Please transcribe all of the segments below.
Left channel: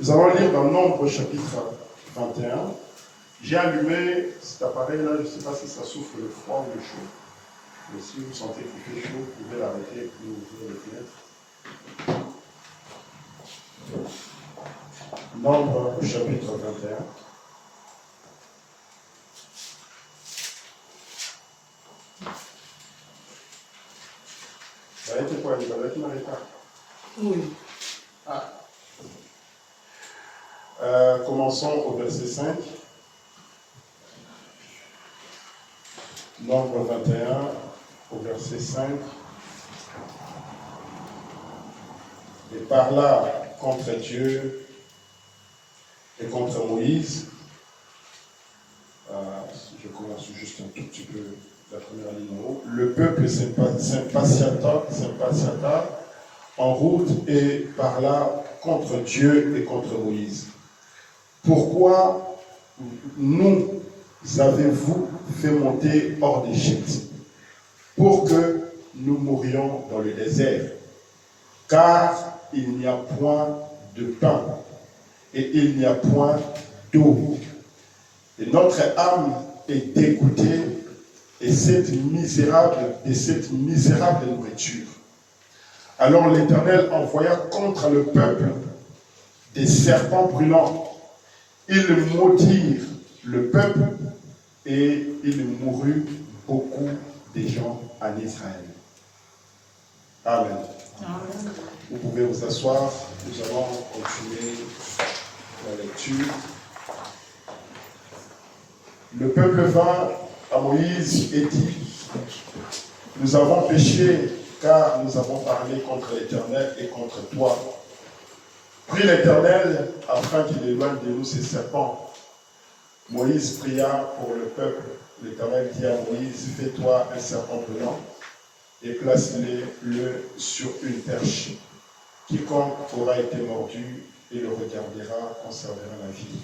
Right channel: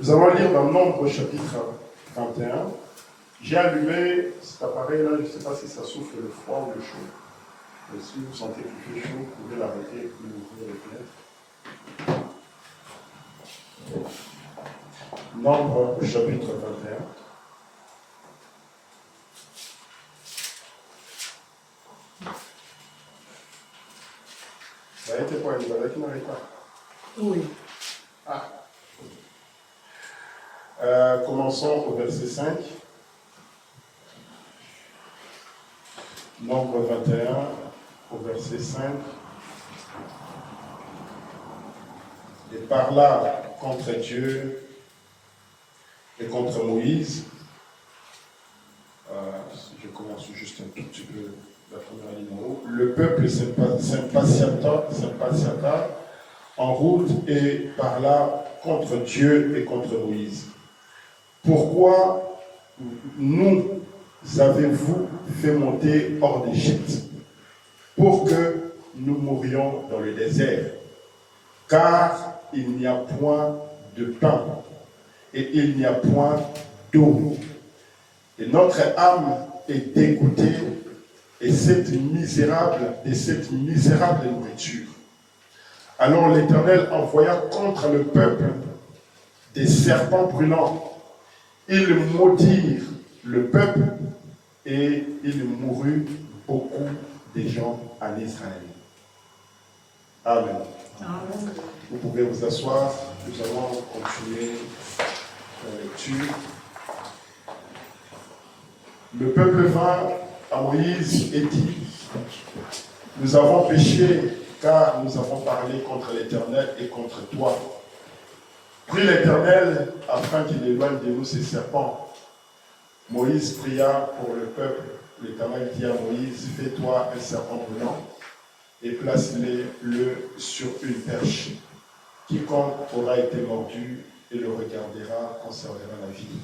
Nous allons lire dans Nombre chapitre 21. J'ai allumé cet appareil-là, je ne sais pas si ça souffle le froid ou le chaud. Mais si vous sentez qu'il fait chaud, vous pouvez l'arrêter et ouvrir les fenêtres. Nombre chapitre 21. Ça a été quoi, Elisabeth, qui n'arrive pas? Oui. Ah. Commençons au verset 5. Nombre 21, au verset 5. Et parla contre Dieu et contre Moïse. Je commence juste un tout petit peu la première ligne en haut. Le peuple s'impatienta en route et parla contre Dieu et contre Moïse. Pourquoi nous avez-vous fait monter hors d'Égypte pour que nous mourions dans le désert? Car il n'y a point de pain et il n'y a point d'eau. Et notre âme est dégoûtée de cette misérable nourriture. Alors l'Éternel envoya contre le peuple des serpents brûlants. Ils maudirent le peuple et il mourut beaucoup de gens en Israël. Amen. Amen. Vous pouvez vous asseoir. Nous allons continuer la lecture. Le peuple vint à Moïse et dit: nous avons péché car nous avons parlé contre l'Éternel et contre toi. Prie l'Éternel afin qu'il éloigne de nous ces serpents. Moïse pria pour le peuple. L'Éternel dit à Moïse: fais-toi un serpent blanc et place-le sur une perche. Quiconque aura été mordu et le regardera conservera la vie.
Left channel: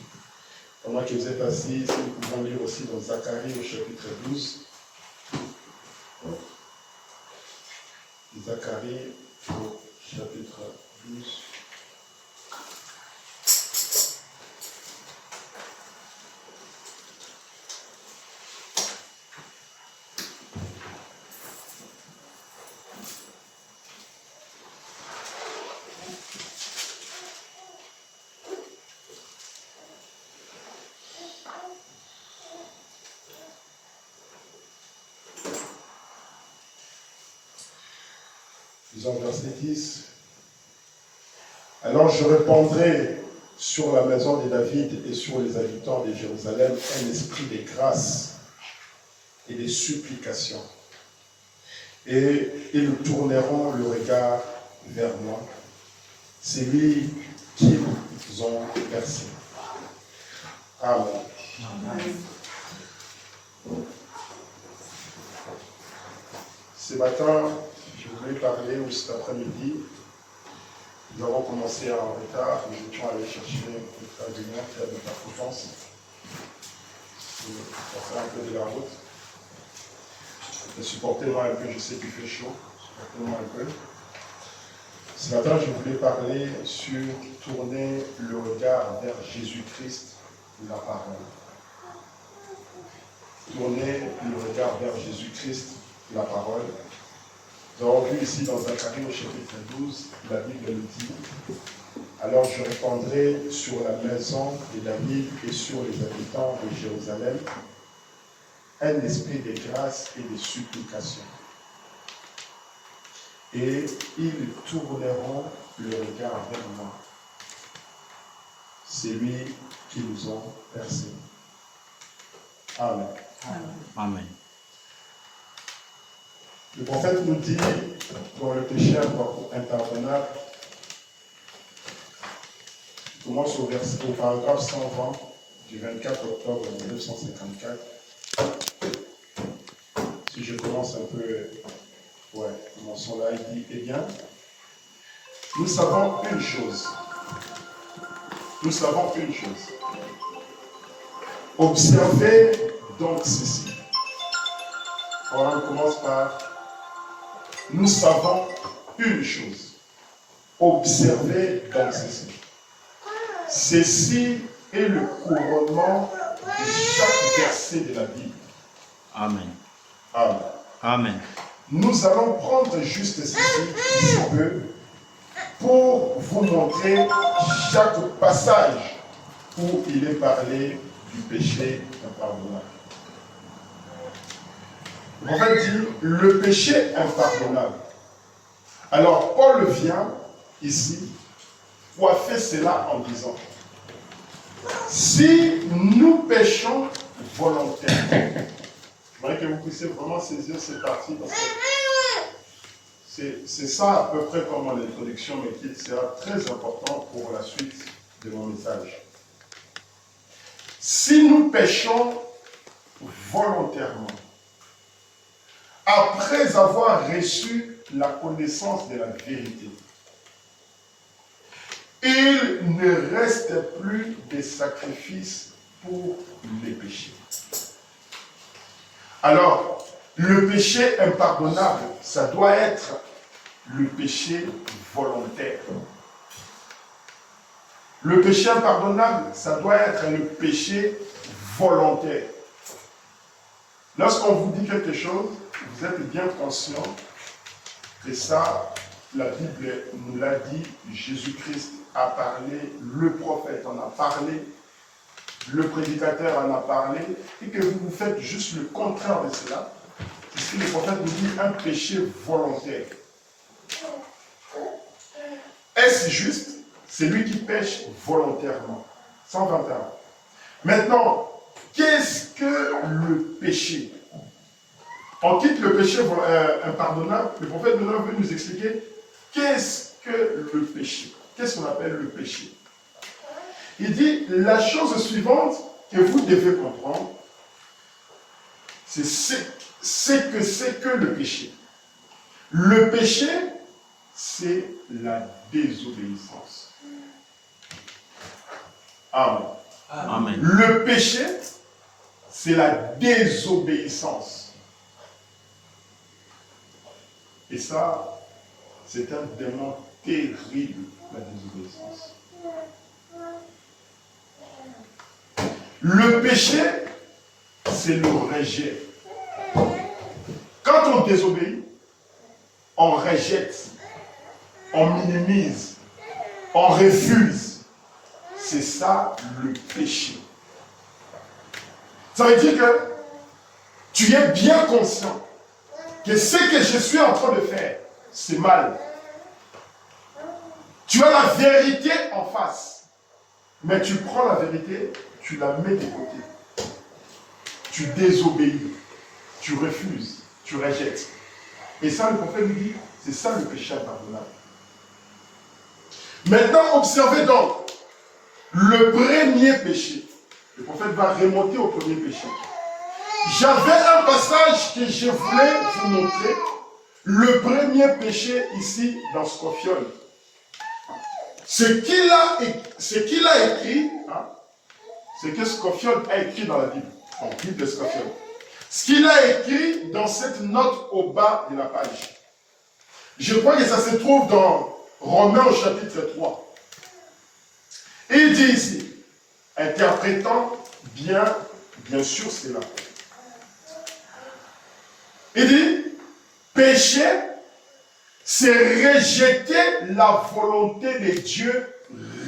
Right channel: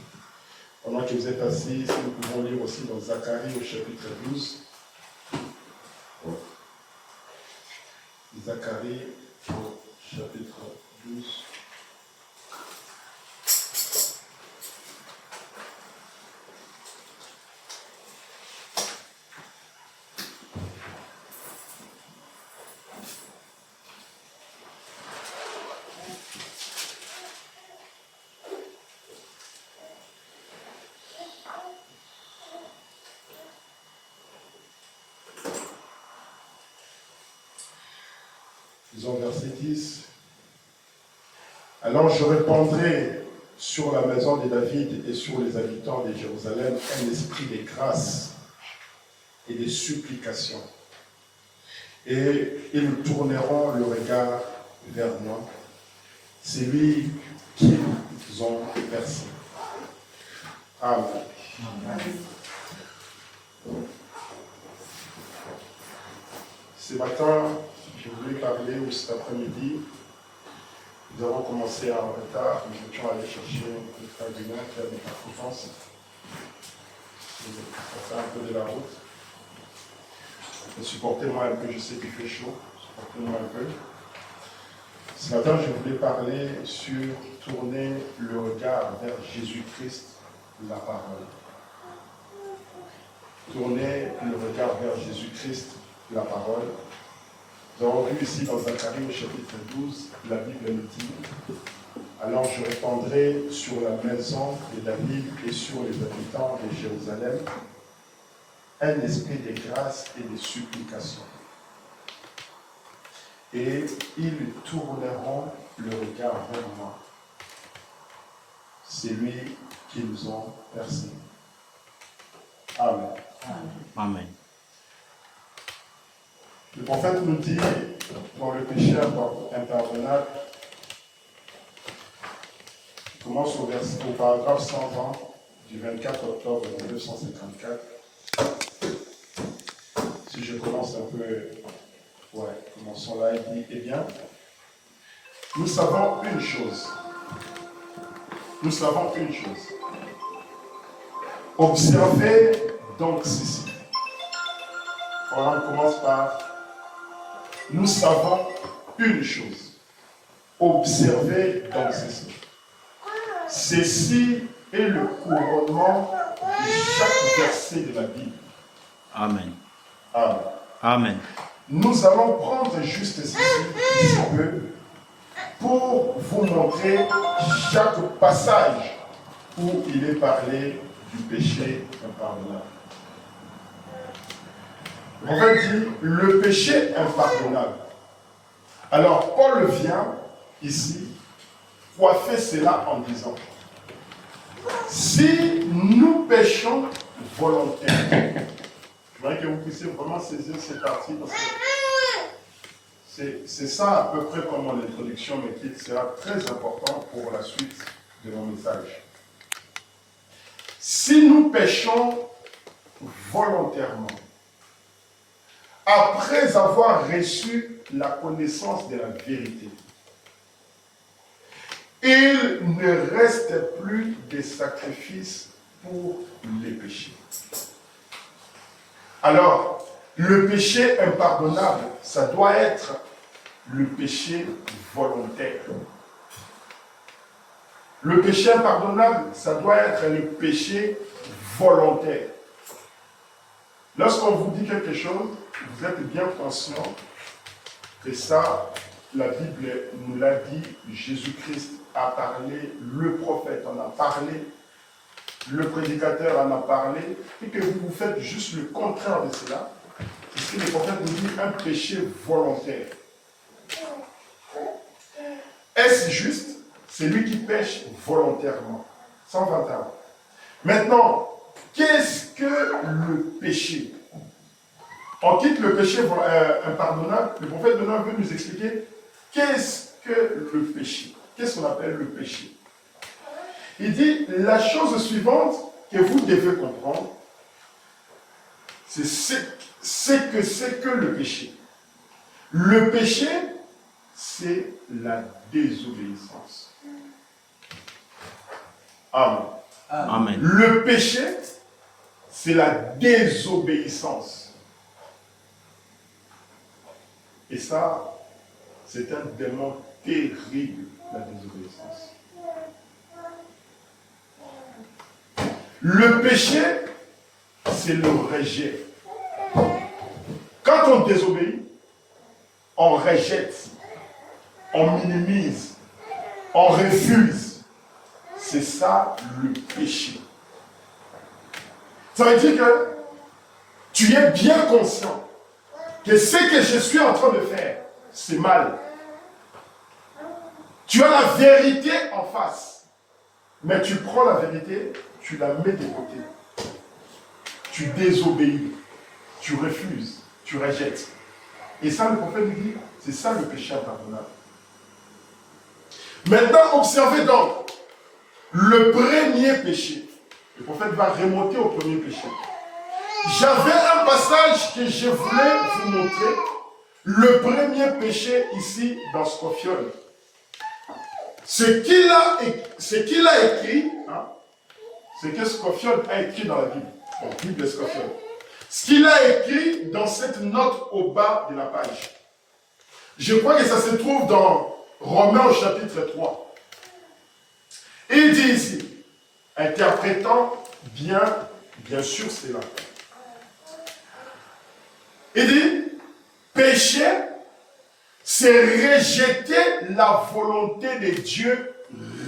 Pendant que vous êtes assis, si nous pouvons lire aussi dans Zacharie au chapitre 12. Zacharie au chapitre 12. Disons verset 10. Alors je répandrai sur la maison de David et sur les habitants de Jérusalem un esprit de grâce et de supplication. Et ils tourneront le regard vers moi, celui qu'ils ont versé. Amen. Ce matin, je voulais parler, ou cet après-midi, nous avons commencé en retard, nous étions allés chercher le frère Guinan qui avait la conférence. Ça fait un peu de la route. Mais supportez-moi un peu, je sais qu'il fait chaud, supportez-moi un peu. Ce matin, je voulais parler sur tourner le regard vers Jésus-Christ, la parole. Tourner le regard vers Jésus-Christ, la parole. Nous avons vu ici dans Zacharie au chapitre 12, la Bible nous dit: alors je répandrai sur la maison de David et sur les habitants de Jérusalem un esprit de grâce et de supplication. Et ils tourneront le regard vers moi, celui qu'ils ont percé. Amen. Amen. Le prophète nous dit, quand le péché intervenable, je commence au paragraphe 120 du 24 octobre 1954. Si je commence un peu, commençons là, il dit: eh bien, nous savons une chose. Observez donc ceci. Voilà, on commence par: nous savons une chose. Observez donc ceci. Ceci est le couronnement de chaque verset de la Bible. Amen. Amen. Amen. Nous allons prendre juste ceci, ici peu, pour vous montrer chaque passage où il est parlé du péché impardonnable. On va dire le péché impardonnable. Alors, Paul vient ici coiffer cela en disant, si nous péchons volontairement, je voudrais que vous puissiez vraiment saisir cette partie parce que c'est ça à peu près comment l'introduction, mais qui sera très important pour la suite de mon message. Si nous péchons volontairement, après avoir reçu la connaissance de la vérité, il ne reste plus de sacrifices pour les péchés. Alors, le péché impardonnable, ça doit être le péché volontaire. Le péché impardonnable, ça doit être le péché volontaire. Lorsqu'on vous dit quelque chose, vous êtes bien conscient que ça, la Bible nous l'a dit, Jésus-Christ a parlé, le prophète en a parlé, le prédicateur en a parlé, et que vous faites juste le contraire de cela, c'est ce que le prophète nous dit, un péché volontaire. Est-ce juste? C'est lui qui pêche volontairement. 121. Maintenant, qu'est-ce que le péché? On quitte le péché impardonnable. Le prophète maintenant veut nous expliquer qu'est-ce que le péché. Qu'est-ce qu'on appelle le péché? Il dit la chose suivante que vous devez comprendre, c'est que c'est que le péché. Le péché, c'est la désobéissance. Amen. Amen. Le péché, c'est la désobéissance. Et ça, c'est un démon terrible, la désobéissance. Le péché, c'est le rejet. Quand on désobéit, on rejette, on minimise, on refuse. C'est ça le péché. Ça veut dire que tu es bien conscient que ce que je suis en train de faire, c'est mal. Tu as la vérité en face, mais tu prends la vérité, tu la mets de côté. Tu désobéis, tu refuses, tu rejettes. Et ça, le prophète nous dit, c'est ça le péché impardonnable. Maintenant, observez donc le premier péché. Le prophète va remonter au premier péché. J'avais un passage que je voulais vous montrer. Le premier péché ici dans Scophiol. Ce qu'il a écrit, hein, c'est que Scophiol a écrit dans la Bible. Donc, Bible de Scophiol. Ce qu'il a écrit dans cette note au bas de la page. Je crois que ça se trouve dans Romains au chapitre 3. Et il dit ici, interprétant bien sûr cela. Il dit, péché, c'est rejeter la volonté de Dieu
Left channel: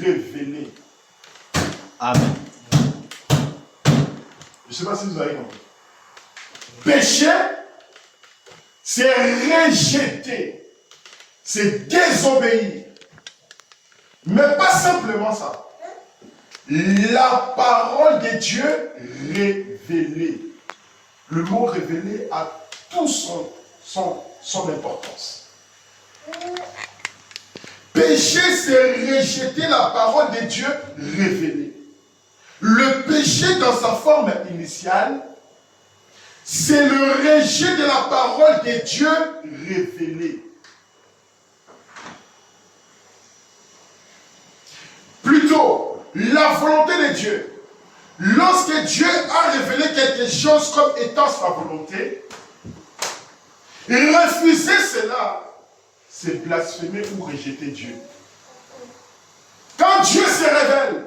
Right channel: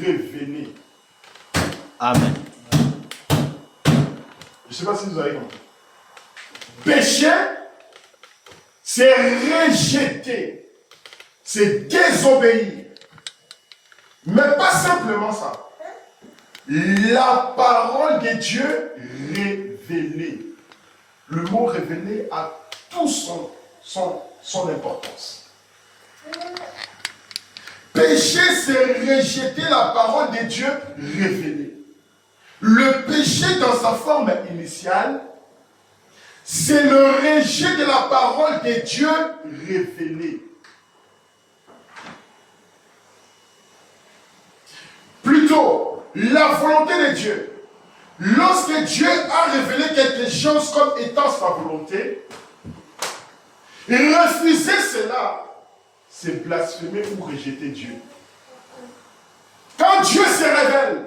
révélée. Amen. Je ne sais pas si vous avez compris. Péché, c'est rejeter, c'est désobéir. Mais pas simplement ça. La parole de Dieu révélée. Le mot révélé a tout son importance. Péché, c'est rejeter la parole de Dieu révélée. Le péché dans sa forme initiale, c'est le rejet de la parole de Dieu révélée. Plutôt, la volonté de Dieu. Lorsque Dieu a révélé quelque chose comme étant sa volonté, refuser cela, c'est blasphémer ou rejeter Dieu. Quand Dieu se révèle,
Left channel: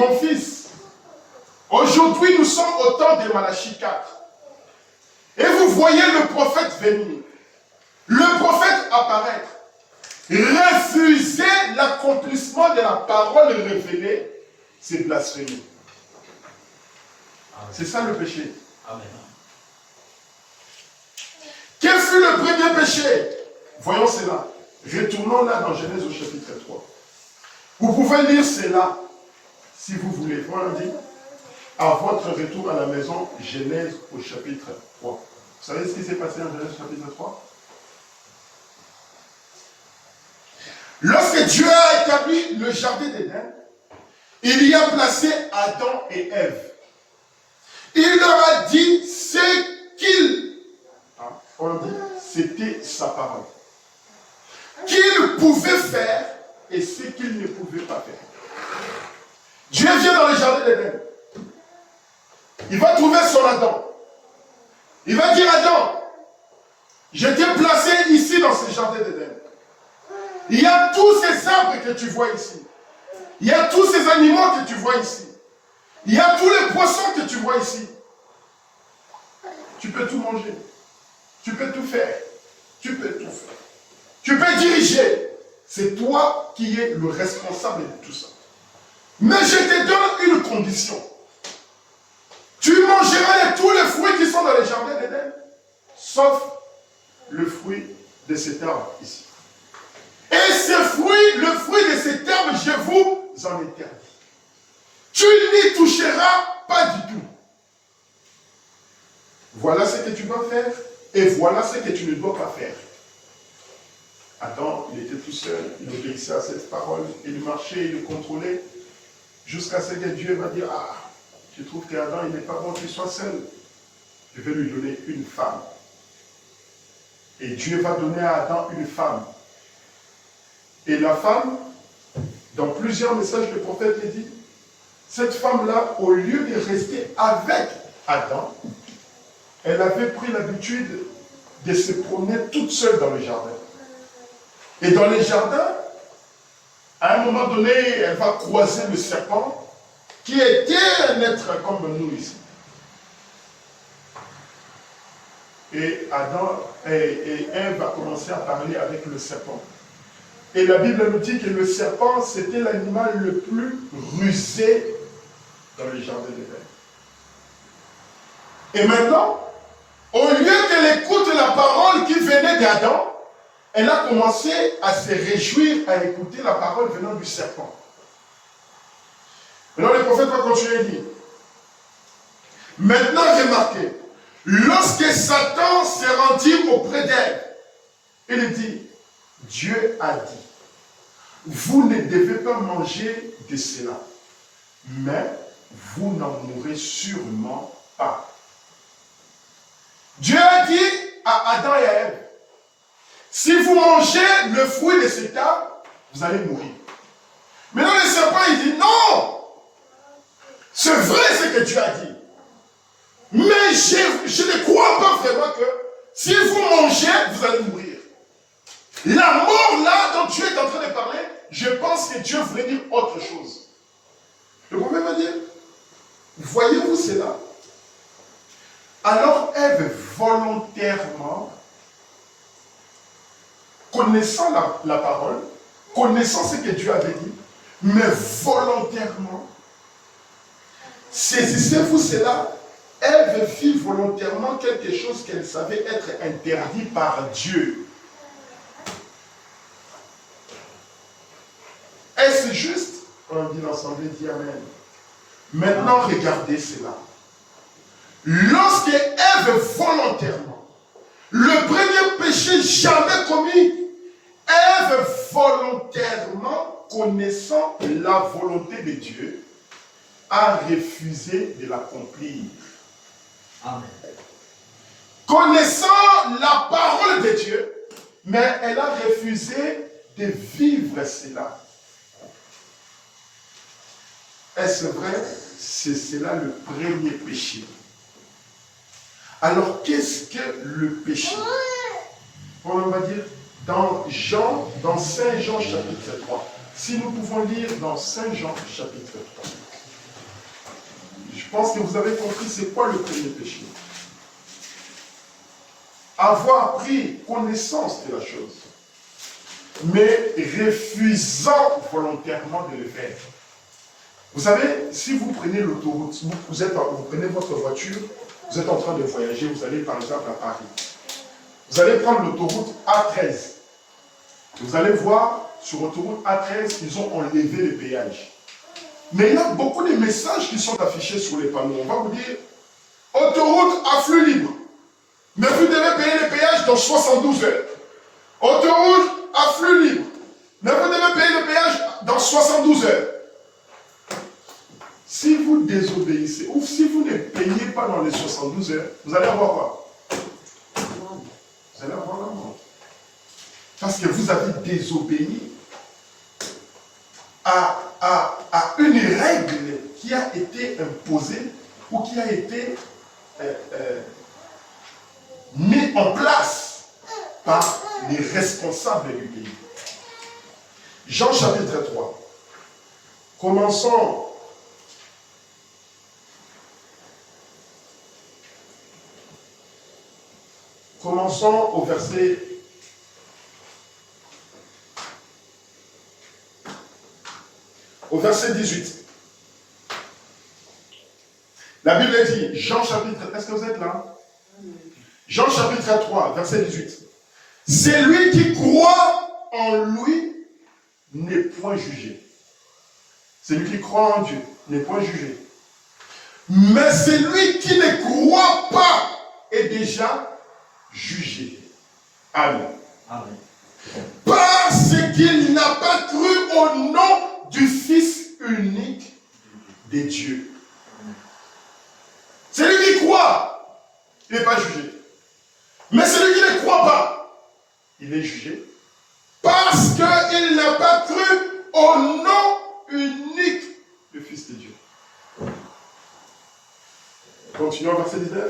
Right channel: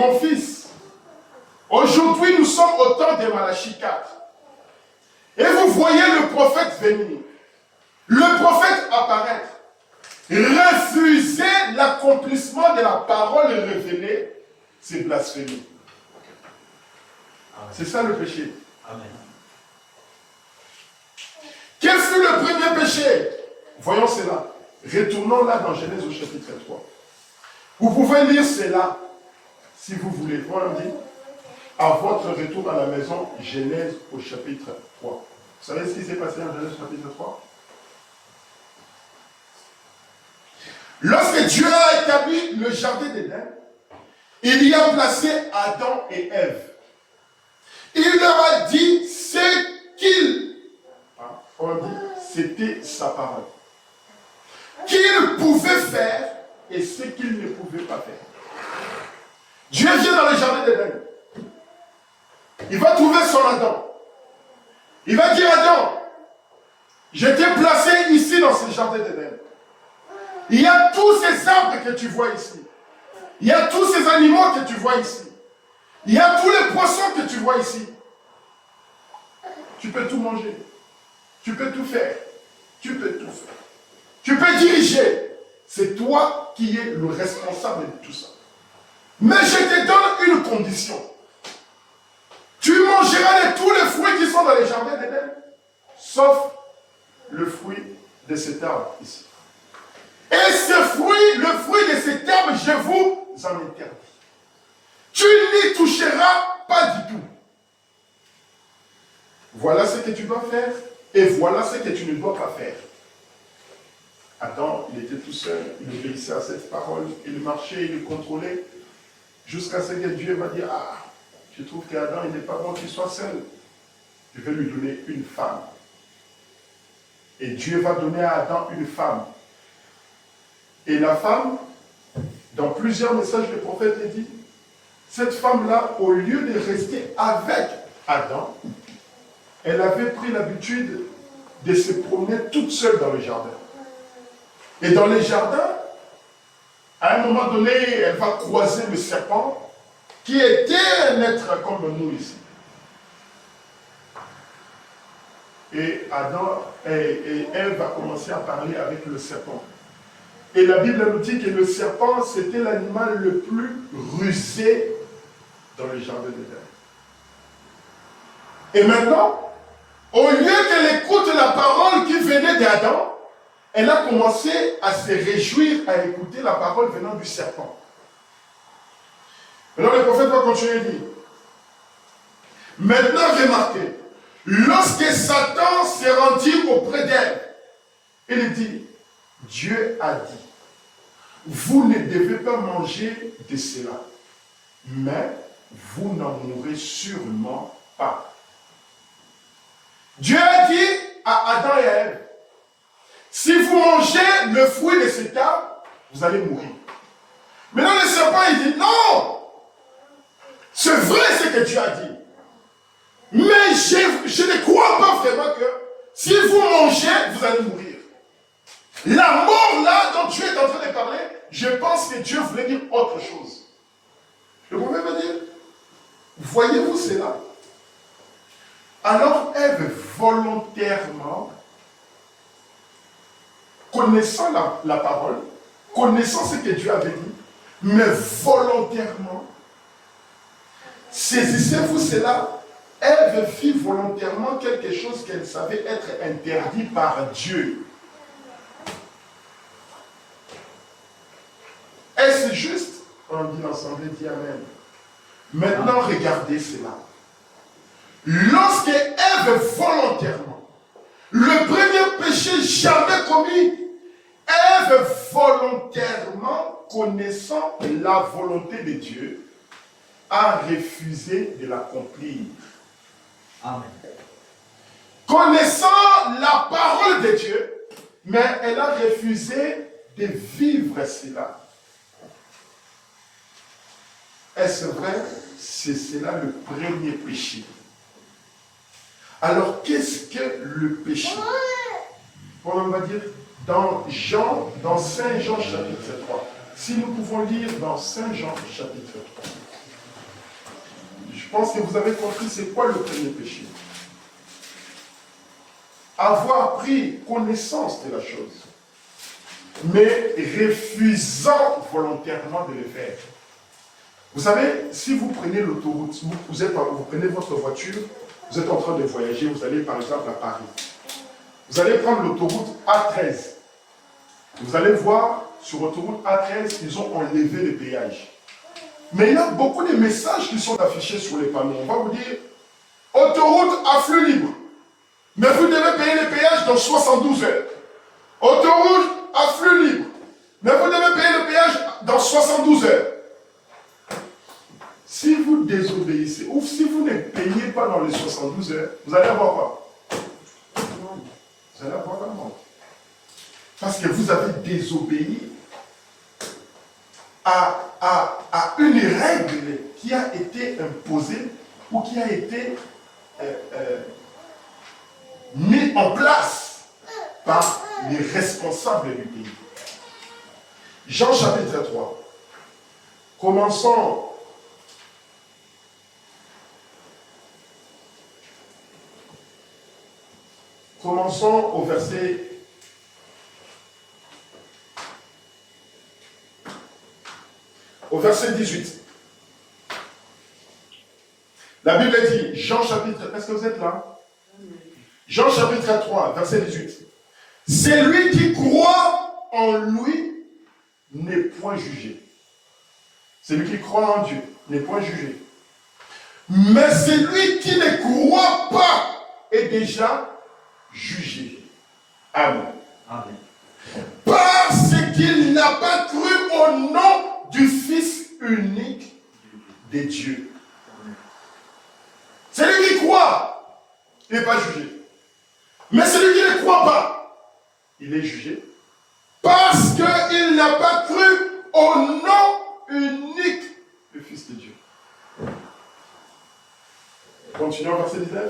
mon fils, aujourd'hui nous sommes au temps de Malachie 4. Et vous voyez le prophète venir. Le prophète apparaître. Refuser l'accomplissement de la parole révélée, c'est blasphémer. C'est ça le péché. Amen. Quel fut le premier péché? Voyons cela. Retournons là dans Genèse au chapitre 3. Vous pouvez lire cela, si vous voulez. Voilà, dit, à votre retour à la maison, Genèse au chapitre 3. Vous savez ce qui s'est passé en Genèse au chapitre 3? Lorsque Dieu a établi le jardin d'Éden, il y a placé Adam et Ève. Il leur a dit ce qu'il, on dit, c'était sa parole, qu'ils pouvaient faire et ce qu'ils ne pouvaient pas faire. Dieu vient dans le jardin d'Éden. Il va trouver son Adam. Il va dire Adam, je t'ai placé ici dans ce jardin d'Éden. Il y a tous ces arbres que tu vois ici. Il y a tous ces animaux que tu vois ici. Il y a tous les poissons que tu vois ici. Tu peux tout manger. Tu peux tout faire. Tu peux tout faire. Tu peux diriger. C'est toi qui es le responsable de tout ça. Mais je te donne une condition. Tu mangeras de tous les fruits qui sont dans les jardins d'Éden, sauf le fruit de cet arbre ici. Et ce fruit, le fruit de cet arbre, je vous en interdis. Tu n'y toucheras pas du tout. Voilà ce que tu dois faire et voilà ce que tu ne dois pas faire. Adam, il était tout seul, il obéissait à cette parole, il marchait, il le contrôlait, jusqu'à ce que Dieu va dire, ah, je trouve qu'Adam, il n'est pas bon qu'il soit seul. Je vais lui donner une femme. Et Dieu va donner à Adam une femme. Et la femme, dans plusieurs messages, le prophète a dit, cette femme-là, au lieu de rester avec Adam, elle avait pris l'habitude de se promener toute seule dans le jardin. Et dans les jardins, à un moment donné, elle va croiser le serpent, qui était un être comme nous ici. Et Adam et Ève va commencer à parler avec le serpent. Et la Bible nous dit que le serpent, c'était l'animal le plus rusé dans le jardin d'Éden. Et maintenant, au lieu qu'elle écoute la parole qui venait d'Adam, elle a commencé à se réjouir à écouter la parole venant du serpent. Maintenant, le prophète va continuer et dire, maintenant remarquez, lorsque Satan s'est rendu auprès d'Ève, il dit, Dieu a dit, vous ne devez pas manger de cela, mais vous n'en mourrez sûrement pas. Dieu a dit à Adam et à Ève, si vous mangez le fruit de cet arbre, vous allez mourir. Maintenant le serpent il dit, non, c'est vrai ce que Dieu a dit, mais je ne crois pas vraiment que si vous mangez, vous allez mourir. La mort là dont Dieu est en train de parler, je pense que Dieu voulait dire autre chose. Le prophète va dire, voyez-vous cela? Alors Ève volontairement, connaissant la parole, connaissant ce que Dieu avait dit, mais volontairement, saisissez-vous cela, Ève fit volontairement quelque chose qu'elle savait être interdit par Dieu. Est-ce juste? On dit l'ensemble, dit Amen. Maintenant, regardez cela. Lorsque Ève volontairement, le premier péché jamais commis, Ève volontairement, connaissant la volonté de Dieu, a refusé de l'accomplir. Amen. Connaissant la parole de Dieu, mais elle a refusé de vivre cela. Est-ce vrai? C'est cela le premier péché. Alors, qu'est-ce que le péché? On va dire dans Saint Jean chapitre 3. Si nous pouvons lire dans Saint Jean chapitre 3. pense que vous avez compris c'est quoi le premier péché. Avoir pris connaissance de la chose, mais refusant volontairement de le faire. Vous savez, si vous prenez l'autoroute, vous prenez votre voiture, vous êtes en train de voyager, vous allez par exemple à Paris. Vous allez prendre l'autoroute A13. Vous allez voir, sur l'autoroute A13, ils ont enlevé les péages. Mais il y a beaucoup de messages qui sont affichés sur les panneaux. On va vous dire, autoroute à flux libre. Mais vous devez payer les péages dans 72 heures. Autoroute à flux libre. Mais vous devez payer le péage dans 72 heures. Si vous désobéissez, ou si vous ne payez pas dans les 72 heures, vous allez avoir quoi? Vous allez avoir l'amende. Parce que vous avez désobéi à une règle qui a été imposée ou qui a été mise en place par les responsables du pays. Jean chapitre 3. Commençons au verset 18. La Bible dit, Jean chapitre, est-ce que vous êtes là? Jean chapitre 3, verset 18. Celui qui croit en lui n'est point jugé. Celui qui croit en Dieu n'est point jugé. Mais celui qui ne croit pas est déjà jugé. Amen. Amen. Parce qu'il n'a pas cru au nom du Fils unique de Dieu. Celui qui croit, il n'est pas jugé. Mais celui qui ne croit pas, il est jugé. Parce qu'il n'a pas cru au nom unique du Fils de Dieu. Continuons verset 19.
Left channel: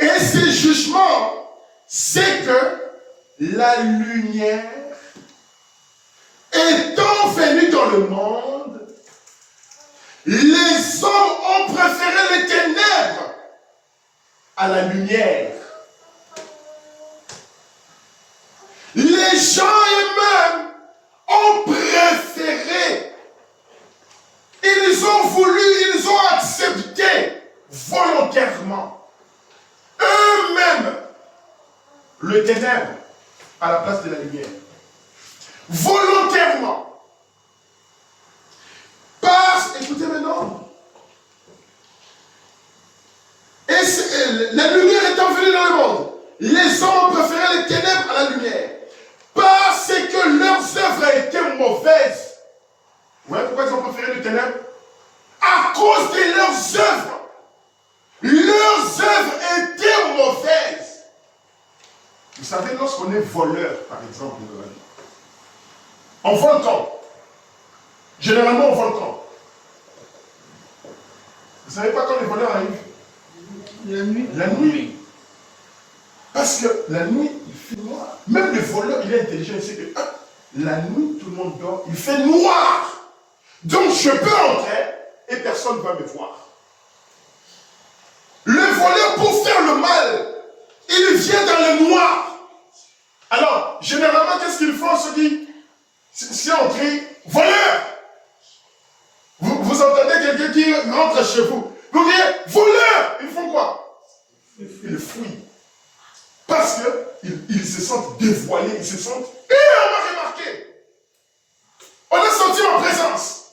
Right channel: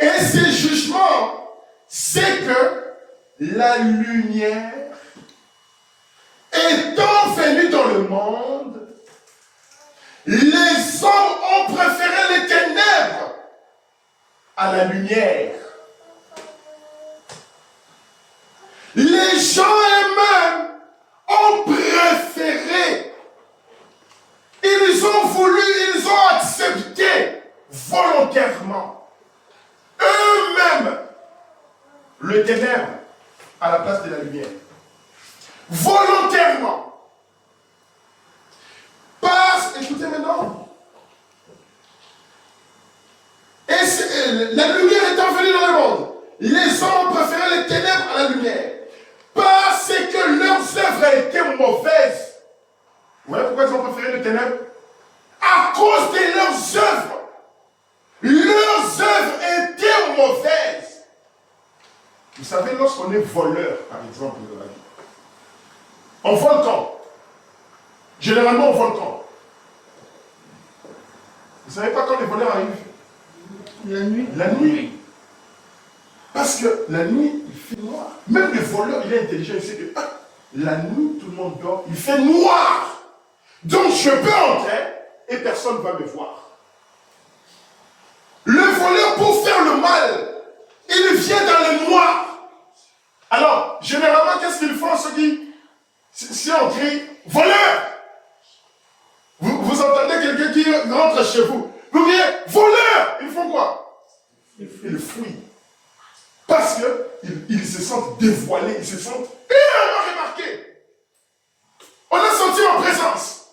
Et ce jugement, c'est que la lumière, étant venue dans le monde, les hommes ont préféré les ténèbres à la lumière. Les gens eux-mêmes ont préféré, ils ont voulu, ils ont accepté volontairement eux-mêmes le ténèbre à la place de la lumière. Volontairement. Écoutez maintenant. La lumière étant venue dans le monde, les hommes ont préféré les ténèbres à la lumière. Parce que leurs œuvres étaient mauvaises. Vous voyez pourquoi ils ont préféré les ténèbres? À cause de leurs œuvres. Leurs œuvres étaient mauvaises. Vous savez, lorsqu'on est voleur, par exemple, dans la vie, on vole quand? Généralement, on vole quand? Vous ne savez pas quand les voleurs arrivent? La nuit. La nuit. Parce que la nuit, il fait noir. Même le voleur, il est intelligent. Il sait que la nuit, tout le monde dort. Il fait noir. Donc, je peux entrer et personne ne va me voir. Le voleur, pour faire le mal, il vient dans le noir. Alors, généralement, qu'est-ce qu'ils font, ceux qui, si on crie, voleur, vous entendez quelqu'un qui rentre chez vous, vous criez, voleur, ils font quoi? Ils fuient. Parce qu'ils se sentent dévoilés, ils se sentent, on m'a remarqué. On a senti en présence.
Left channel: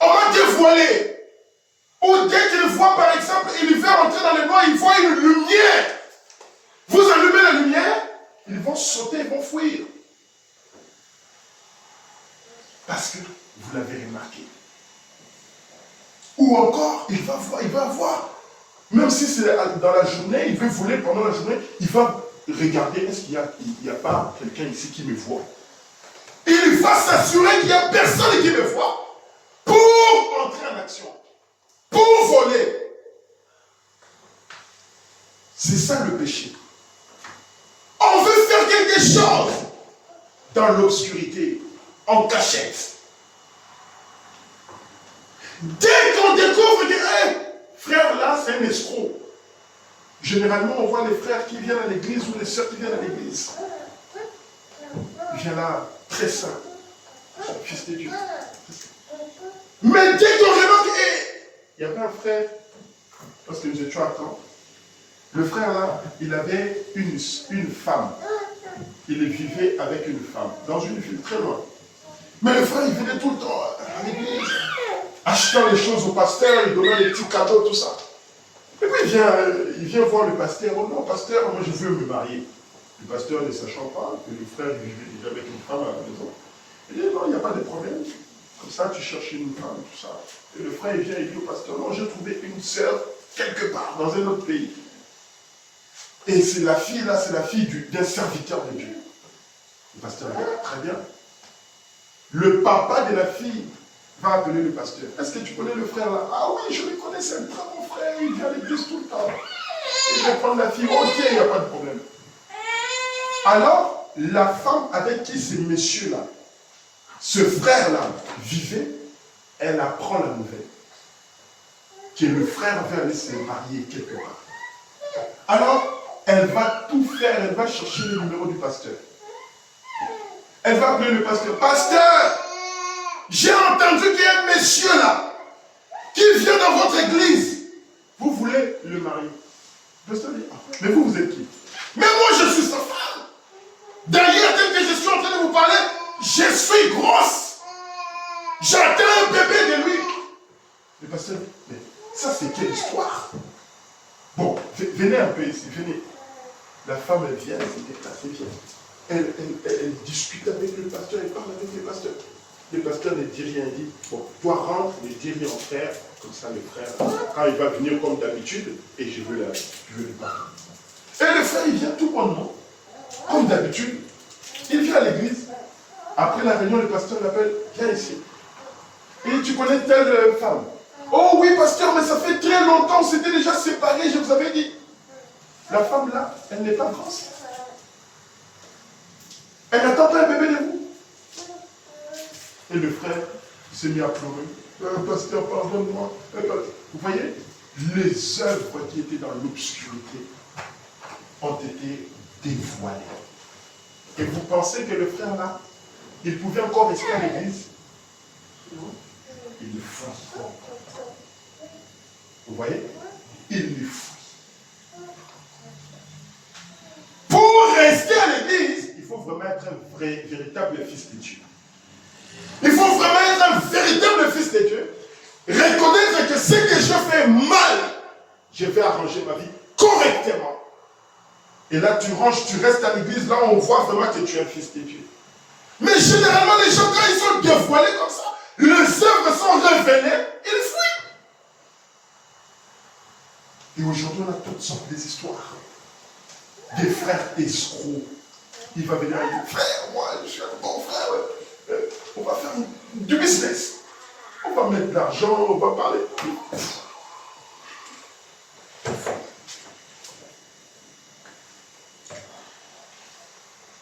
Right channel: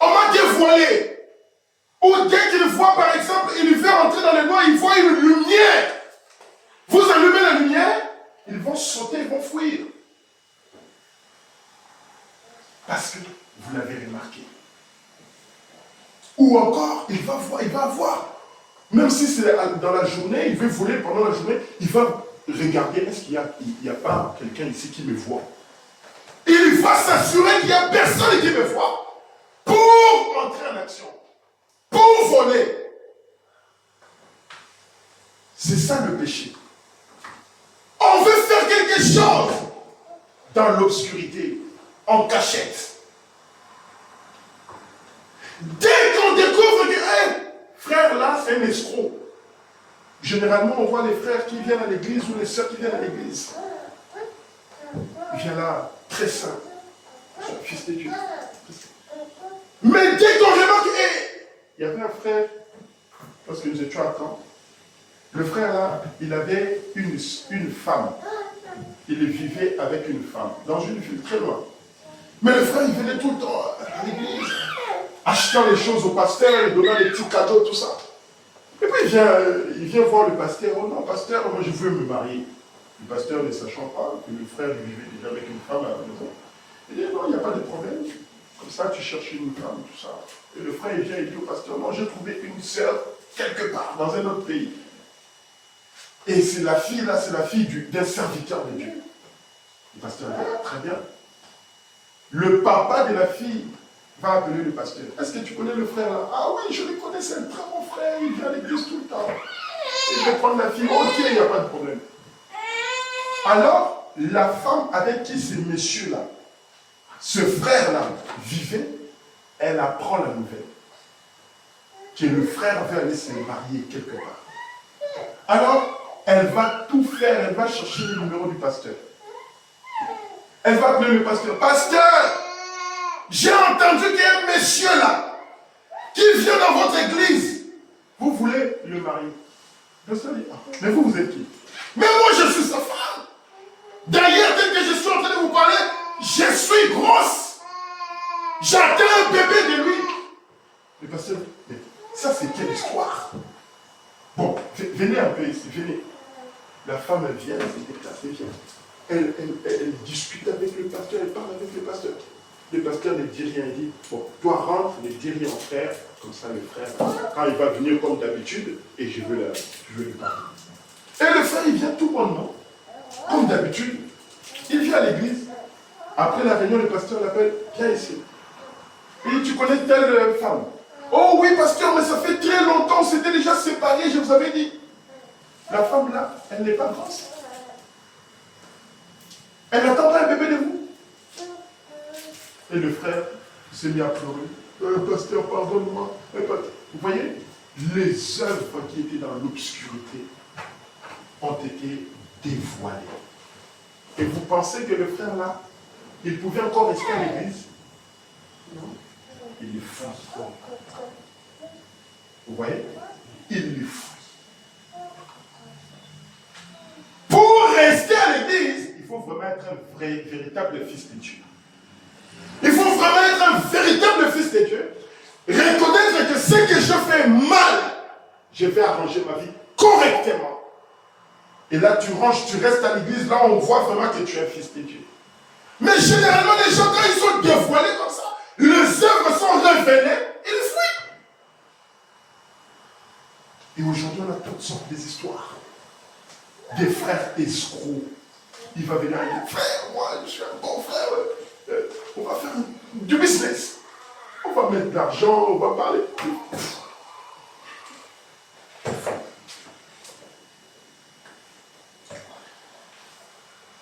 On m'a dévoilé. Ou dès qu'il voit, par exemple, il veut rentrer dans le noir, il voit une lumière. Vous allumez la lumière, ils vont sauter, ils vont fuir. Parce que vous l'avez remarqué. Ou encore, il va voir. Même si c'est dans la journée, il veut voler pendant la journée, il va regarder, est-ce qu'il n'y a pas quelqu'un ici qui me voit? Il va s'assurer qu'il n'y a personne qui me voit pour entrer en action, pour voler. C'est ça le péché. On veut faire quelque chose dans l'obscurité, en cachette. Dès qu'on découvre que c'est un escroc. Généralement, on voit les frères qui viennent à l'église ou les sœurs qui viennent à l'église. Il vient là, très saint. Fils de Dieu. Mais dès qu'on remarque, il y avait un frère, parce que nous étions à temps, le frère là, il avait une femme. Il vivait avec une femme, dans une ville très loin. Mais le frère, il venait tout le temps à l'église, achetant les choses au pasteur, il donnant des petits cadeaux, tout ça. Et puis il vient voir le pasteur. Oh non, pasteur, moi je veux me marier. Le pasteur, ne sachant pas que le frère vivait déjà avec une femme à la maison, il dit non, il n'y a pas de problème. Comme ça, tu cherches une femme, tout ça. Et le frère, il vient et dit au pasteur, non, j'ai trouvé une sœur quelque part, dans un autre pays. Et c'est la fille là, c'est la fille d'un serviteur de Dieu. Le pasteur dit, ah, très bien. Le papa de la fille va appeler le pasteur. Est-ce que tu connais le frère là? Ah oui, je le connais, c'est un très bon frère, il vient à l'église tout le temps. Et je vais prendre la fille, ok, il n'y a pas de problème. Alors, la femme avec qui ce monsieur-là, ce frère-là, vivait, elle apprend la nouvelle. Que le frère va aller se marier quelque part. Alors, elle va tout faire, elle va chercher le numéro du pasteur. Elle va appeler le pasteur. Pasteur, j'ai entendu qu'il y a un monsieur là, qui vient dans votre église. Vous voulez le marier? Le pasteur dit, ah, mais vous êtes qui? Mais moi, je suis sa femme. D'ailleurs, dès que je suis en train de vous parler, je suis grosse. J'attends un bébé de lui. Le pasteur dit, mais ça c'est quelle histoire? Bon, venez un peu ici, venez. La femme, elle vient, elle se déplace, elle vient. Elle discute avec le pasteur, elle parle avec le pasteur. Le pasteur ne dit rien, il dit, bon, toi rentre, ne dis rien au frère, comme ça le frère, quand il va venir comme d'habitude, et je veux lui parler. Et le frère, il vient tout bonnement, comme d'habitude. Il vient à l'église. Après la réunion, le pasteur l'appelle, viens ici. Et dit, tu connais telle femme? Oh oui, pasteur, mais ça fait très longtemps, on s'était déjà séparés, je vous avais dit. La femme là, elle n'est pas grosse. Elle n'attend pas un bébé de vous. Et le frère s'est mis à pleurer. Pasteur, pardonne-moi. Vous voyez, les œuvres qui étaient dans l'obscurité ont été dévoilées. Et vous pensez que le frère là, il pouvait encore rester à l'église? Non. Il est fou. Vous voyez? Il est fou. Pour rester à l'église, il faut vraiment être un véritable fils de Dieu. Il faut vraiment être un véritable fils de Dieu. Reconnaître que ce que je fais mal, je vais arranger ma vie correctement. Et là, tu ranges, tu restes à l'église, là, on voit vraiment que tu es un fils de Dieu. Mais généralement, les gens, quand ils sont dévoilés comme ça, les œuvres sont révélées, ils fuient. Et aujourd'hui, on a toutes sortes d'histoires. Des frères escrocs. Il va venir et dire, frère, moi, je suis un bon frère. On va faire du business. On va mettre de l'argent, on va parler.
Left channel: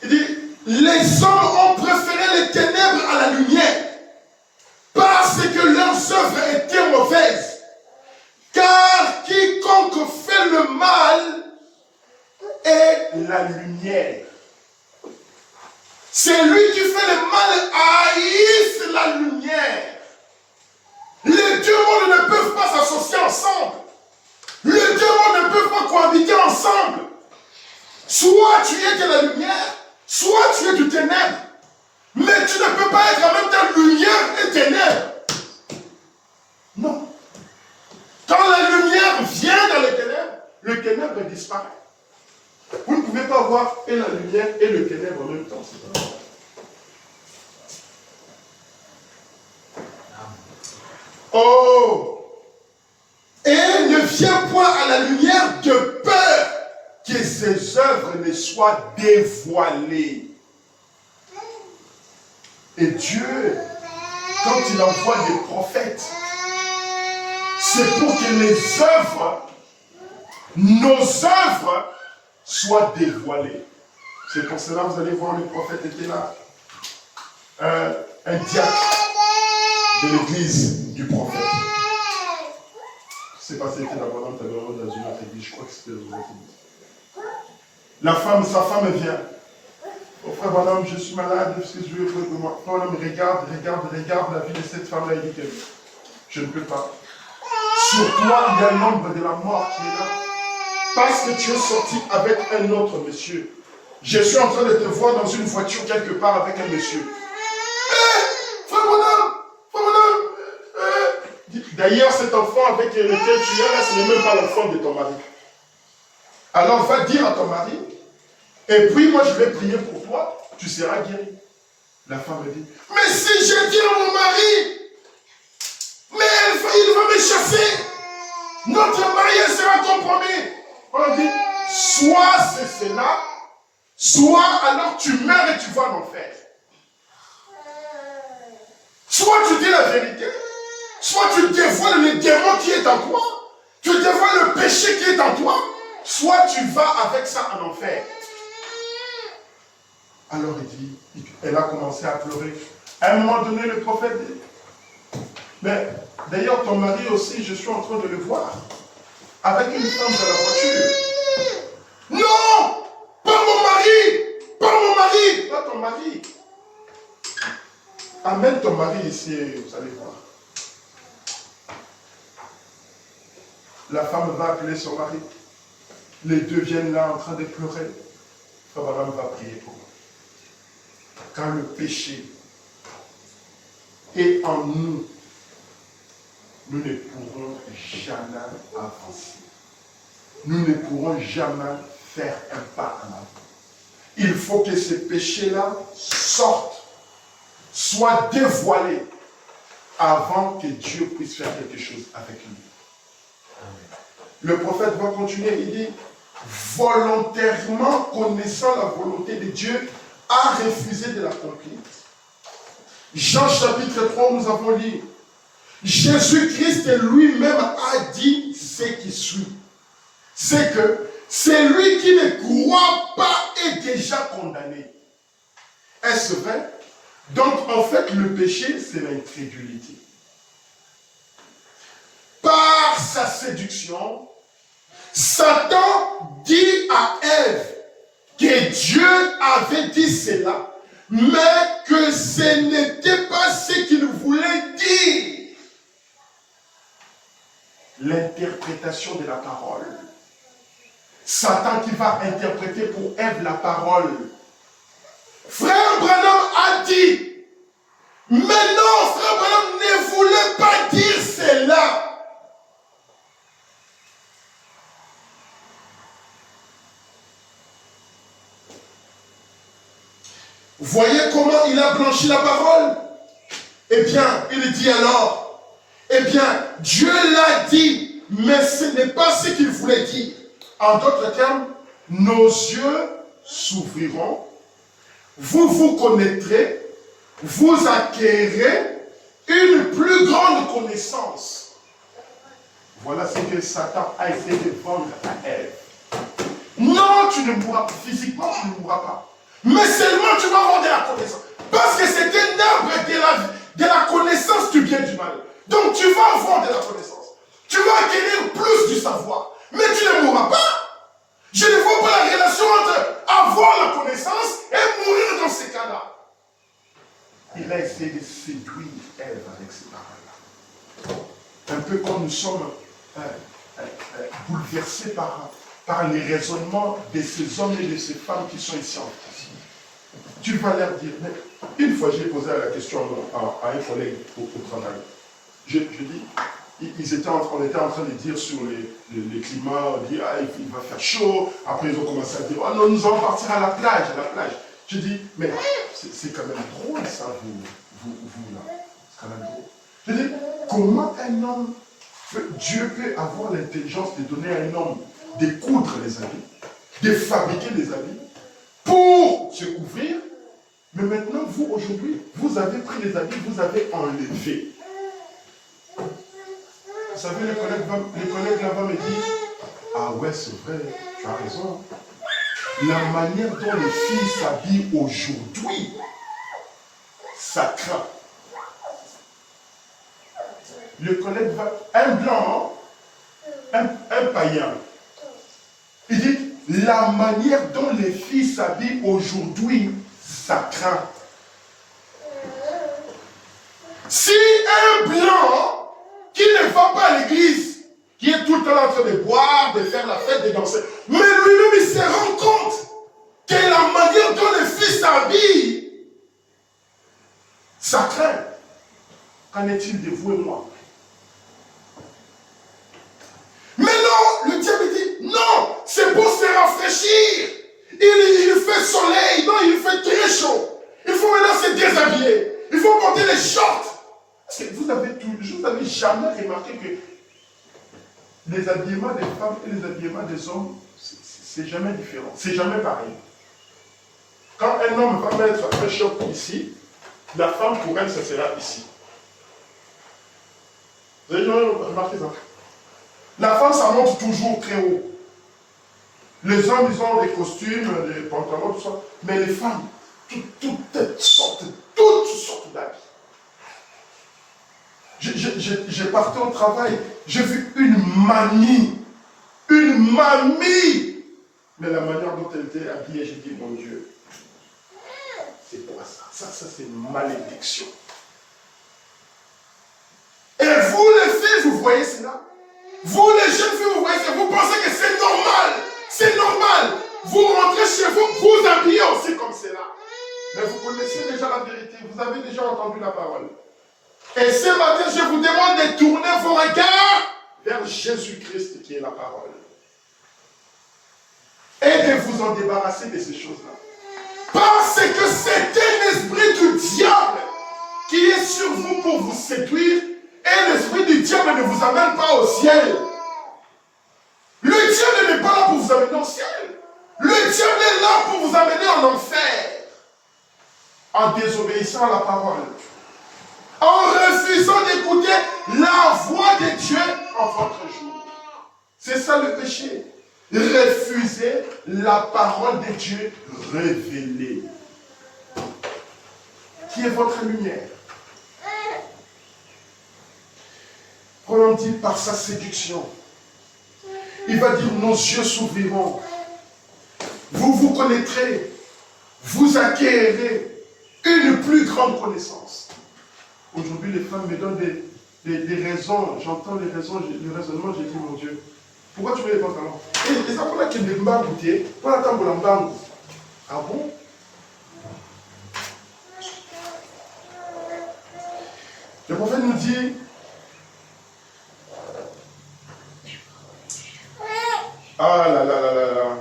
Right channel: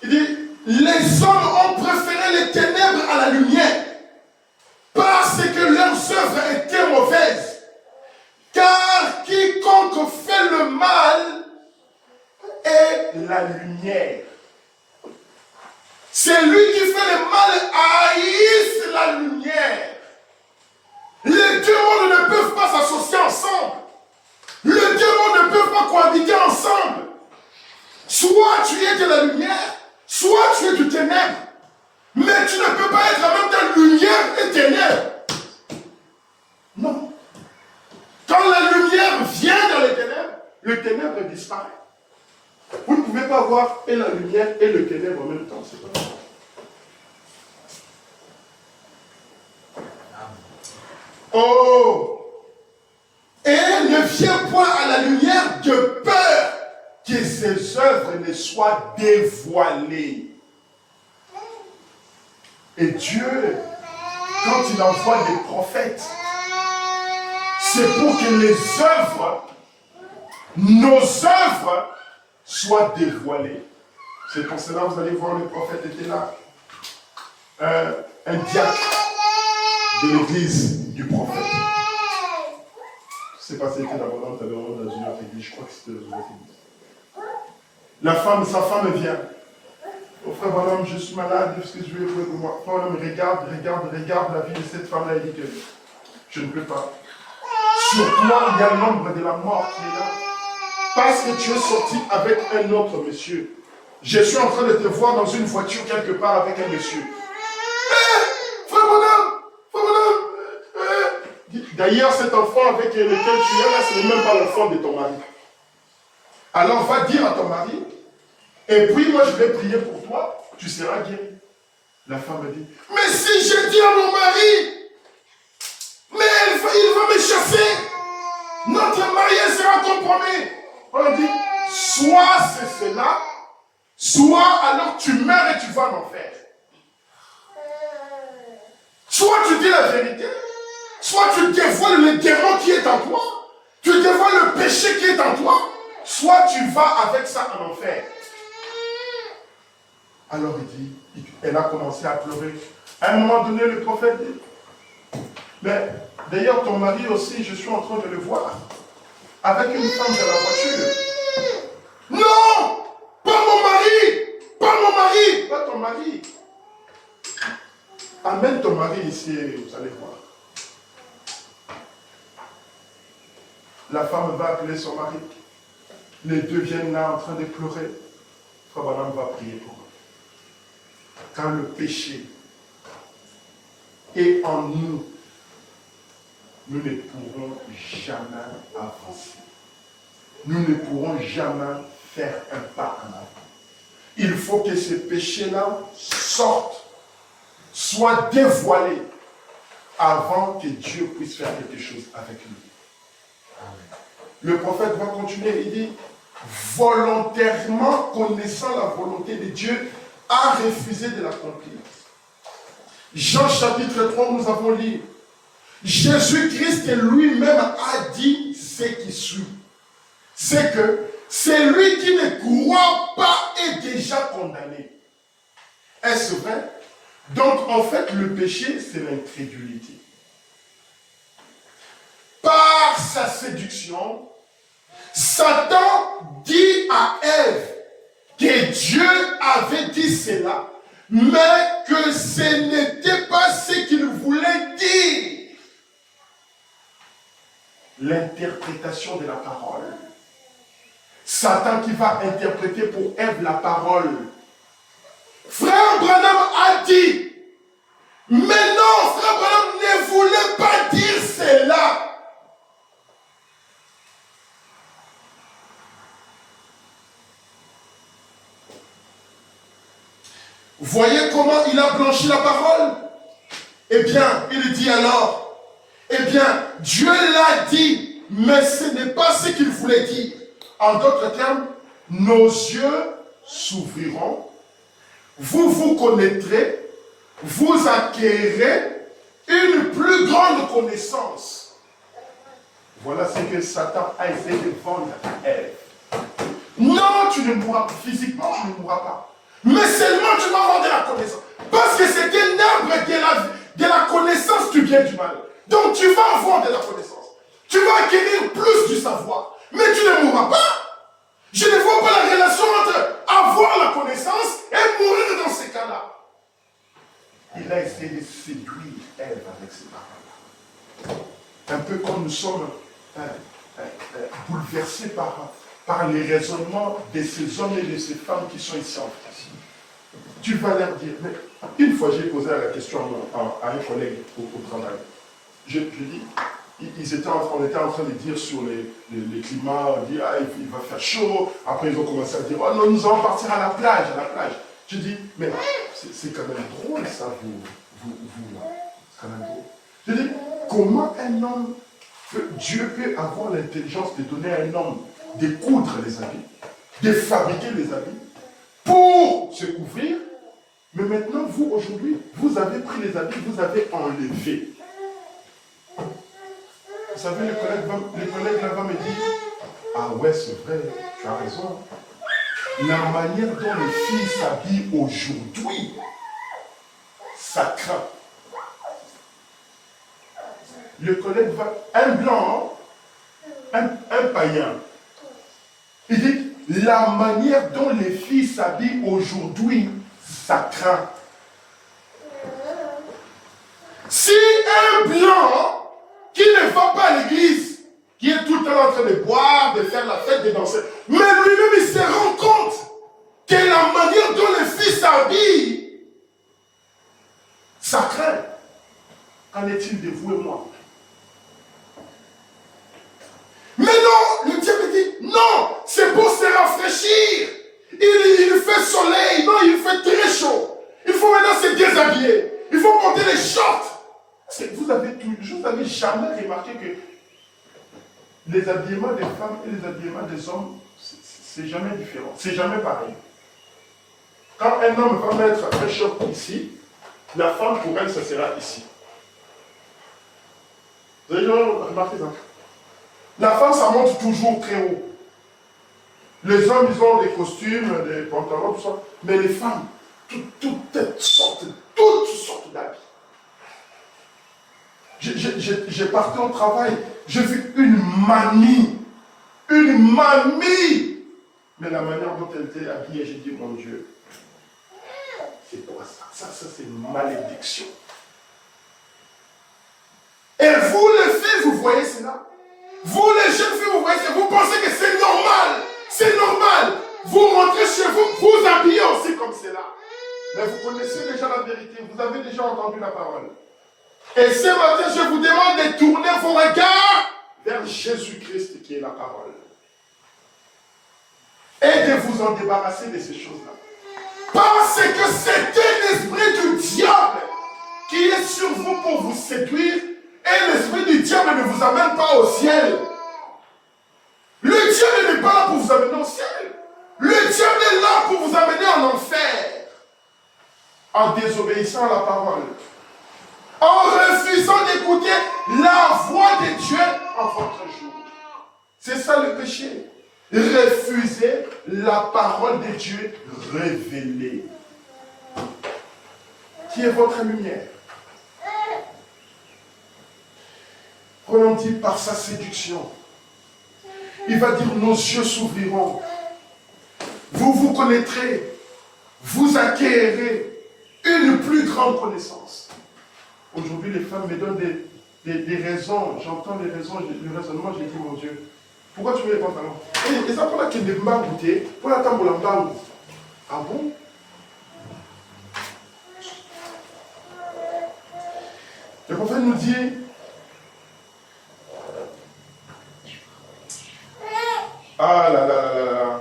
Il dit, les hommes ont préféré les ténèbres à la lumière parce que leurs œuvres étaient mauvaises. Car quiconque fait le mal est la lumière. C'est lui qui fait le mal haïsse la lumière. Les deux mondes ne peuvent pas s'associer ensemble. Les deux mondes ne peuvent pas cohabiter ensemble. Soit tu es de la lumière, soit tu es du ténèbre. Mais tu ne peux pas être en même temps lumière et ténèbres. Non. Quand la lumière vient dans les ténèbres, le ténèbre disparaît. Vous ne pouvez pas avoir et la lumière et le ténèbre en même temps. C'est pas vrai. Oh! Et ne viens point à la lumière de peur que ses œuvres ne soient dévoilées. Et Dieu, quand il envoie des prophètes, c'est pour que les œuvres, nos œuvres, soient dévoilées. C'est pour cela que vous allez voir, le prophète était là. Un diacre de l'église du prophète. C'est pas c'était d'abord dans une autre église, je crois que c'était dans une autre église. La femme, sa femme vient. Oh frère Bonhomme, je suis malade, qu'est-ce que je veux pour moi? Frère Bonhomme, regarde la vie de cette femme-là, il dit que je ne peux pas. Sur toi, il y a l'ombre de la mort qui est là. Parce que tu es sorti avec un autre monsieur. Je suis en train de te voir dans une voiture quelque part avec un monsieur. Frère Bonhomme, d'ailleurs, cet enfant avec lequel tu es là, ce n'est même pas l'enfant de ton mari. Alors va dire à ton mari, et puis moi je vais prier pour toi, tu seras guéri. La femme dit, mais si je dis à mon mari, mais il va me chasser, notre mariage sera compromis. On dit, soit c'est cela, soit alors tu meurs et tu vas en enfer. Soit tu dis la vérité, soit tu dévoiles le démon qui est en toi, tu dévoiles le péché qui est en toi, soit tu vas avec ça en enfer. Alors il dit, elle a commencé à pleurer. À un moment donné, le prophète dit, mais d'ailleurs ton mari aussi, je suis en train de le voir, avec une femme dans la voiture. Non, pas mon mari, pas ton mari. Amène ton mari ici et vous allez voir. La femme va appeler son mari. Les deux viennent là en train de pleurer. Frère Branham va prier pour eux. Quand le péché est en nous, nous ne pourrons jamais avancer. Nous ne pourrons jamais faire un pas en avant. Il faut que ce péché-là sorte, soit dévoilé, avant que Dieu puisse faire quelque chose avec lui. Le prophète va continuer, il dit, volontairement connaissant la volonté de Dieu, a refusé de l'accomplir. Jean chapitre 3, nous avons lu, Jésus-Christ lui-même a dit ce qui suit. C'est que celui qui ne croit pas est déjà condamné. Est-ce vrai? Donc en fait, le péché, c'est l'incrédulité. Par sa séduction, Satan dit à Ève que Dieu avait dit cela, mais que ce n'était pas ce qu'il voulait dire. L'interprétation de la parole. Satan qui va interpréter pour Ève la parole. Frère Branham a dit, mais non, frère Branham ne voulait pas dire cela. Voyez comment il a blanchi la parole? Eh bien, il dit alors, eh bien, Dieu l'a dit, mais ce n'est pas ce qu'il voulait dire. En d'autres termes, nos yeux s'ouvriront, vous vous connaîtrez, vous acquérez une plus grande connaissance. Voilà ce que Satan a essayé de vendre à Ève. Non, tu ne mourras pas, physiquement tu ne mourras pas. Mais seulement tu vas avoir de la connaissance. Parce que c'est un arbre de la connaissance du bien et du mal. Donc tu vas avoir de la connaissance. Tu vas acquérir plus du savoir. Mais tu ne mourras pas. Je ne vois pas la relation entre avoir la connaissance et mourir dans ces cas-là. Il a essayé de séduire Ève avec ces paroles-là. Un peu comme nous sommes bouleversés par les raisonnements de ces hommes et de ces femmes qui sont ici en France. Tu vas leur dire, mais une fois j'ai posé la question à un collègue au travail. Je dis, on était en train de dire sur les climats, on dit, ah, il va faire chaud. Après ils ont commencé à dire, oh non, nous allons partir à la plage. Je dis, mais c'est quand même drôle ça, vous là. C'est quand même drôle. Je dis, comment un homme, Dieu peut avoir l'intelligence de donner à un homme de coudre les habits, de fabriquer les habits, pour se couvrir, mais maintenant, vous, aujourd'hui, vous avez pris les habits, vous avez enlevé. Vous savez, le collègue là-bas me dit, ah ouais, c'est vrai, tu as raison. La manière dont les filles s'habillent aujourd'hui, ça craint. Le collègue va, un blanc, un païen. Il dit, la manière dont les filles s'habillent aujourd'hui, ça craint. Si un blanc qui ne va pas à l'église, qui est tout le temps en train de boire, de faire la fête, de danser, mais lui-même il se rend compte que la manière dont les filles s'habillent, ça craint. Qu'en est-il de vous et moi? Mais non, le diable dit, non, c'est pour se rafraîchir. Il fait soleil, non, il fait très chaud. Il faut maintenant se déshabiller. Il faut porter les shorts. Vous n'avez jamais remarqué que les habillements des femmes et les habillements des hommes, c'est jamais différent. C'est jamais pareil. Quand un homme va mettre un short ici, la femme pour elle, ça sera ici. Vous avez jamais remarqué ça? La femme, ça monte toujours très haut. Les hommes, ils ont des costumes, des pantalons, tout ça. Mais les femmes, toutes sortes d'habits. J'ai parti au travail, j'ai vu une mamie. Mais la manière dont elle était habillée, j'ai dit, mon Dieu, c'est quoi ça? Ça c'est une malédiction. Et vous, les filles, vous voyez cela? Vous, les jeunes filles, vous voyez ça? Vous pensez que c'est normal? C'est normal. Vous rentrez chez vous, vous habillez aussi comme cela. Mais vous connaissez déjà la vérité, vous avez déjà entendu la parole. Et ce matin, je vous demande de tourner vos regards vers Jésus-Christ qui est la parole. Et de vous en débarrasser de ces choses-là. Parce que c'est un esprit du diable qui est sur vous pour vous séduire. Et l'esprit du diable ne vous amène pas au ciel. Le diable n'est pas là pour vous amener au ciel. Le diable est là pour vous amener en enfer. En désobéissant à la parole. En refusant d'écouter la voix de Dieu en votre jour. C'est ça le péché. Refuser la parole de Dieu révélée. Qui est votre lumière. On dit par sa séduction. Il va dire, nos yeux s'ouvriront. Vous vous connaîtrez. Vous acquérez une plus grande connaissance. Aujourd'hui, les femmes me donnent des raisons. J'entends les raisons, le raisonnement, j'ai dit, mon Dieu, pourquoi tu mets les pantalons? Et ça, pour qu'il ne m'a goûté, pour la table de. Ah bon? Le prophète nous dit, ah là là là là là.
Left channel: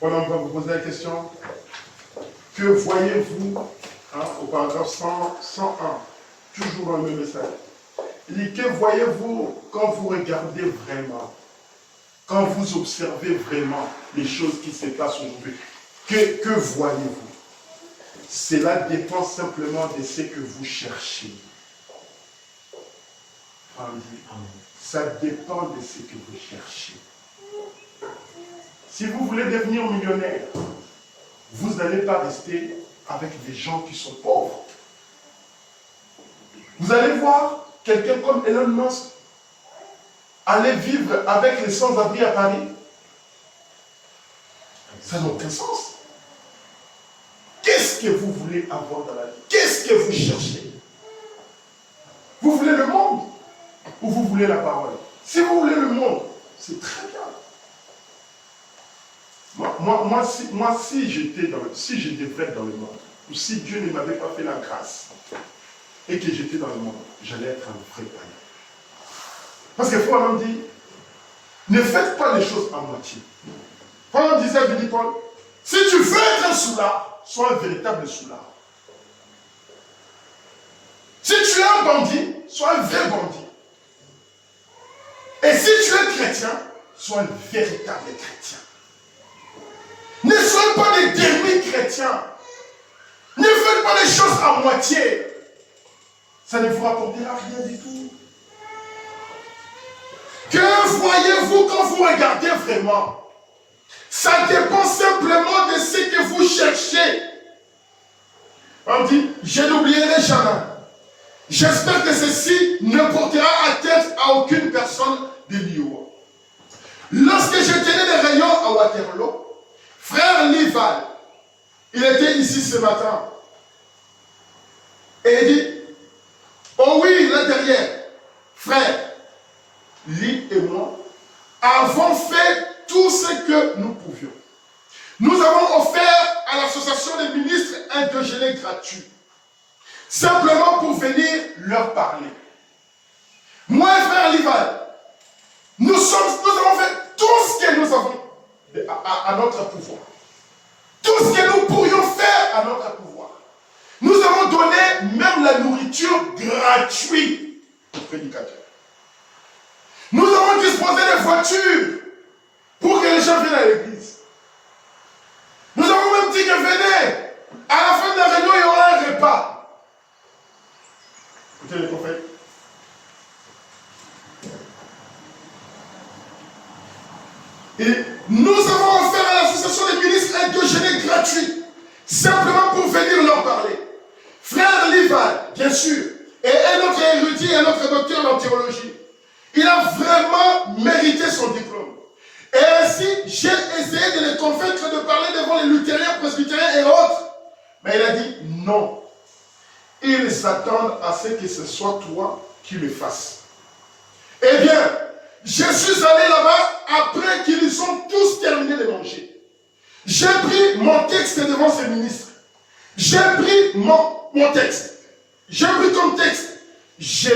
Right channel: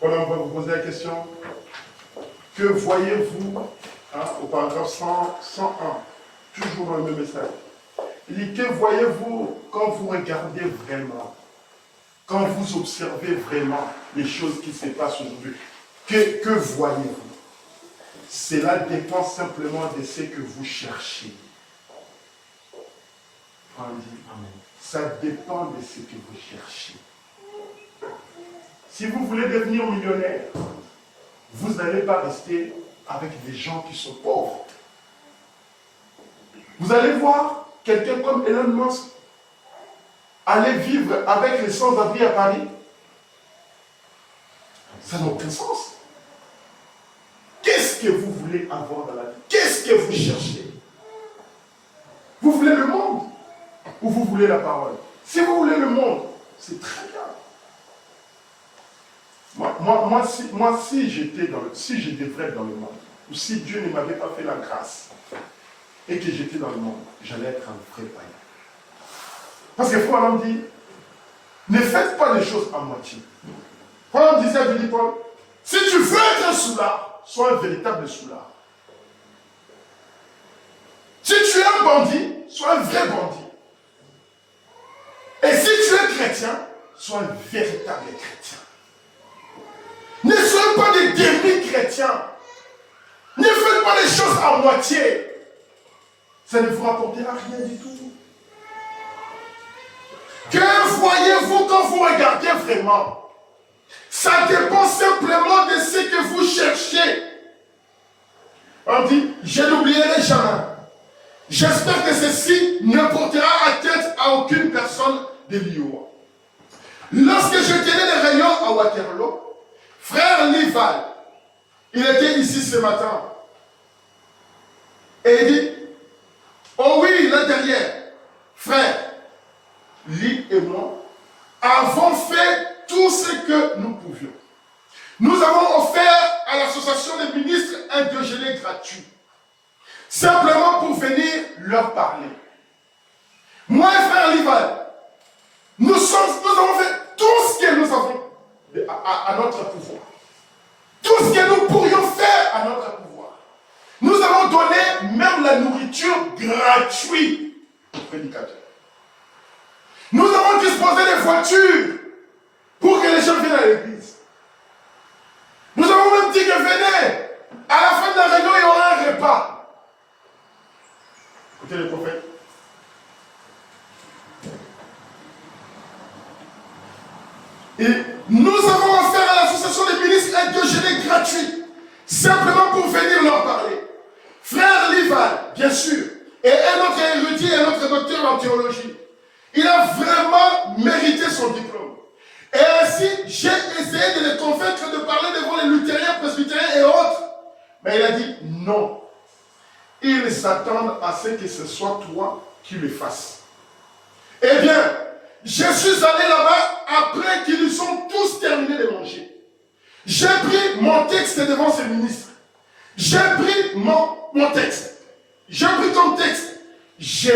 On va vous poser la question. Que voyez-vous au paragraphe 101, toujours le même message. Il dit, que voyez-vous quand vous regardez vraiment, quand vous observez vraiment les choses qui se passent aujourd'hui? Que voyez-vous? Cela dépend simplement de ce que vous cherchez. Amen. Ça dépend de ce que vous cherchez. Si vous voulez devenir millionnaire, vous n'allez pas rester avec des gens qui sont pauvres. Vous allez voir quelqu'un comme Elon Musk aller vivre avec les sans-abri à Paris. Ça n'a aucun sens. Qu'est-ce que vous voulez avoir dans la vie? Qu'est-ce que vous cherchez? Vous voulez le monde ou vous voulez la parole? Si vous voulez le monde, c'est très bien. Moi, si je devrais être dans le monde, ou si Dieu ne m'avait pas fait la grâce, et que j'étais dans le monde, j'allais être un vrai païen. Parce que Paul dit, ne faites pas les choses à moitié. Paul disait à Billy Paul, si tu veux être un soulard, sois un véritable soulard. Si tu es un bandit, sois un vrai bandit. Et si tu es chrétien, sois un véritable chrétien. Ne soyez pas des demi-chrétiens. Ne faites pas les choses à moitié. Ça ne vous rapportera rien du tout. Que voyez-vous quand vous regardez vraiment? Ça dépend simplement de ce que vous cherchez. On dit, je n'oublierai jamais. J'espère que ceci ne portera atteinte à aucune personne de l'IOA. Lorsque je tenais des réunions à Waterloo, frère Lival, il était ici ce matin. Et il dit, oh oui, là derrière, frère, lui et moi, avons fait tout ce que nous pouvions. Nous avons offert à l'association des ministres un déjeuner gratuit. Simplement pour venir leur parler. Moi et frère Lival, nous avons fait tout ce que nous avons à notre pouvoir. Tout ce que nous pourrions faire à notre pouvoir. Nous avons donné même la nourriture gratuite aux prédicateurs. Nous avons disposé des voitures pour que les gens viennent à l'église. Nous avons même dit que venez, à la fin de la réunion, il y aura un repas. Écoutez le prophète. Et nous avons offert à l'association des ministres un déjeuner gratuit, simplement pour venir leur parler. Frère Lival, bien sûr, et un autre érudit, un autre docteur en théologie, il a vraiment mérité son diplôme. Et ainsi, j'ai essayé de les convaincre de parler devant les luthériens, presbytériens et autres. Mais il a dit non. Ils s'attendent à ce que ce soit toi qui le fasses. Eh bien, je suis allé là-bas après qu'ils ont tous terminé de manger. J'ai pris mon texte devant ces ministres. J'ai pris mon texte. J'ai pris ton texte. Je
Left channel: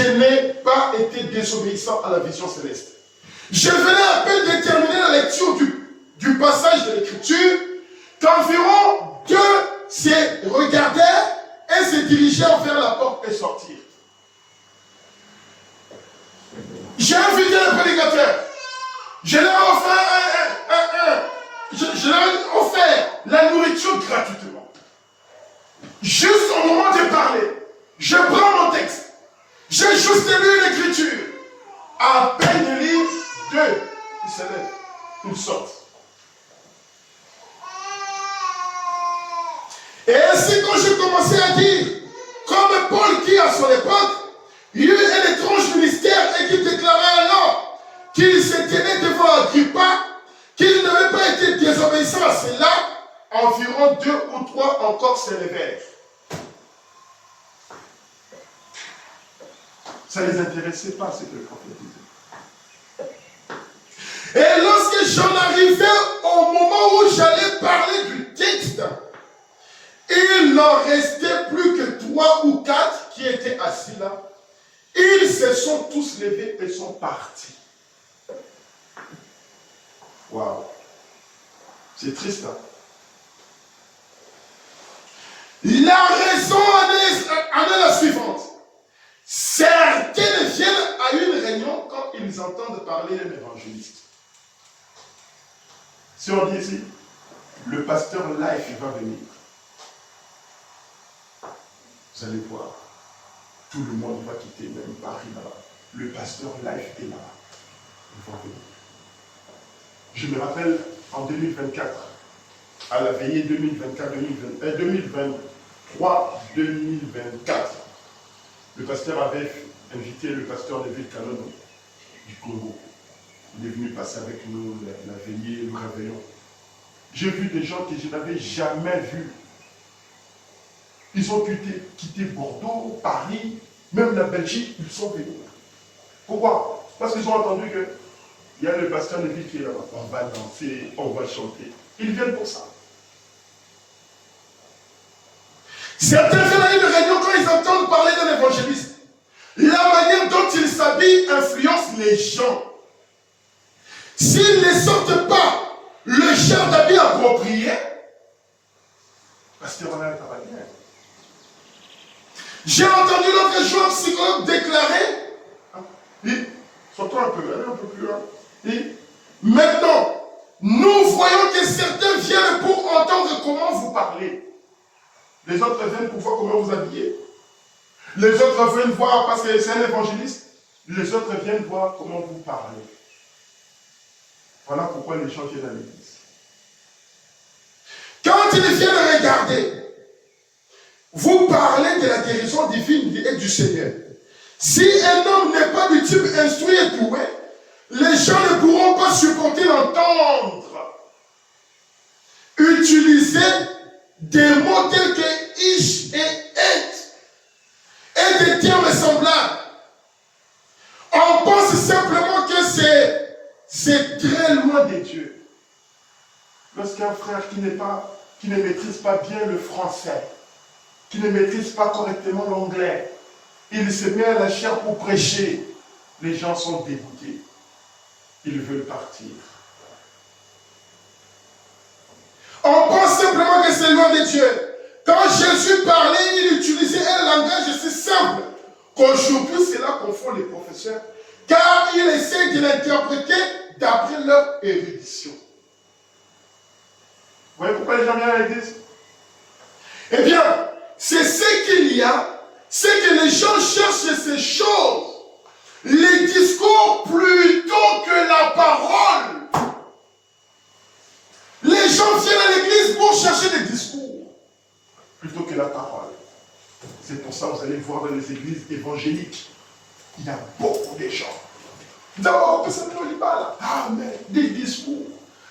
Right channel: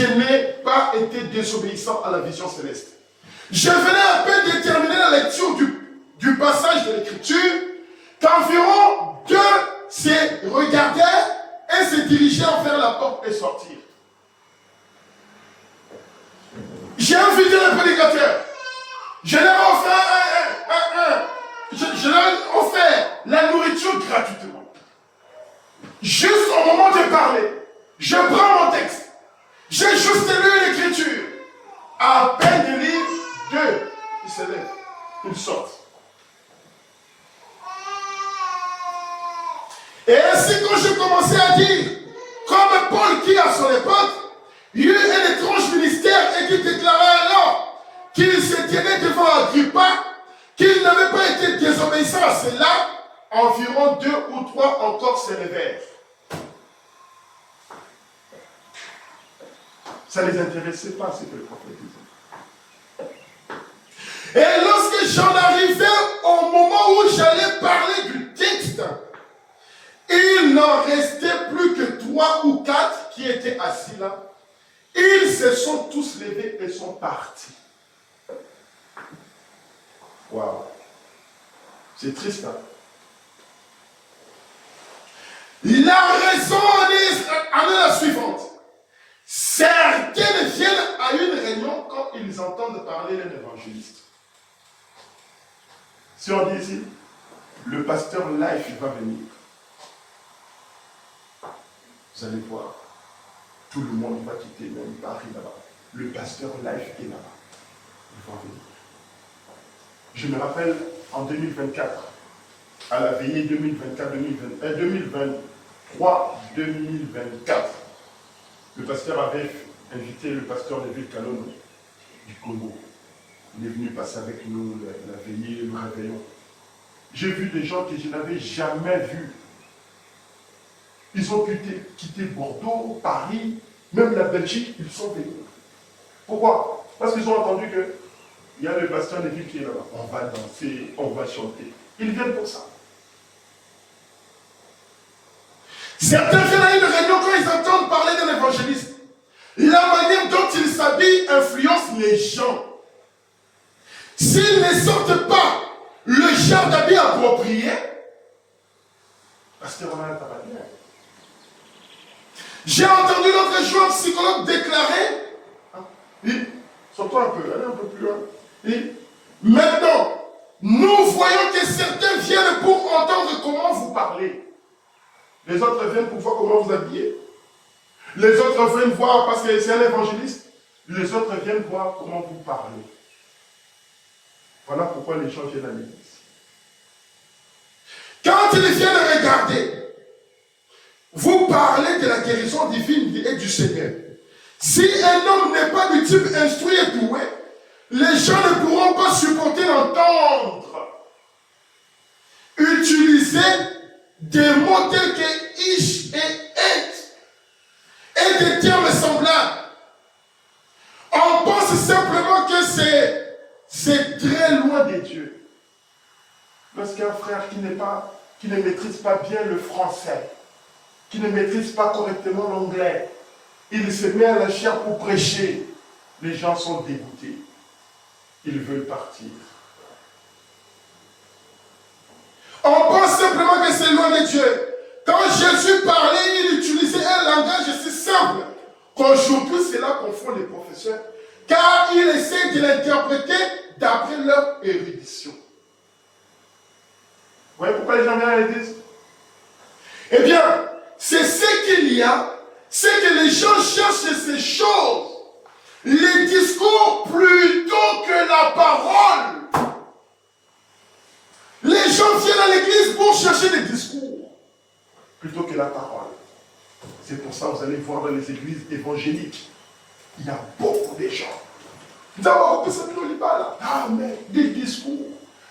n'ai pas été désobéissant à la vision céleste. Je venais à peine de terminer la lecture du passage de l'écriture qu'environ deux se regardèrent et se dirigèrent vers la porte et sortirent. J'ai invité les prédicateurs. Je leur ai offert je leur ai offert la nourriture gratuitement. Juste au moment de parler, je prends mon texte. J'ai juste lu l'écriture. À peine de lire, deux, ils se lèvent, ils sortent. Et ainsi, quand je commençais à dire, comme Paul qui à son époque, il y eut un étrange ministère et qui déclara alors qu'il se tenait devant Agrippa, qu'il n'avait pas été désobéissant à cela, environ 2 ou 3 encore se levèrent. Ça ne les intéressait pas ce que le prophète disait. Et lorsque j'en arrivais au moment où j'allais parler du texte, il n'en restait plus que 3 ou 4 qui étaient assis là. Ils se sont tous levés et sont partis. Waouh. C'est triste, hein? La raison en est la suivante. Certains viennent à une réunion quand ils entendent parler d'un évangéliste. Si on dit ici, le pasteur Life va venir, vous allez voir, tout le monde va quitter même Paris là-bas. Le pasteur Life est là-bas. Ils vont venir. Je me rappelle en 2024, à la veillée 2023-2024, le pasteur avait invité le pasteur de Ville Kalono du Congo. Il est venu passer avec nous la veillée, le réveillon. J'ai vu des gens que je n'avais jamais vus. Ils ont quitté Bordeaux, Paris, même la Belgique, ils sont venus. Pourquoi? Parce qu'ils ont entendu qu'il y a le pasteur de Ville qui est là-bas. On va danser, on va chanter. Ils viennent pour ça. Certains viennent à une réunion quand ils entendent parler d'un évangéliste. La manière dont ils s'habillent influence les gens. S'ils ne sortent pas le genre d'habit approprié, parce qu'on a un travail bien. J'ai entendu l'autre jour un psychologue déclarer, sortons un peu, allez un peu plus loin. Et maintenant, nous voyons que certains viennent pour entendre comment vous parlez. Les autres viennent pour voir comment vous habillez. Les autres viennent voir parce que c'est un évangéliste. Les autres viennent voir comment vous parlez. Voilà pourquoi les gens viennent à l'église. Quand ils viennent regarder, vous parlez de la guérison divine. Seigneur. Si un homme n'est pas du type instruit et doué, les gens ne pourront pas supporter l'entendre. Utiliser des mots tels que ish et et des termes semblables. On pense simplement que c'est très loin de Dieu. Lorsqu'un frère qui ne maîtrise pas bien le français, qui ne maîtrise pas correctement l'anglais, il se met à la chair pour prêcher, les gens sont dégoûtés. Ils veulent partir. On pense simplement que c'est loin de Dieu. Quand Jésus parlait, il utilisait un langage si simple qu'aujourd'hui c'est là qu'on confond les professeurs, car il essaie de l'interpréter d'après leur érudition. Vous voyez pourquoi les gens viennent à l'église? Eh bien, c'est ce qu'il y a, c'est que les gens cherchent ces choses, les discours plutôt que la parole. Les gens viennent à l'église pour chercher des discours plutôt que la parole. C'est pour ça que vous allez voir dans les églises évangéliques, il y a beaucoup de gens. D'abord, on peut se plaindre, amen, des discours.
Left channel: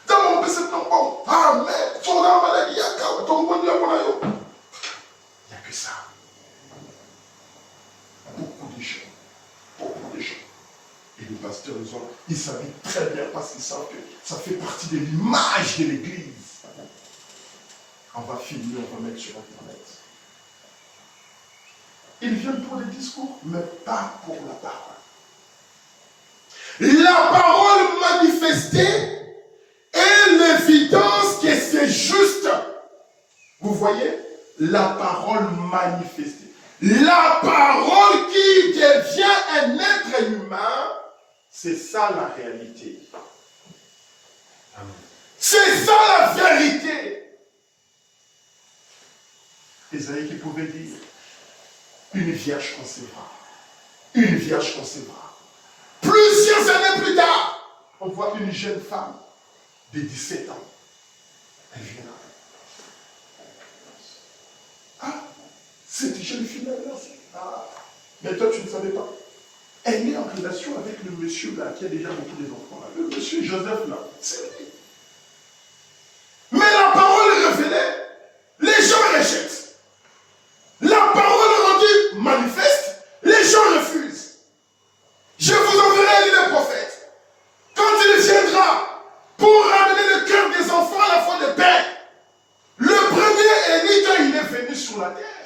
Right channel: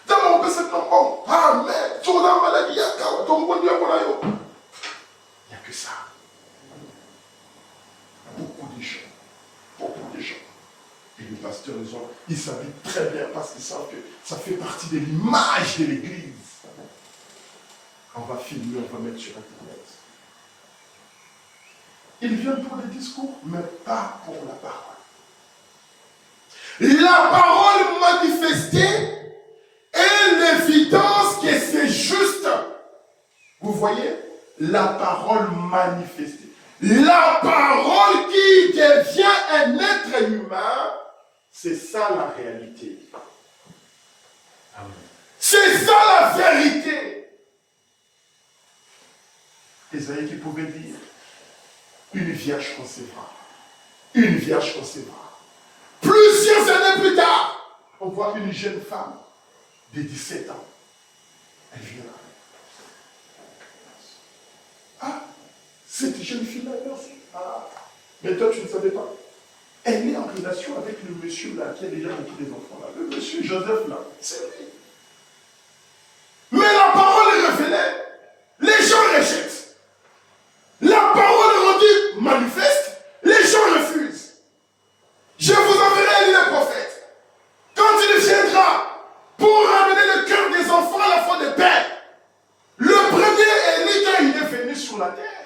D'abord, on peut se plaindre, amen, sur la maladie, il n'y a que ça. Beaucoup de gens. Beaucoup de gens. Et les pasteurs, ils savent très bien parce qu'ils savent que ça fait partie de l'image de l'église. On va filmer, on va mettre sur Internet. Ils viennent pour des discours, mais pas pour la parole. La parole manifestée est l'évidence que c'est juste. Vous voyez? La parole manifestée. La parole qui devient un être humain, c'est ça la réalité. C'est ça la vérité. Ésaïe qui pouvait dire, une vierge concevra. Une vierge concevra. Plusieurs années plus tard, on voit une jeune femme de 17 ans. Elle vient là. Ah, cette jeune fille-là, ah, mais toi tu ne savais pas. Elle est en relation avec le monsieur là, qui a déjà beaucoup d'enfants là. Le monsieur Joseph là, c'est lui. Mais la parole est révélée. Les gens rejettent. La parole est rendue manifeste. Les gens refusent. Je vous enverrai le prophète. Quand il viendra pour ramener le cœur des enfants à la foi de père. Le premier Élie, quand il est venu sur la terre,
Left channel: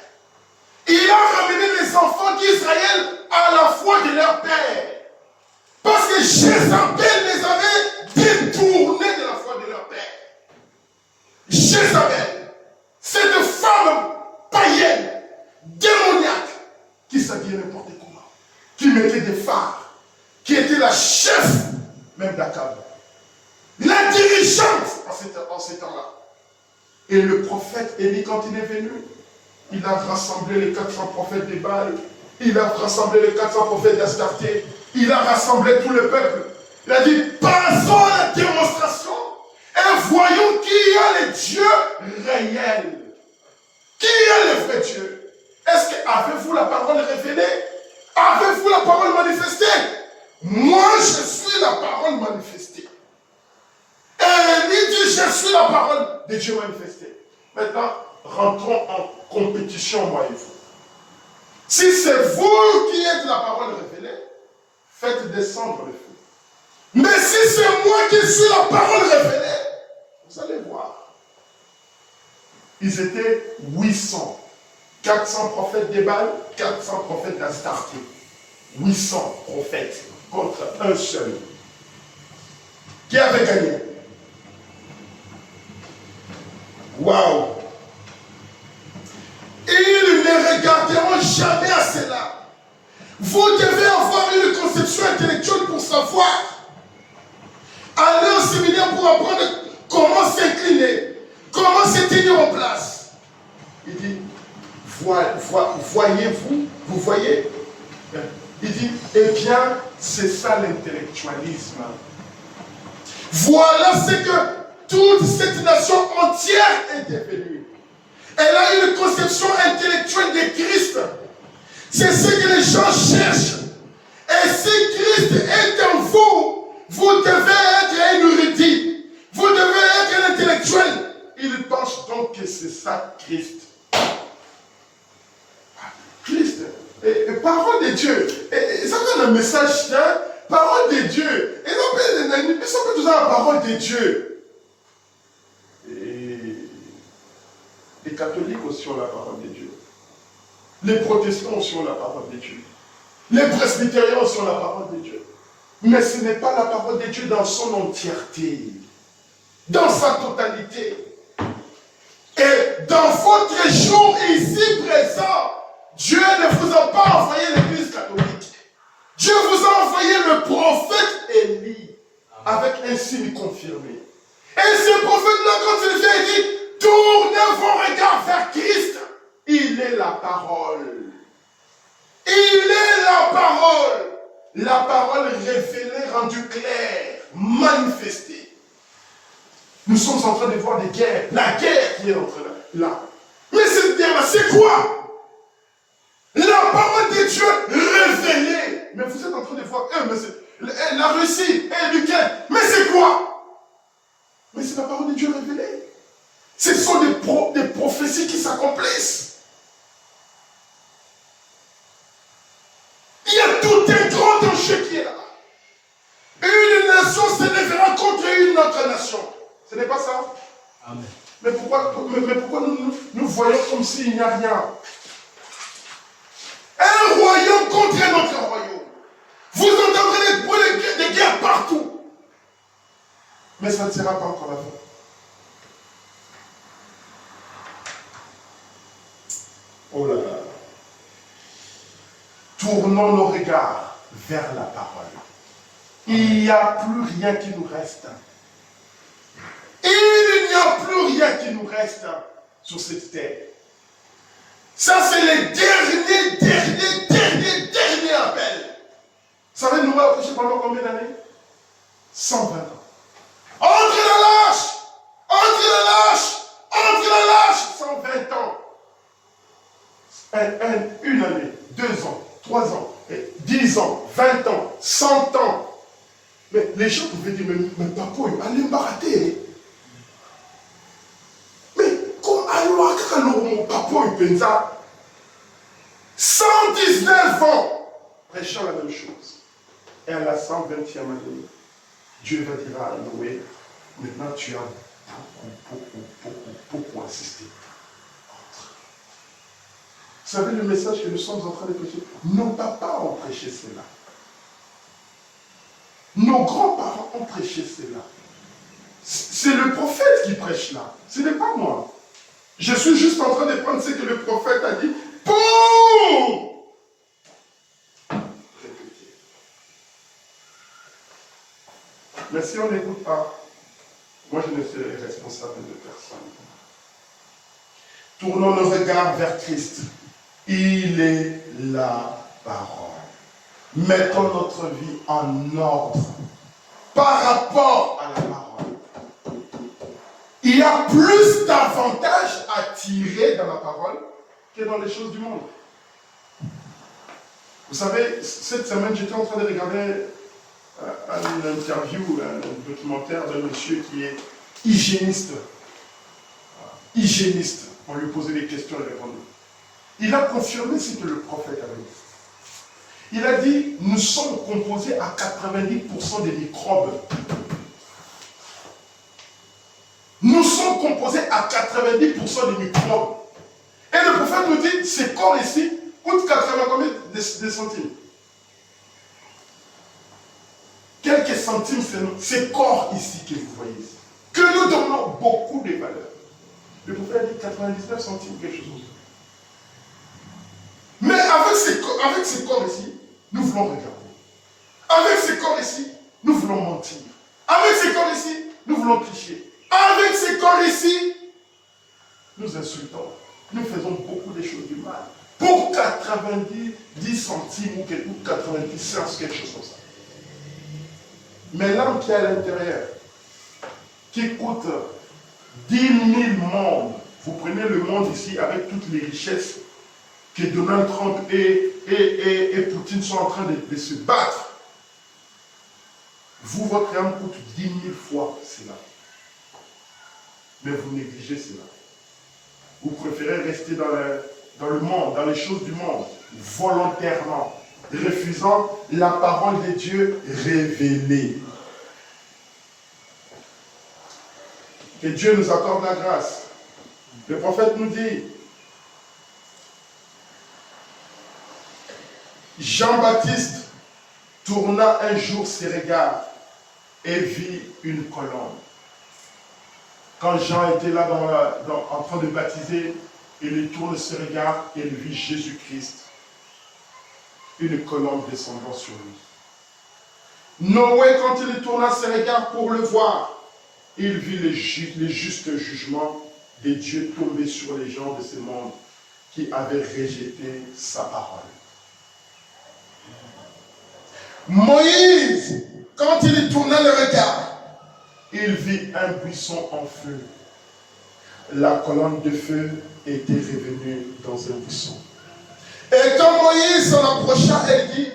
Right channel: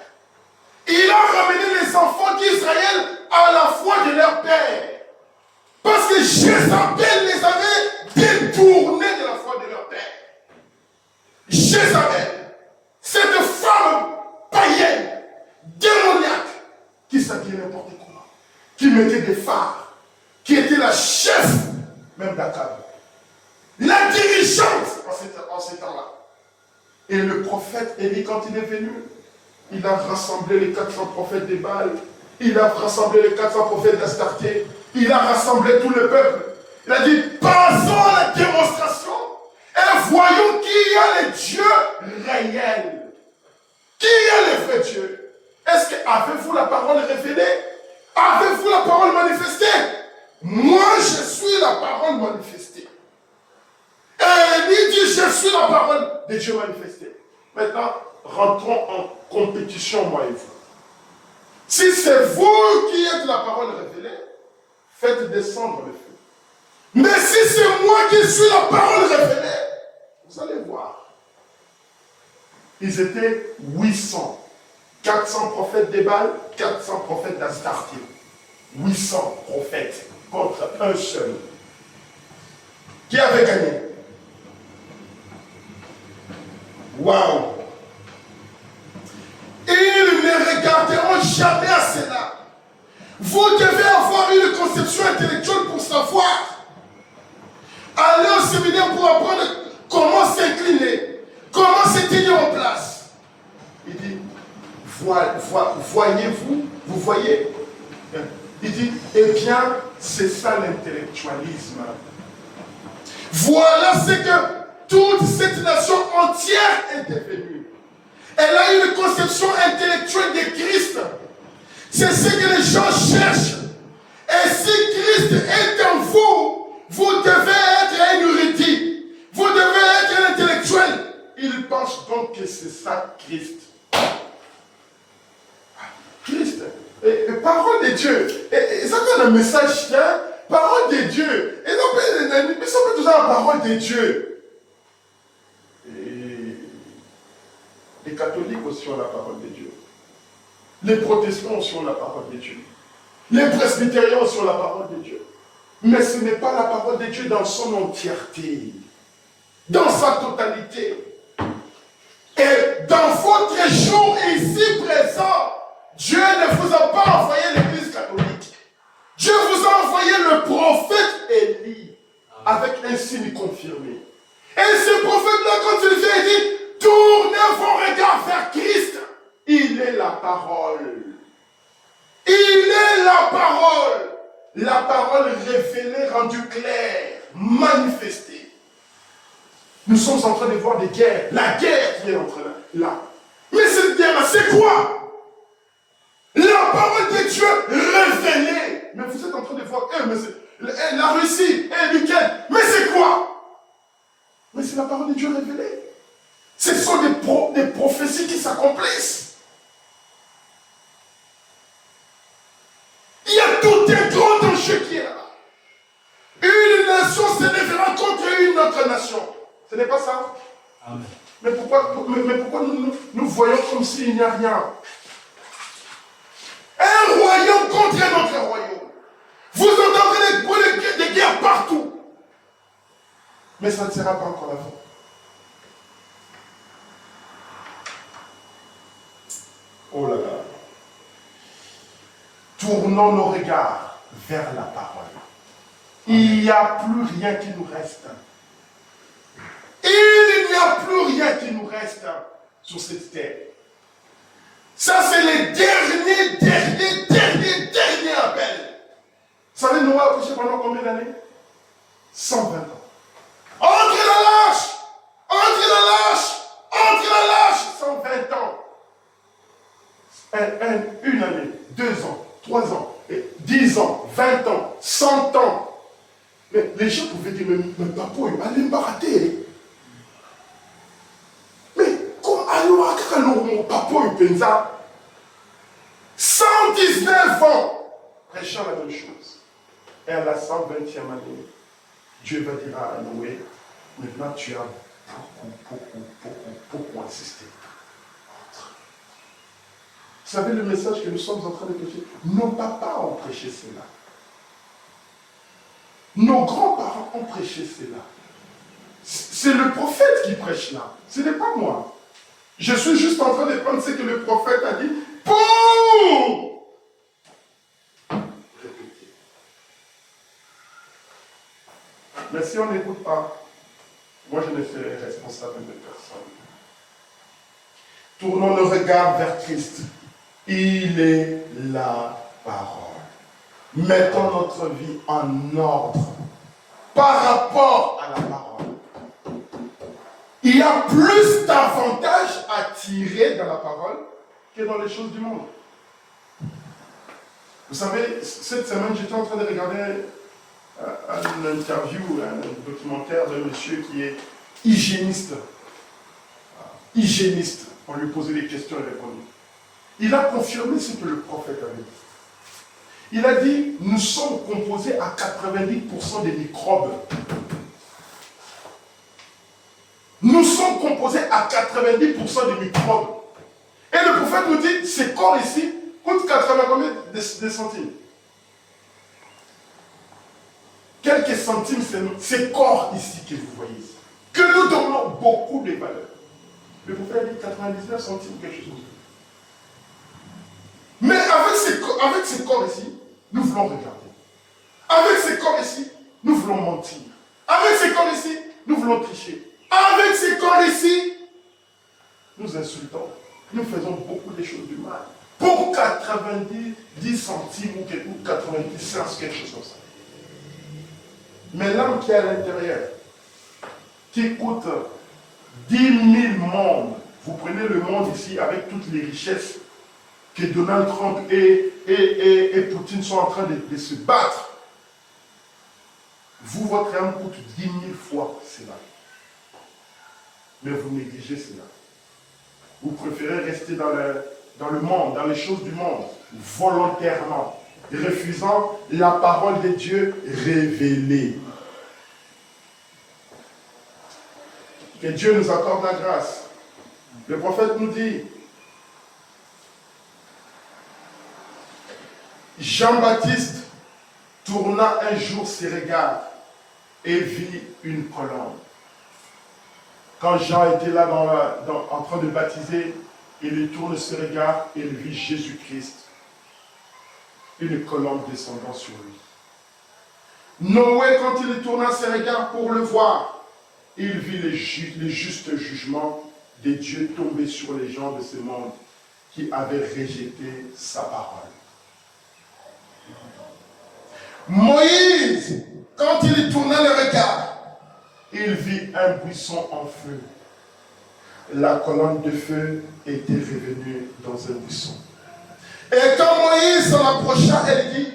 il a ramené les enfants d'Israël à la foi de leur père. Parce que Jézabel les avait détournés de la foi de leur père. Jézabel, cette femme païenne, démoniaque, qui s'habillait n'importe comment, qui mettait des phares, qui était la chef même d'Akab, la dirigeante en ces temps-là. Et le prophète Élie, quand il est venu, il a rassemblé les 400 prophètes de Baal, il a rassemblé les 400 prophètes d'Astarté, il a rassemblé tout le peuple. Il a dit, passons à la démonstration et voyons qui a le Dieu réel. Qui est le vrai Dieu? Est-ce que avez-vous la parole révélée? Avez-vous la parole manifestée? Moi, je suis la parole manifestée. Et il dit, je suis la parole de Dieu manifestée. Maintenant, rentrons en compétition, moi et vous. Si c'est vous qui êtes la parole révélée, faites descendre le feu. Mais si c'est moi qui suis la parole révélée, vous allez voir. Ils étaient 800. 400 prophètes de Baal, 400 prophètes d'Astarté. 800 prophètes contre un seul. Qui avait gagné? Waouh! Ils ne regarderont jamais à cela. Vous devez avoir une conception intellectuelle pour savoir. Aller au séminaire pour apprendre comment s'incliner, comment se tenir en place. Il dit, voyez-vous, vous voyez? Il dit, eh bien, c'est ça l'intellectualisme. Voilà ce que toute cette nation entière est devenue. Elle a une conception intellectuelle de Christ C'est ce que les gens cherchent. Et si Christ est en vous, vous devez être un érudit. Vous devez être un intellectuel. Il pense donc que c'est ça Christ. Christ. Et parole de Dieu. Et ça c'est le message, hein? Parole de Dieu. Et nous sommes tous dans la parole de Dieu. Et les catholiques aussi ont la parole de Dieu. Les protestants aussi ont la parole de Dieu. Les presbytériens aussi ont la parole de Dieu. Mais ce n'est pas la parole de Dieu dans son entièreté. Dans sa totalité. Et dans votre jour ici présent, Dieu ne vous a pas envoyé l'église catholique. Dieu vous a envoyé le prophète Élie avec un signe confirmé. Et ce prophète-là, quand il vient, il dit, tournez vos regards vers Christ. Il est la parole. Il est la parole. La parole révélée, rendue claire, manifestée. Nous sommes en train de voir des guerres. La guerre qui est entre là. Mais cette guerre-là, c'est quoi? La parole de Dieu révélée. Mais vous êtes en train de voir, mais c'est la Russie et l'Ukraine. Mais c'est quoi? Mais c'est la parole de Dieu révélée. Ce sont des prophéties qui s'accomplissent. Il y a tout un grand enjeu qui est là-bas. Une nation se lèvera contre une autre nation. Ce n'est pas ça? Amen. Mais pourquoi nous voyons comme s'il n'y a rien? Un royaume contre un autre royaume. Vous entendrez des guerres partout. Mais ça ne sera pas encore la fin. Oh là là. Tournons nos regards vers la parole. Il n'y a plus rien qui nous reste. Il n'y a plus rien qui nous reste sur cette terre. Ça, c'est le dernier appel. Vous savez, nous avons prêché pendant combien d'années? 120 ans. Entre la lâche! Entre la lâche! Entre la lâche! 120 ans. Une année, 2 ans, 3 ans, 10 ans, 20 ans, 100 ans. Mais les gens pouvaient dire, mais papa, allez me barater. Mais comme alors, mon papa, il pense 119 ans, prêchant la même chose. Et à la 120e année, Dieu va dire à Noé, maintenant tu as beaucoup insisté. Vous savez le message que nous sommes en train de prêcher? Nos papas ont prêché cela. Nos grands-parents ont prêché cela. C'est le prophète qui prêche là. Ce n'est pas moi. Je suis juste en train de prendre ce que le prophète a dit pour répéter. Mais si on n'écoute pas, moi je ne serai responsable de personne. Tournons nos regards vers Christ. Il est la parole. Mettons notre vie en ordre par rapport à la parole. Il y a plus d'avantages à tirer dans la parole que dans les choses du monde. Vous savez, cette semaine, j'étais en train de regarder une interview, un documentaire d'un monsieur qui est hygiéniste. Hygiéniste. On lui posait des questions et répondait. Il a confirmé ce que le prophète avait dit. Il a dit, nous sommes composés à 90% des microbes. Nous sommes composés à 90% des microbes. Et le prophète nous dit, ce corps ici coûte 80 combien de centimes? Quelques centimes, c'est ce corps ici que vous voyez ici. Que nous donnons beaucoup de valeur. Le prophète a dit 99 centimes, quelque chose comme ça. Mais avec ce corps ici, nous voulons regarder. Avec ce corps ici, nous voulons mentir. Avec ce corps ici, nous voulons tricher. Avec ce corps ici, nous insultons. Nous faisons beaucoup de choses du mal. Pour 90 centimes ou 90 cents, quelque chose comme ça. Mais l'âme qui est à l'intérieur, qui coûte 10 000 mondes, vous prenez le monde ici avec toutes les richesses que Donald Trump et Poutine sont en train de se battre, vous, votre âme coûte 10 000 fois cela. Mais vous négligez cela. Vous préférez rester dans le monde, dans les choses du monde, volontairement, refusant la parole de Dieu révélée. Que Dieu nous accorde la grâce. Le prophète nous dit, Jean-Baptiste tourna un jour ses regards et vit une colombe. Quand Jean était là en train de baptiser, il tourne ses regards et il vit Jésus-Christ, une colombe descendant sur lui. Noé, quand il tourna ses regards pour le voir, il vit les justes jugements de Dieu tomber sur les gens de ce monde qui avaient rejeté sa parole. Moïse, quand il tourna le regard, il vit un buisson en feu. La colonne de feu était revenue dans un buisson. Et quand Moïse s'en approcha, elle dit,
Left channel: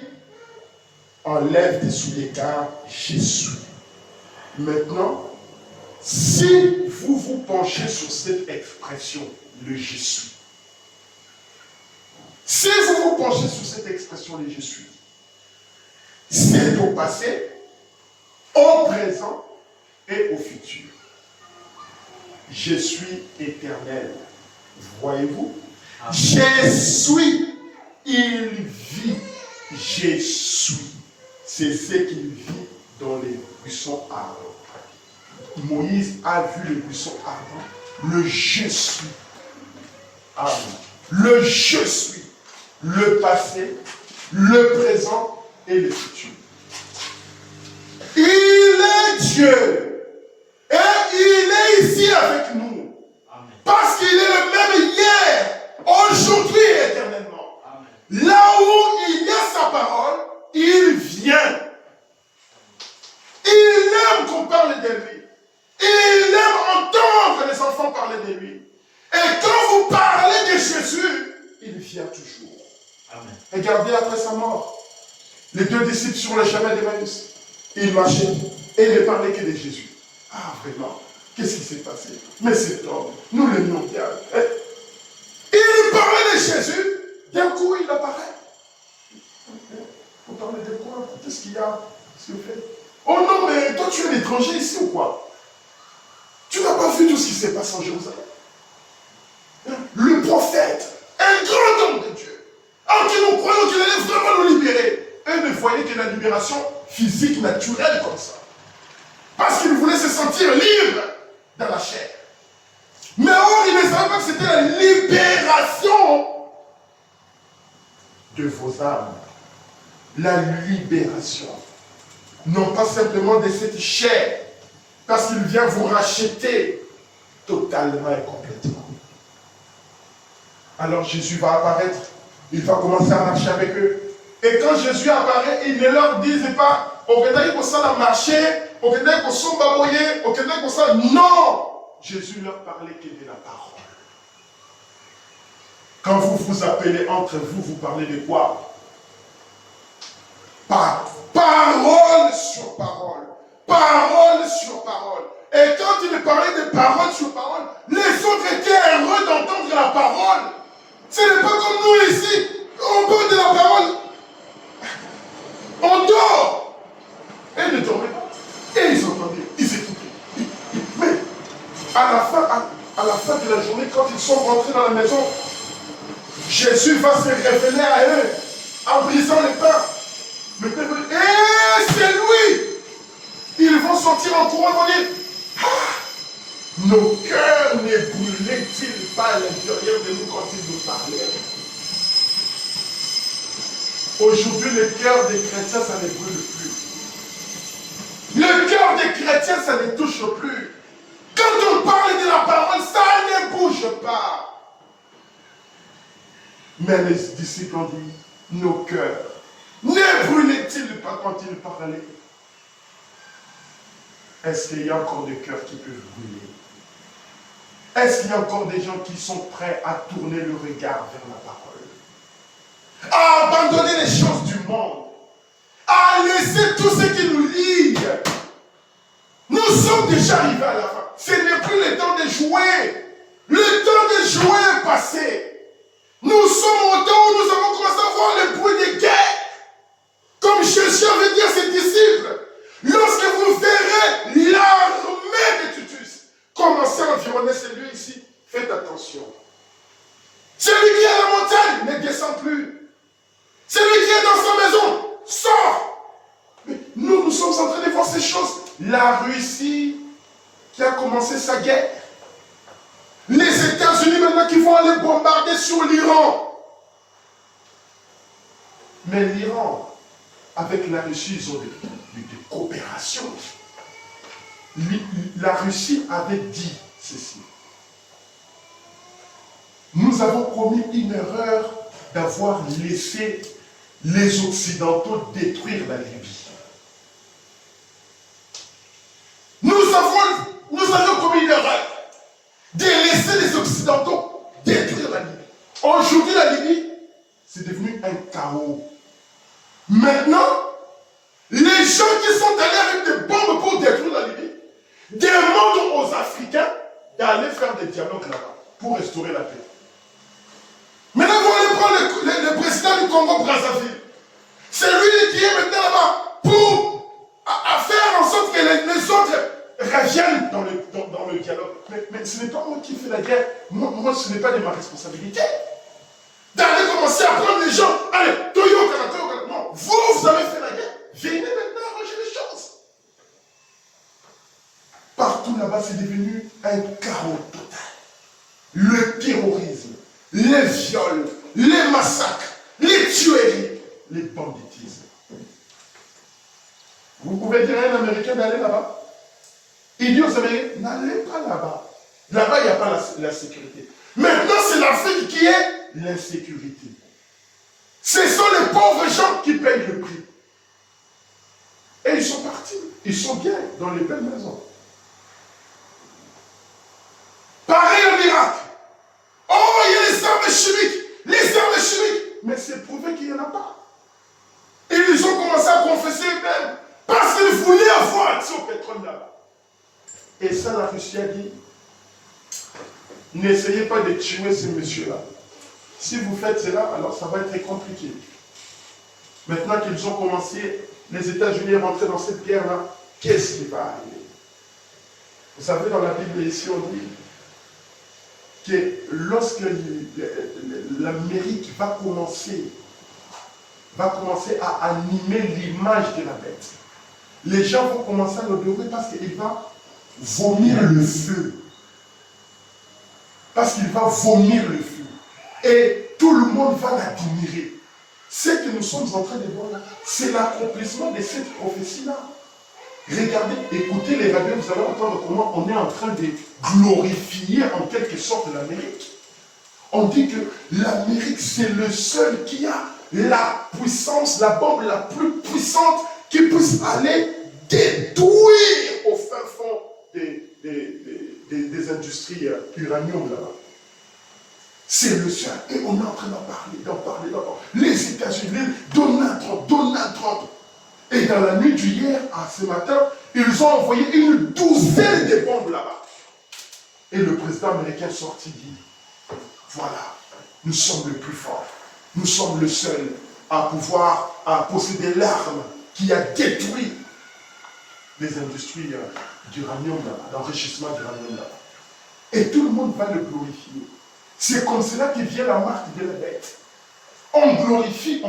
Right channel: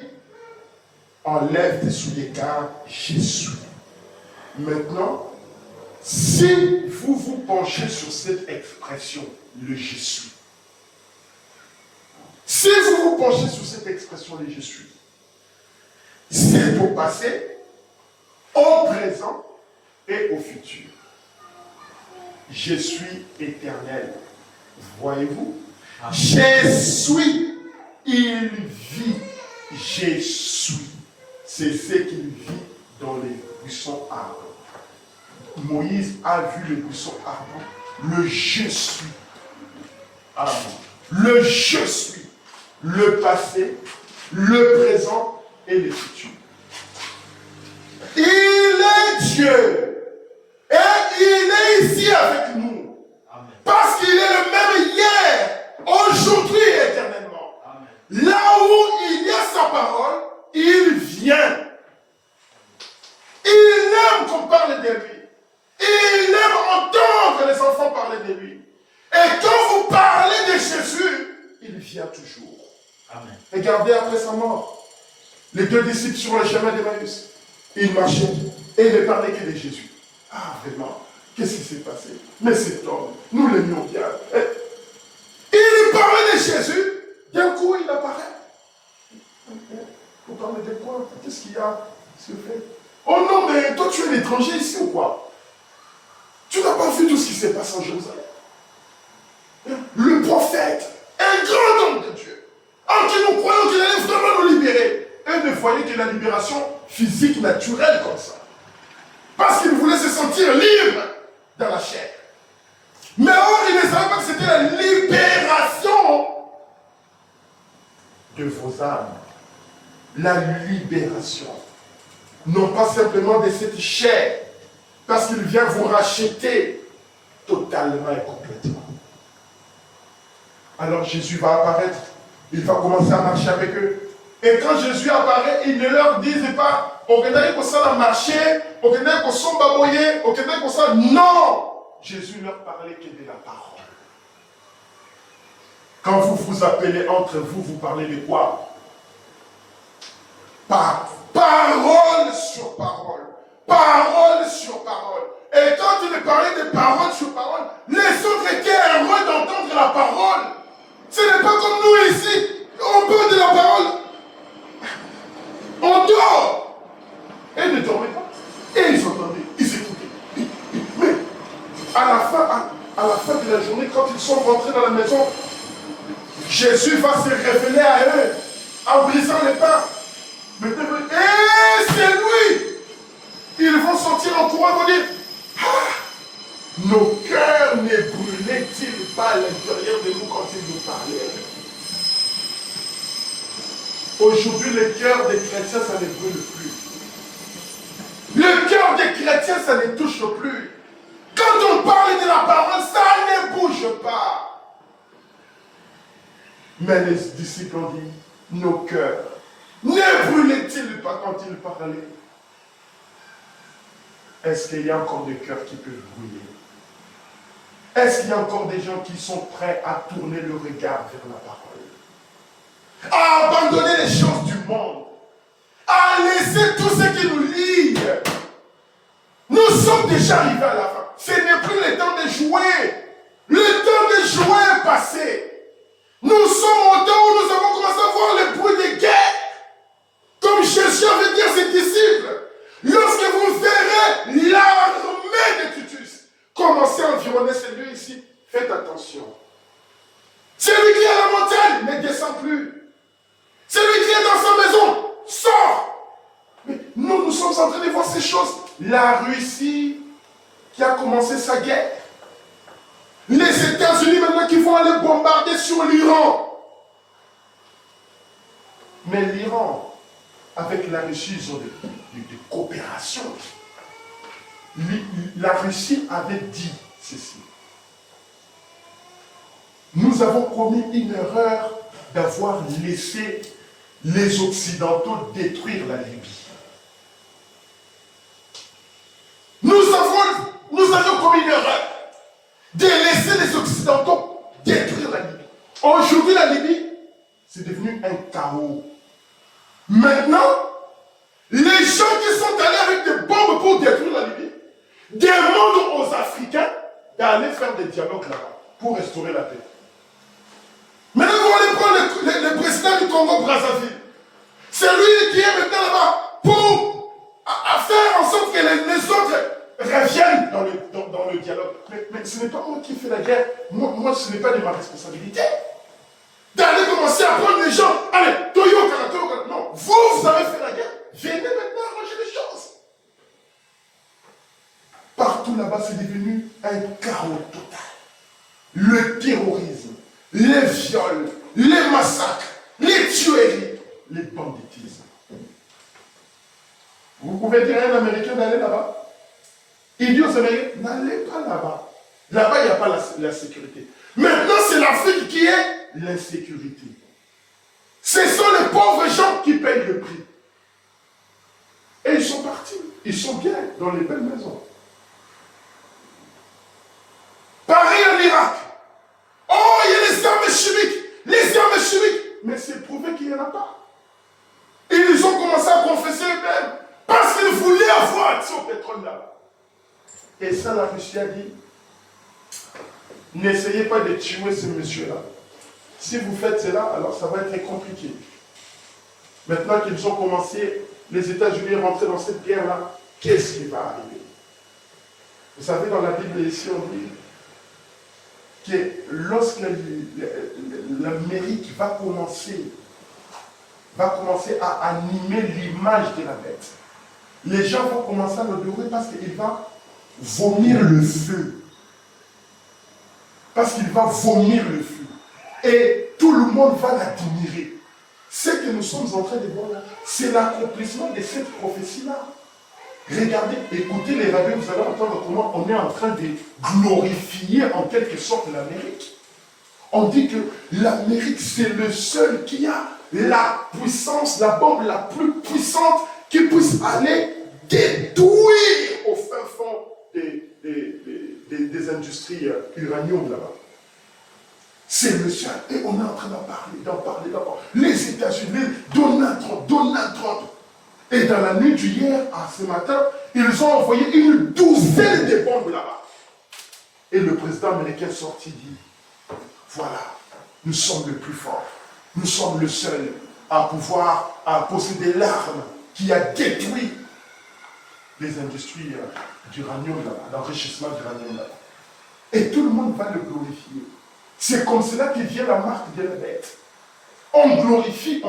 enlève tes souliers car j'y suis. Maintenant, si vous vous penchez sur cette expression, le je suis. Si vous vous penchez sur cette expression, le je suis, c'est au passé, au présent et au futur. Je suis éternel. Voyez-vous? Je suis, il vit. Je suis. C'est ce qu'il vit dans les buissons ardents. Moïse a vu le buisson ardent. Le je suis. Amen. Le je suis. Le passé, le présent et le futur. Il est Dieu. Et il est ici avec nous. Amen. Parce qu'il est le même hier, aujourd'hui et éternellement. Amen. Là où il y a sa parole, il vient. Il aime qu'on parle de lui. Il aime entendre les enfants parler de lui. Et quand vous parlez de Jésus, il vient toujours. Amen. Regardez après sa mort. Les deux disciples sur le chemin d'Emmaüs, ils marchaient et ils ne parlaient que de Jésus. Ah, vraiment, qu'est-ce qui s'est passé? Mais cet homme, nous l'aimions bien. Il parlait de Jésus, d'un coup il apparaît. Vous parlez de quoi? Qu'est-ce qu'il y a, s'il vous plaît? Oh non, mais toi tu es un étranger ici ou quoi? Tu n'as pas vu tout ce qui s'est passé en Jérusalem? Le prophète, un grand homme de Dieu, en qui nous croyons qu'il allait vraiment nous libérer. Et ne voyait que la libération physique, naturelle comme ça. Parce qu'il voulait se sentir libre dans la chair. Mais or, il ne savait pas que c'était la libération de vos âmes. La libération. Non pas simplement de cette chair, parce qu'il vient vous racheter totalement et complètement. Alors Jésus va apparaître, il va commencer à marcher avec eux. Et quand Jésus apparaît, il ne leur disait pas, au Kédaï pour ça la marcher, au Kédaï pour son baboyer, au Kédaï pour ça. Non! Jésus leur parlait que de la parole. Quand vous vous appelez entre vous, vous parlez de quoi? Parole sur parole. Parole sur parole. Et quand il parlait de parole sur parole, les autres étaient heureux d'entendre la parole. Ce n'est pas comme nous ici. On parle de la parole. On dort. Et ils ne dormaient pas. Et ils entendaient, ils écoutaient. Mais à la fin de la journée, quand ils sont rentrés dans la maison, Jésus va se révéler à eux en brisant les pains. Et c'est lui. Ils vont sortir en courant et vont dire, ah, nos cœurs ne brûlaient-ils pas à l'intérieur de nous quand ils nous parlaient? Aujourd'hui, le cœur des chrétiens, ça ne brûle plus. Le cœur des chrétiens, ça ne touche plus. Quand on parle de la parole, ça ne bouge pas. Mais les disciples ont dit, nos cœurs, ne brûlaient-ils pas quand ils parlaient? Est-ce qu'il y a encore des cœurs qui peuvent brûler? Est-ce qu'il y a encore des gens qui sont prêts à tourner le regard vers la parole? chose, la Russie qui a commencé sa guerre. Les États-Unis maintenant qui vont aller bombarder sur l'Iran. Mais l'Iran, avec la Russie, ils ont des coopérations. La Russie avait dit ceci. Nous avons commis une erreur d'avoir laissé les Occidentaux détruire la Libye. Nous avons commis une erreur de laisser les Occidentaux détruire la Libye. Aujourd'hui, la Libye, c'est devenu un chaos. Maintenant, les gens qui sont allés avec des bombes pour détruire la Libye demandent aux Africains d'aller faire des dialogues là-bas pour restaurer la paix. Maintenant, vous allez prendre le président du Congo-Brazzaville. C'est lui qui est maintenant là-bas pour faire en sorte que les autres reviennent dans le dialogue. Mais ce n'est pas moi qui fais la guerre. Moi, ce n'est pas de ma responsabilité. D'aller commencer à prendre les gens. Allez, Toyo Kana. Non, vous avez fait la guerre. Venez maintenant arranger les choses. Partout là-bas, c'est devenu un chaos total. Le terrorisme, les viols, les massacres, les tueries, les banditismes. Vous pouvez dire à un Américain d'aller là-bas. Il dit aux Américains, n'allez pas là-bas. Là-bas, il n'y a pas la sécurité. Maintenant, c'est l'Afrique qui est l'insécurité. Ce sont les pauvres gens qui payent le prix. Et ils sont partis. Ils sont bien dans les belles maisons. Pareil en Irak. Oh, il y a les armes chimiques. Les armes chimiques. Mais c'est prouvé qu'il n'y en a pas. Et ils ont commencé à confesser eux-mêmes. Parce qu'ils voulaient avoir accès au pétrole là-bas. Et ça, la Russie a dit, n'essayez pas de tuer ce monsieur-là. Si vous faites cela, alors ça va être très compliqué. Maintenant qu'ils ont commencé, les États-Unis rentrent dans cette guerre-là, qu'est-ce qui va arriver? Vous savez, dans la Bible ici, on dit que lorsque l'Amérique va commencer à animer l'image de la bête, les gens vont commencer à l'adorer parce qu'il va vomir le feu. Parce qu'il va vomir le feu. Et tout le monde va l'admirer. Ce que nous sommes en train de voir là, c'est l'accomplissement de cette prophétie-là. Regardez, écoutez les radios, vous allez entendre comment on est en train de glorifier en quelque sorte l'Amérique. On dit que l'Amérique, c'est le seul qui a la puissance, la bombe la plus puissante qui puisse aller détruire au fin fond des industries uranium là-bas. C'est le seul. Et on est en train d'en parler. Les États-Unis, Donald Trump. Et dans la nuit d'hier à ce matin, ils ont envoyé une douzaine de bombes là-bas. Et le président américain sorti dit, voilà, nous sommes les plus forts. Nous sommes le seul à posséder l'arme qui a détruit les industries d'uranium là-bas, l'enrichissement d'uranium là-bas. Et tout le monde va le glorifier. C'est comme cela que vient la marque de la bête. On glorifie.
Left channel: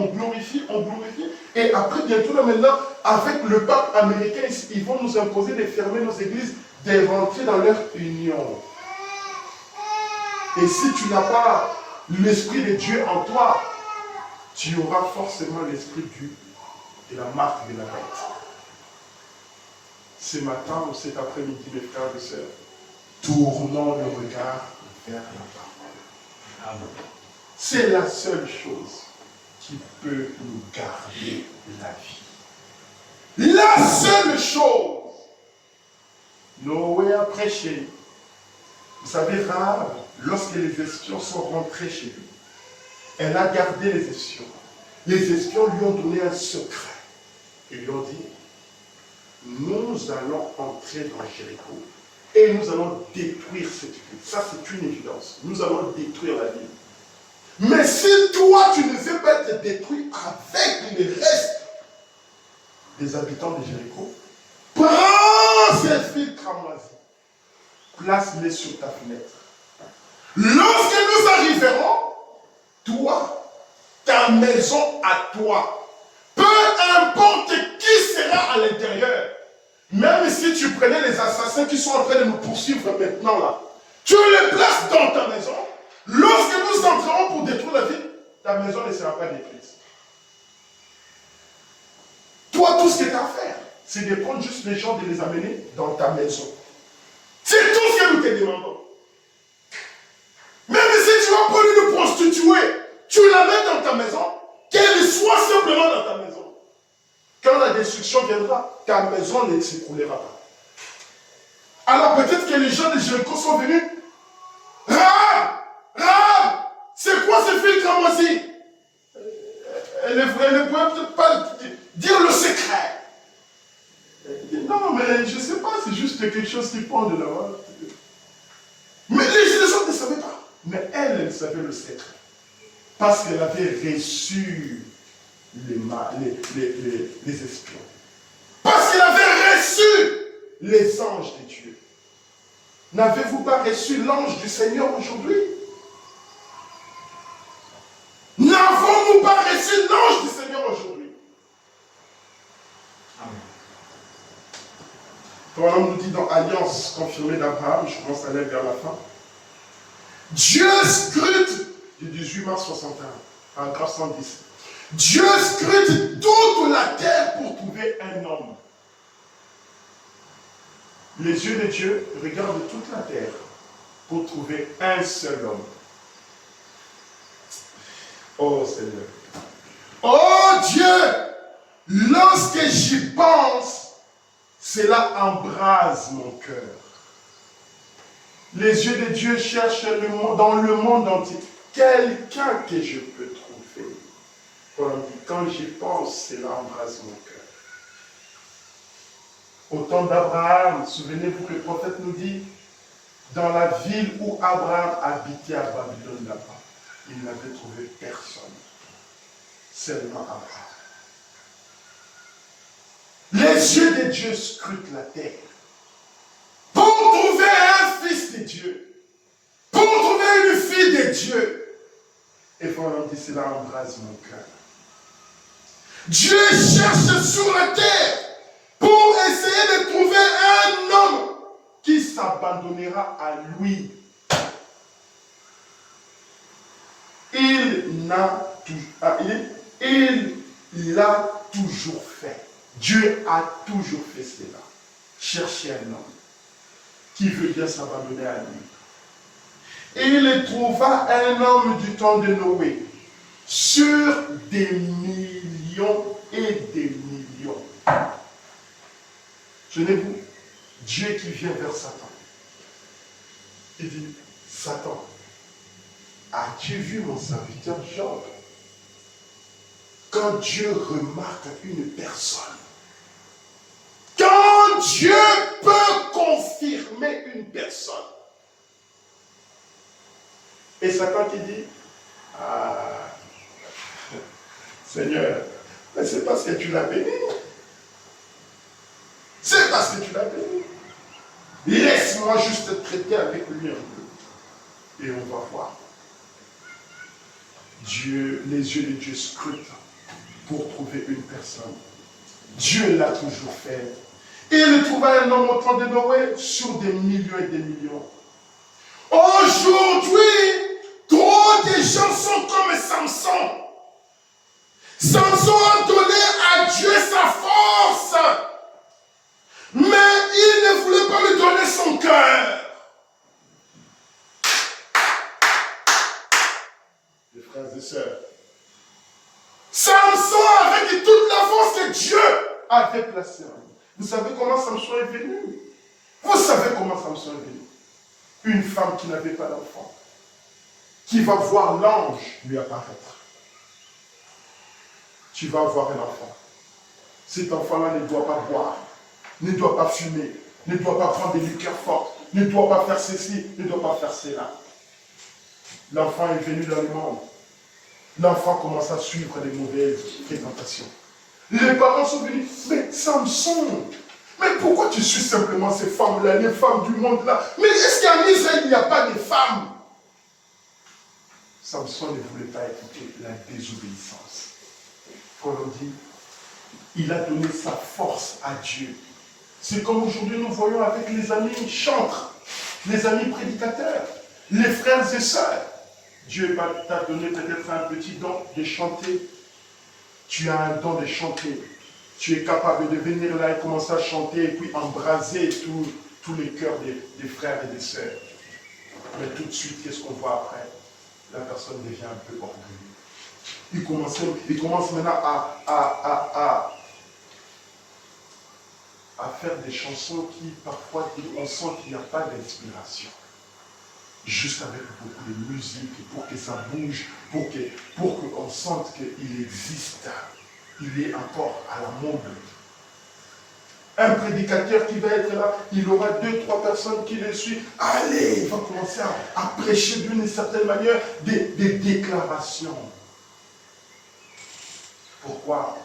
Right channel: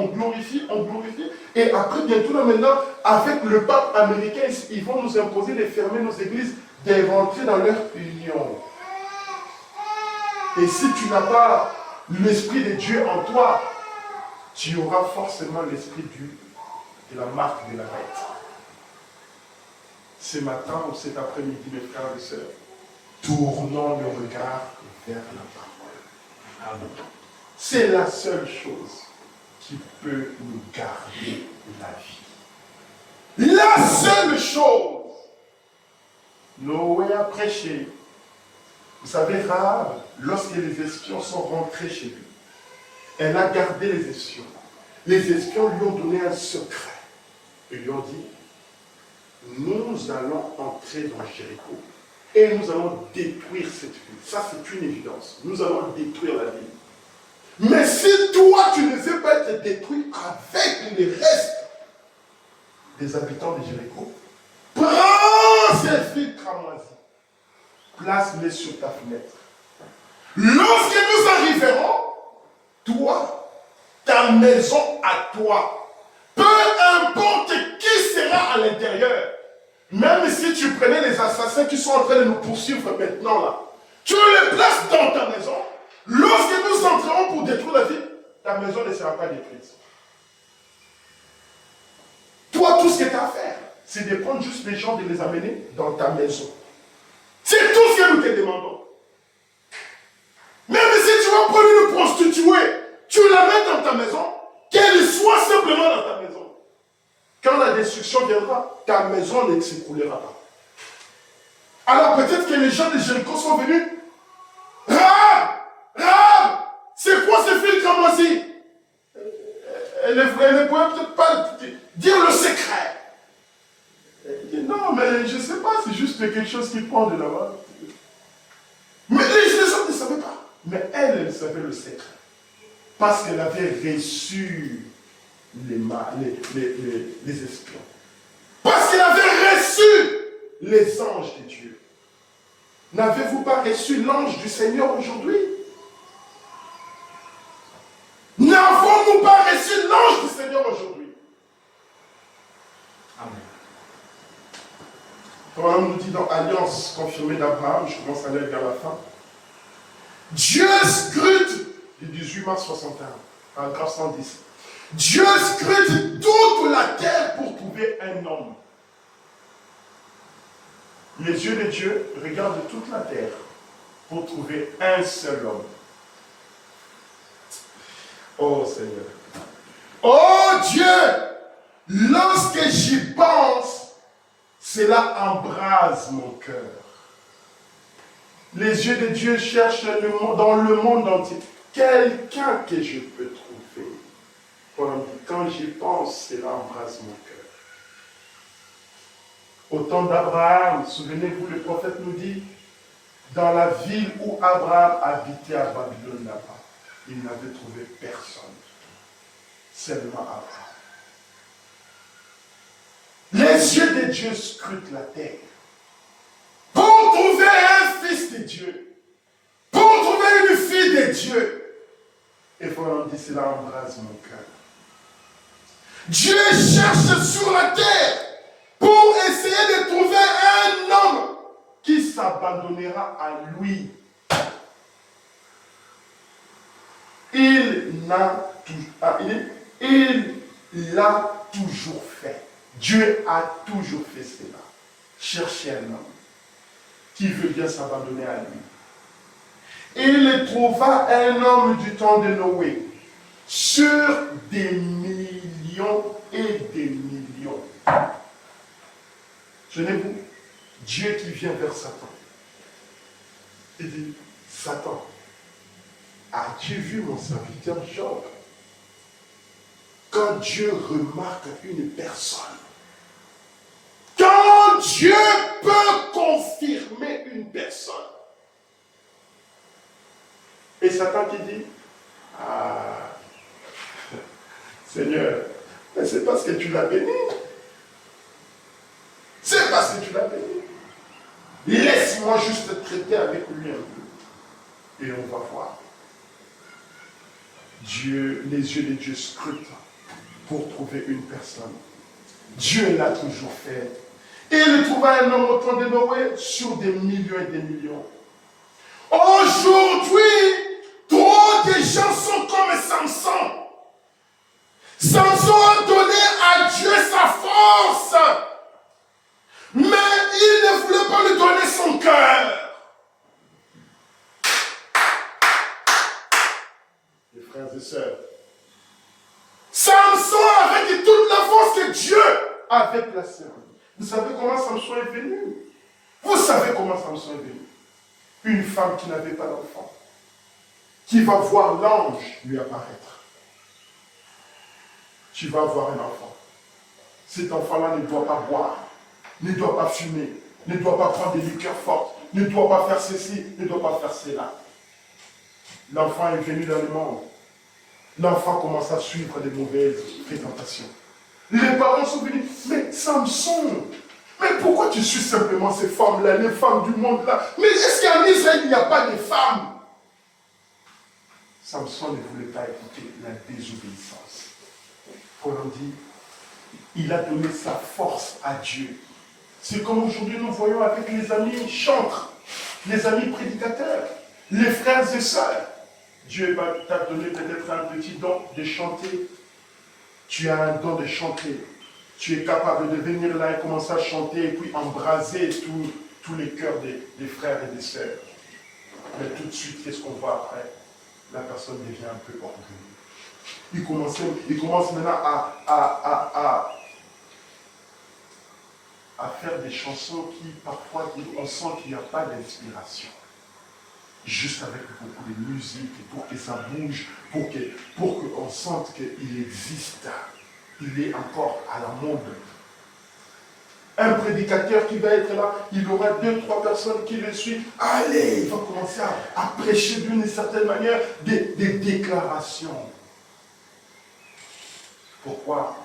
Et après, bientôt là maintenant, avec le pape américain, ils vont nous imposer de fermer nos églises, de rentrer dans leur union. Et si tu n'as pas l'Esprit de Dieu en toi, tu auras forcément l'Esprit de la marque de la bête. Ce matin ou cet après-midi, mes frères et sœurs, tournons le regard vers la parole. Amen. C'est la seule chose qui peut nous garder la vie. La seule chose. Noé a prêché. Vous savez, Rahab, lorsque les espions sont rentrés chez lui, elle a gardé les espions. Les espions lui ont donné un secret. Ils lui ont dit, nous allons entrer dans Jéricho et nous allons détruire cette ville. Ça, c'est une évidence. Nous allons détruire la ville. Mais si toi, tu ne veux pas être détruit avec les restes des habitants de Jéricho, prends ces fils cramoisis, place-les sur ta fenêtre. Lorsque nous arriverons, toi, ta maison à toi, peu importe qui sera à l'intérieur, Même si tu prenais les assassins qui sont en train de nous poursuivre maintenant là, tu les places dans ta maison. Lorsque nous entrons pour détruire la ville, ta maison ne sera pas détruite. Toi, tout ce que tu as à faire, c'est de prendre juste les gens, de les amener dans ta maison. C'est tout ce que nous te demandons. Même si tu vas prendre une prostituée, tu la mets dans ta maison, qu'elle soit simplement dans ta maison. Quand la destruction viendra, ta maison ne s'écroulera pas. Alors peut-être que les gens de Jéricho sont venus. Rahab, c'est quoi ce fil cramoisi? Elle ne pouvait peut-être pas dire le secret. Elle dit, non, mais je ne sais pas, c'est juste quelque chose qui prend de là-bas. Mais les autres ne savaient pas. Mais elle savait le secret. Parce qu'elle avait reçu les espions. Parce qu'elle avait reçu les anges de Dieu. N'avez-vous pas reçu l'ange du Seigneur aujourd'hui? N'avons-nous pas reçu l'ange du Seigneur aujourd'hui? Amen. Quand on nous dit dans Alliance confirmée d'Abraham, je commence à aller vers la fin. Dieu scrute, du 18 mars 61, paragraphe 110. Dieu scrute toute la terre pour trouver un homme. Les yeux de Dieu regardent toute la terre pour trouver un seul homme. Oh Seigneur. Oh Dieu, lorsque j'y pense, cela embrase mon cœur. Les yeux de Dieu cherchent dans le monde entier quelqu'un que je peux trouver. Quand j'y pense, cela embrase mon cœur. Au temps d'Abraham, souvenez-vous, le prophète nous dit, dans la ville où Abraham habitait à Babylone là-bas, il n'avait trouvé personne. Seulement Abraham. Les yeux de Dieu scrutent la terre pour trouver un fils de Dieu, pour trouver une fille de Dieu. Et voilà, dit, cela embrase mon cœur. Dieu cherche sur la terre pour essayer de trouver un homme qui s'abandonnera à lui. Il l'a toujours fait. Dieu a toujours fait cela. Chercher un homme qui veut bien s'abandonner à lui. Et il trouva un homme du temps de Noé sur des millions et des millions. Tenez-vous, Dieu qui vient vers Satan. Il dit, Satan, as-tu vu mon serviteur Job? Quand Dieu remarque une personne, quand Dieu peut confirmer une personne, et Satan qui dit, ah, Seigneur, mais c'est parce que tu l'as béni. C'est parce que tu l'as béni. Laisse-moi juste traiter avec lui un peu. Et on va voir. Dieu, les yeux de Dieu scrutent pour trouver une personne. Dieu l'a toujours fait. Et il trouva un homme au temps de Noé sur des millions et des millions. Aujourd'hui, trop de gens sont comme Samson. Samson a donné à Dieu sa force. Mais il ne voulait pas lui donner son cœur. Les frères et sœurs, Samson avait toute la force que Dieu avait placée en lui. Vous savez comment Samson est venu? Vous savez comment Samson est venu? Une femme qui n'avait pas d'enfant, qui va voir l'ange lui apparaître. Tu vas avoir un enfant. Cet enfant-là ne doit pas boire, ne doit pas fumer, ne doit pas prendre des liqueurs fortes, ne doit pas faire ceci, ne doit pas faire cela. L'enfant est venu dans le monde. L'enfant commence à suivre des mauvaises fréquentations. Les parents sont venus, mais Samson, mais pourquoi tu suis simplement ces femmes-là, les femmes du monde-là? Mais est-ce qu'en Israël, il n'y a pas de femmes? Samson ne voulait pas écouter la désobéissance. Comme on dit, il a donné sa force à Dieu. C'est comme aujourd'hui nous voyons avec les amis chantres, les amis prédicateurs, les frères et sœurs. Dieu t'a donné peut-être un petit don de chanter. Tu as un don de chanter. Tu es capable de venir là et commencer à chanter et puis embraser tous les cœurs des frères et des sœurs. Mais tout de suite, qu'est-ce qu'on voit après? La personne devient un peu orgueilleuse. Il commence maintenant à faire des chansons qui, parfois, on sent qu'il n'y a pas d'inspiration. Juste avec beaucoup de musique, pour que ça bouge, pour qu'on sente qu'il existe. Il est encore à la mode. Un prédicateur qui va être là, il aura 2-3 personnes qui le suivent. Allez, il va commencer à prêcher d'une certaine manière des déclarations. Pourquoi?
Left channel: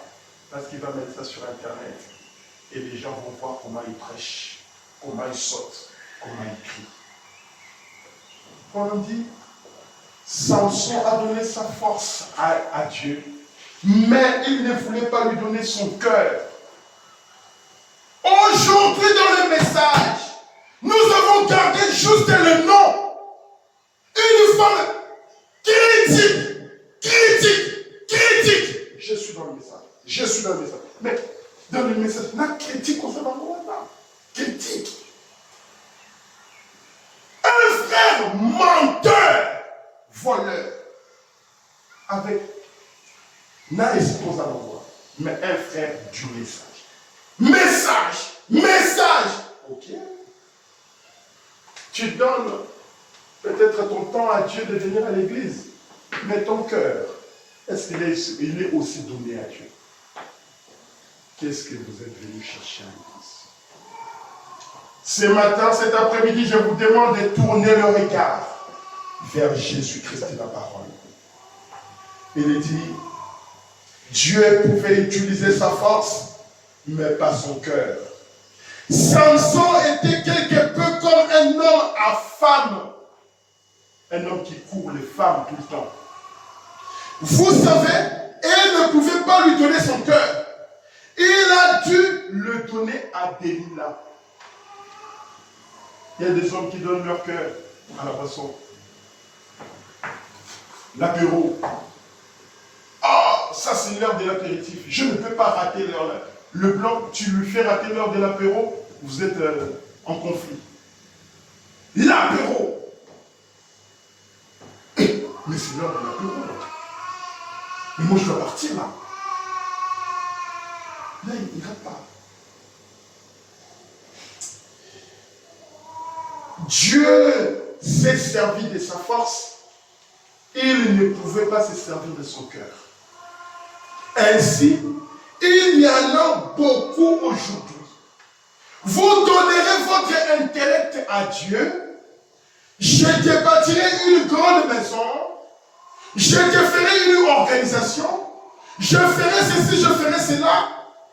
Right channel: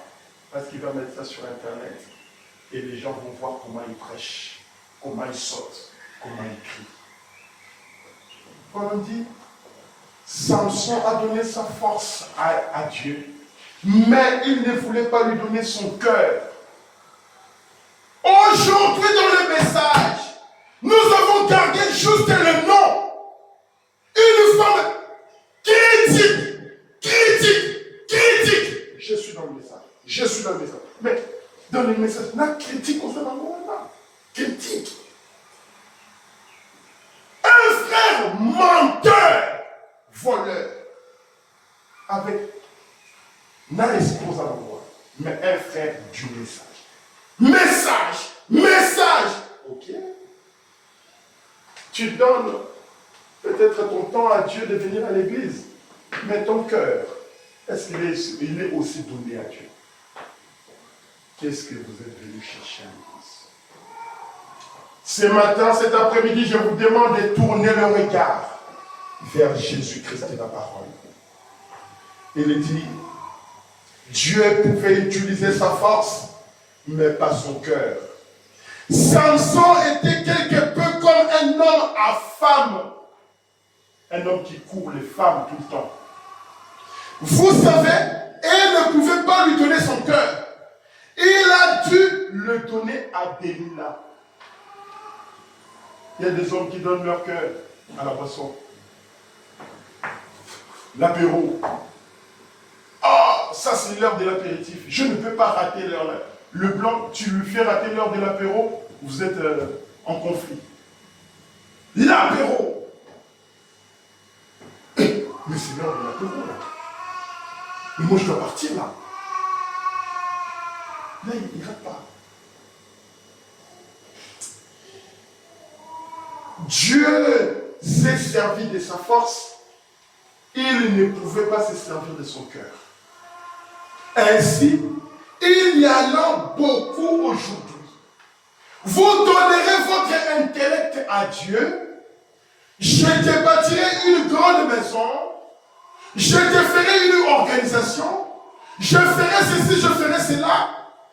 Parce qu'il va mettre ça sur Internet. Et les gens vont voir comment il prêche, comment il saute, comment il crie. Paul dit, Samson a donné sa force à Dieu, mais il ne voulait pas lui donner son cœur. Aujourd'hui, dans le message, nous avons gardé juste le nom. Une femme critique. Je suis dans le message. Mais dans le message, la critique concernant moi, critique. Un frère menteur, voleur, avec n'a esposa la voix, mais un frère du message. Message. Ok. Tu donnes peut-être ton temps à Dieu de venir à l'église, mais ton cœur, est-ce qu'il est aussi donné à Dieu? Qu'est-ce que vous êtes venu chercher à l'église? Ce matin, cet après-midi, je vous demande de tourner le regard vers Jésus-Christ et la parole. Il dit, Dieu pouvait utiliser sa force, mais pas son cœur. Samson était quelque peu comme un homme à femme. Un homme qui court les femmes tout le temps. Vous savez, elle ne pouvait pas lui donner son cœur. Il a dû le donner à Delilah. Il y a des hommes qui donnent leur cœur à la boisson. L'apéro. Ah, ça c'est l'heure de l'apéritif. Je ne peux pas rater l'heure là. Le blanc, tu lui fais rater l'heure de l'apéro, vous êtes en conflit. L'apéro. Mais c'est l'heure de l'apéro là. Mais moi je dois partir là. Là, il ne rate pas. Dieu s'est servi de sa force. Il ne pouvait pas se servir de son cœur. Ainsi, il y en a beaucoup aujourd'hui. Vous donnerez votre intellect à Dieu. Je te bâtirai une grande maison. Je te ferai une organisation. Je ferai ceci, je ferai cela.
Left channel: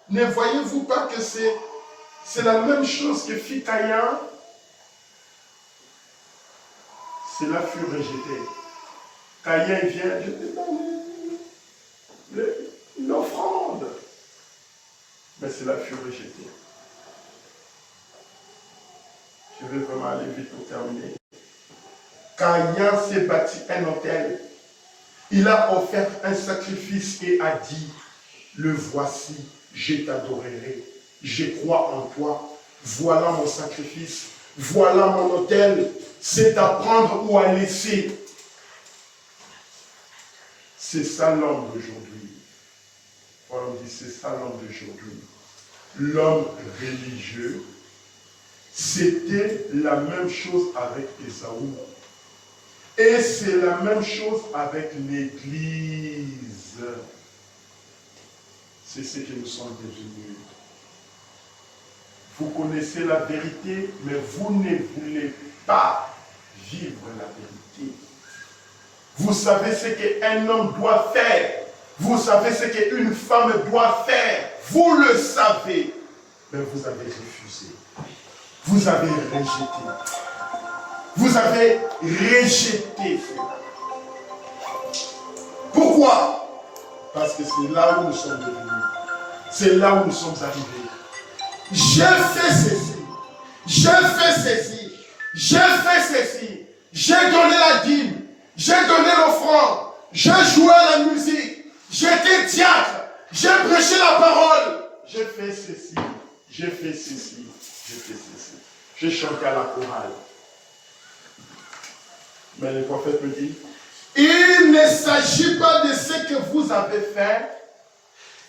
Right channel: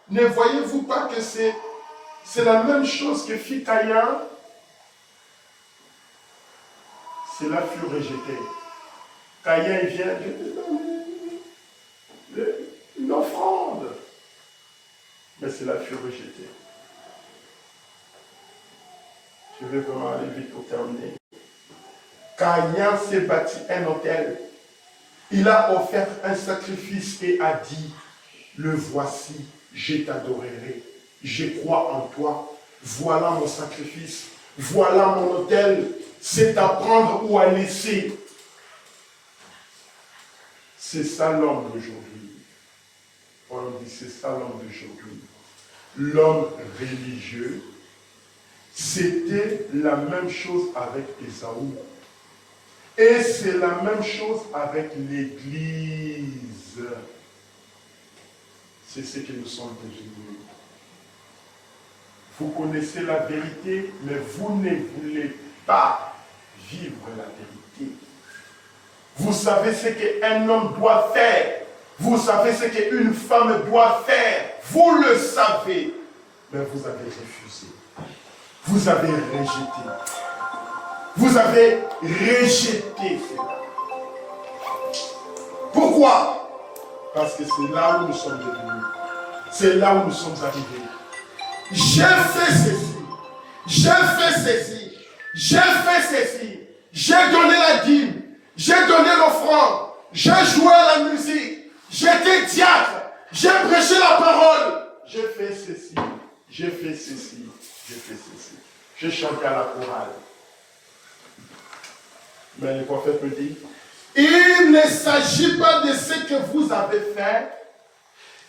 Ne voyez-vous pas que c'est la même chose que fit Caïn? Cela fut rejeté. Caïn vient, je te donne une offrande. Mais cela fut rejeté. Je vais vraiment aller vite pour terminer. Caïn s'est bâti un autel. Il a offert un sacrifice et a dit, le voici, je t'adorerai, je crois en toi, voilà mon sacrifice, voilà mon autel, c'est à prendre ou à laisser. C'est ça l'homme d'aujourd'hui. On dit c'est ça l'homme d'aujourd'hui. L'homme religieux, c'était la même chose avec Ésaü. Et c'est la même chose avec l'Église. C'est ce que nous sommes devenus. Vous connaissez la vérité, mais vous ne voulez pas vivre la vérité. Vous savez ce qu'un homme doit faire. Vous savez ce qu'une femme doit faire. Vous le savez, mais vous avez refusé. Vous avez rejeté. Vous avez rejeté cela. Pourquoi? Parce que c'est là où nous sommes devenus. C'est là où nous sommes arrivés. j'ai fait ceci, j'ai fait ceci, j'ai fait ceci, j'ai donné la dîme, j'ai donné l'offrande, j'ai joué à la musique, j'ai été diacre, j'ai prêché la parole, j'ai fait ceci, j'ai fait ceci, j'ai fait ceci. J'ai chanté à la chorale. Mais le prophète me dit, il ne s'agit pas de ce que vous avez fait,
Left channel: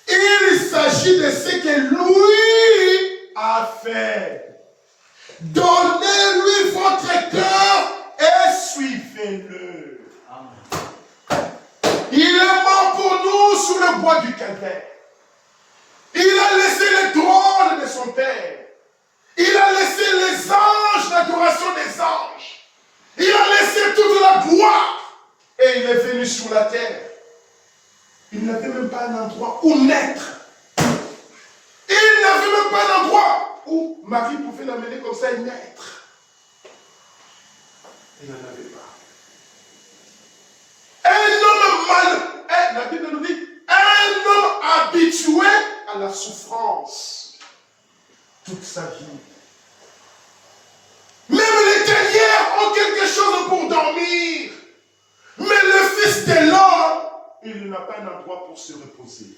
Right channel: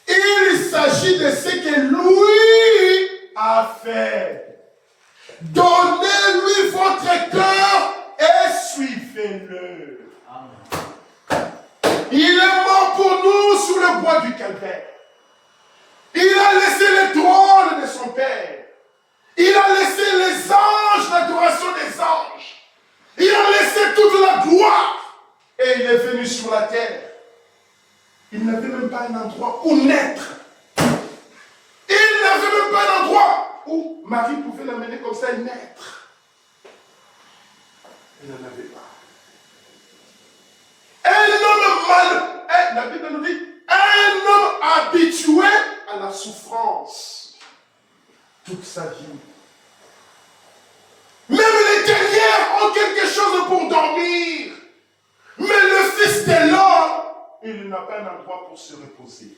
il s'agit de ce que lui a fait. Donnez-lui votre cœur et suivez-le. Il est mort pour nous sous le bois du calvaire. Il a laissé le trône de son Père. Il a laissé les anges, l'adoration des anges. Il a laissé toute la gloire. Et il est venu sur la terre. Il n'avait même pas un endroit où naître. Il n'avait même pas un endroit où Marie pouvait l'amener comme ça et naître. Il n'en avait pas. Un homme mal, la Bible nous dit, un homme habitué à la souffrance toute sa vie. Même les dernières ont quelque chose pour dormir. Mais le Fils de l'homme, il n'a pas un endroit pour se reposer.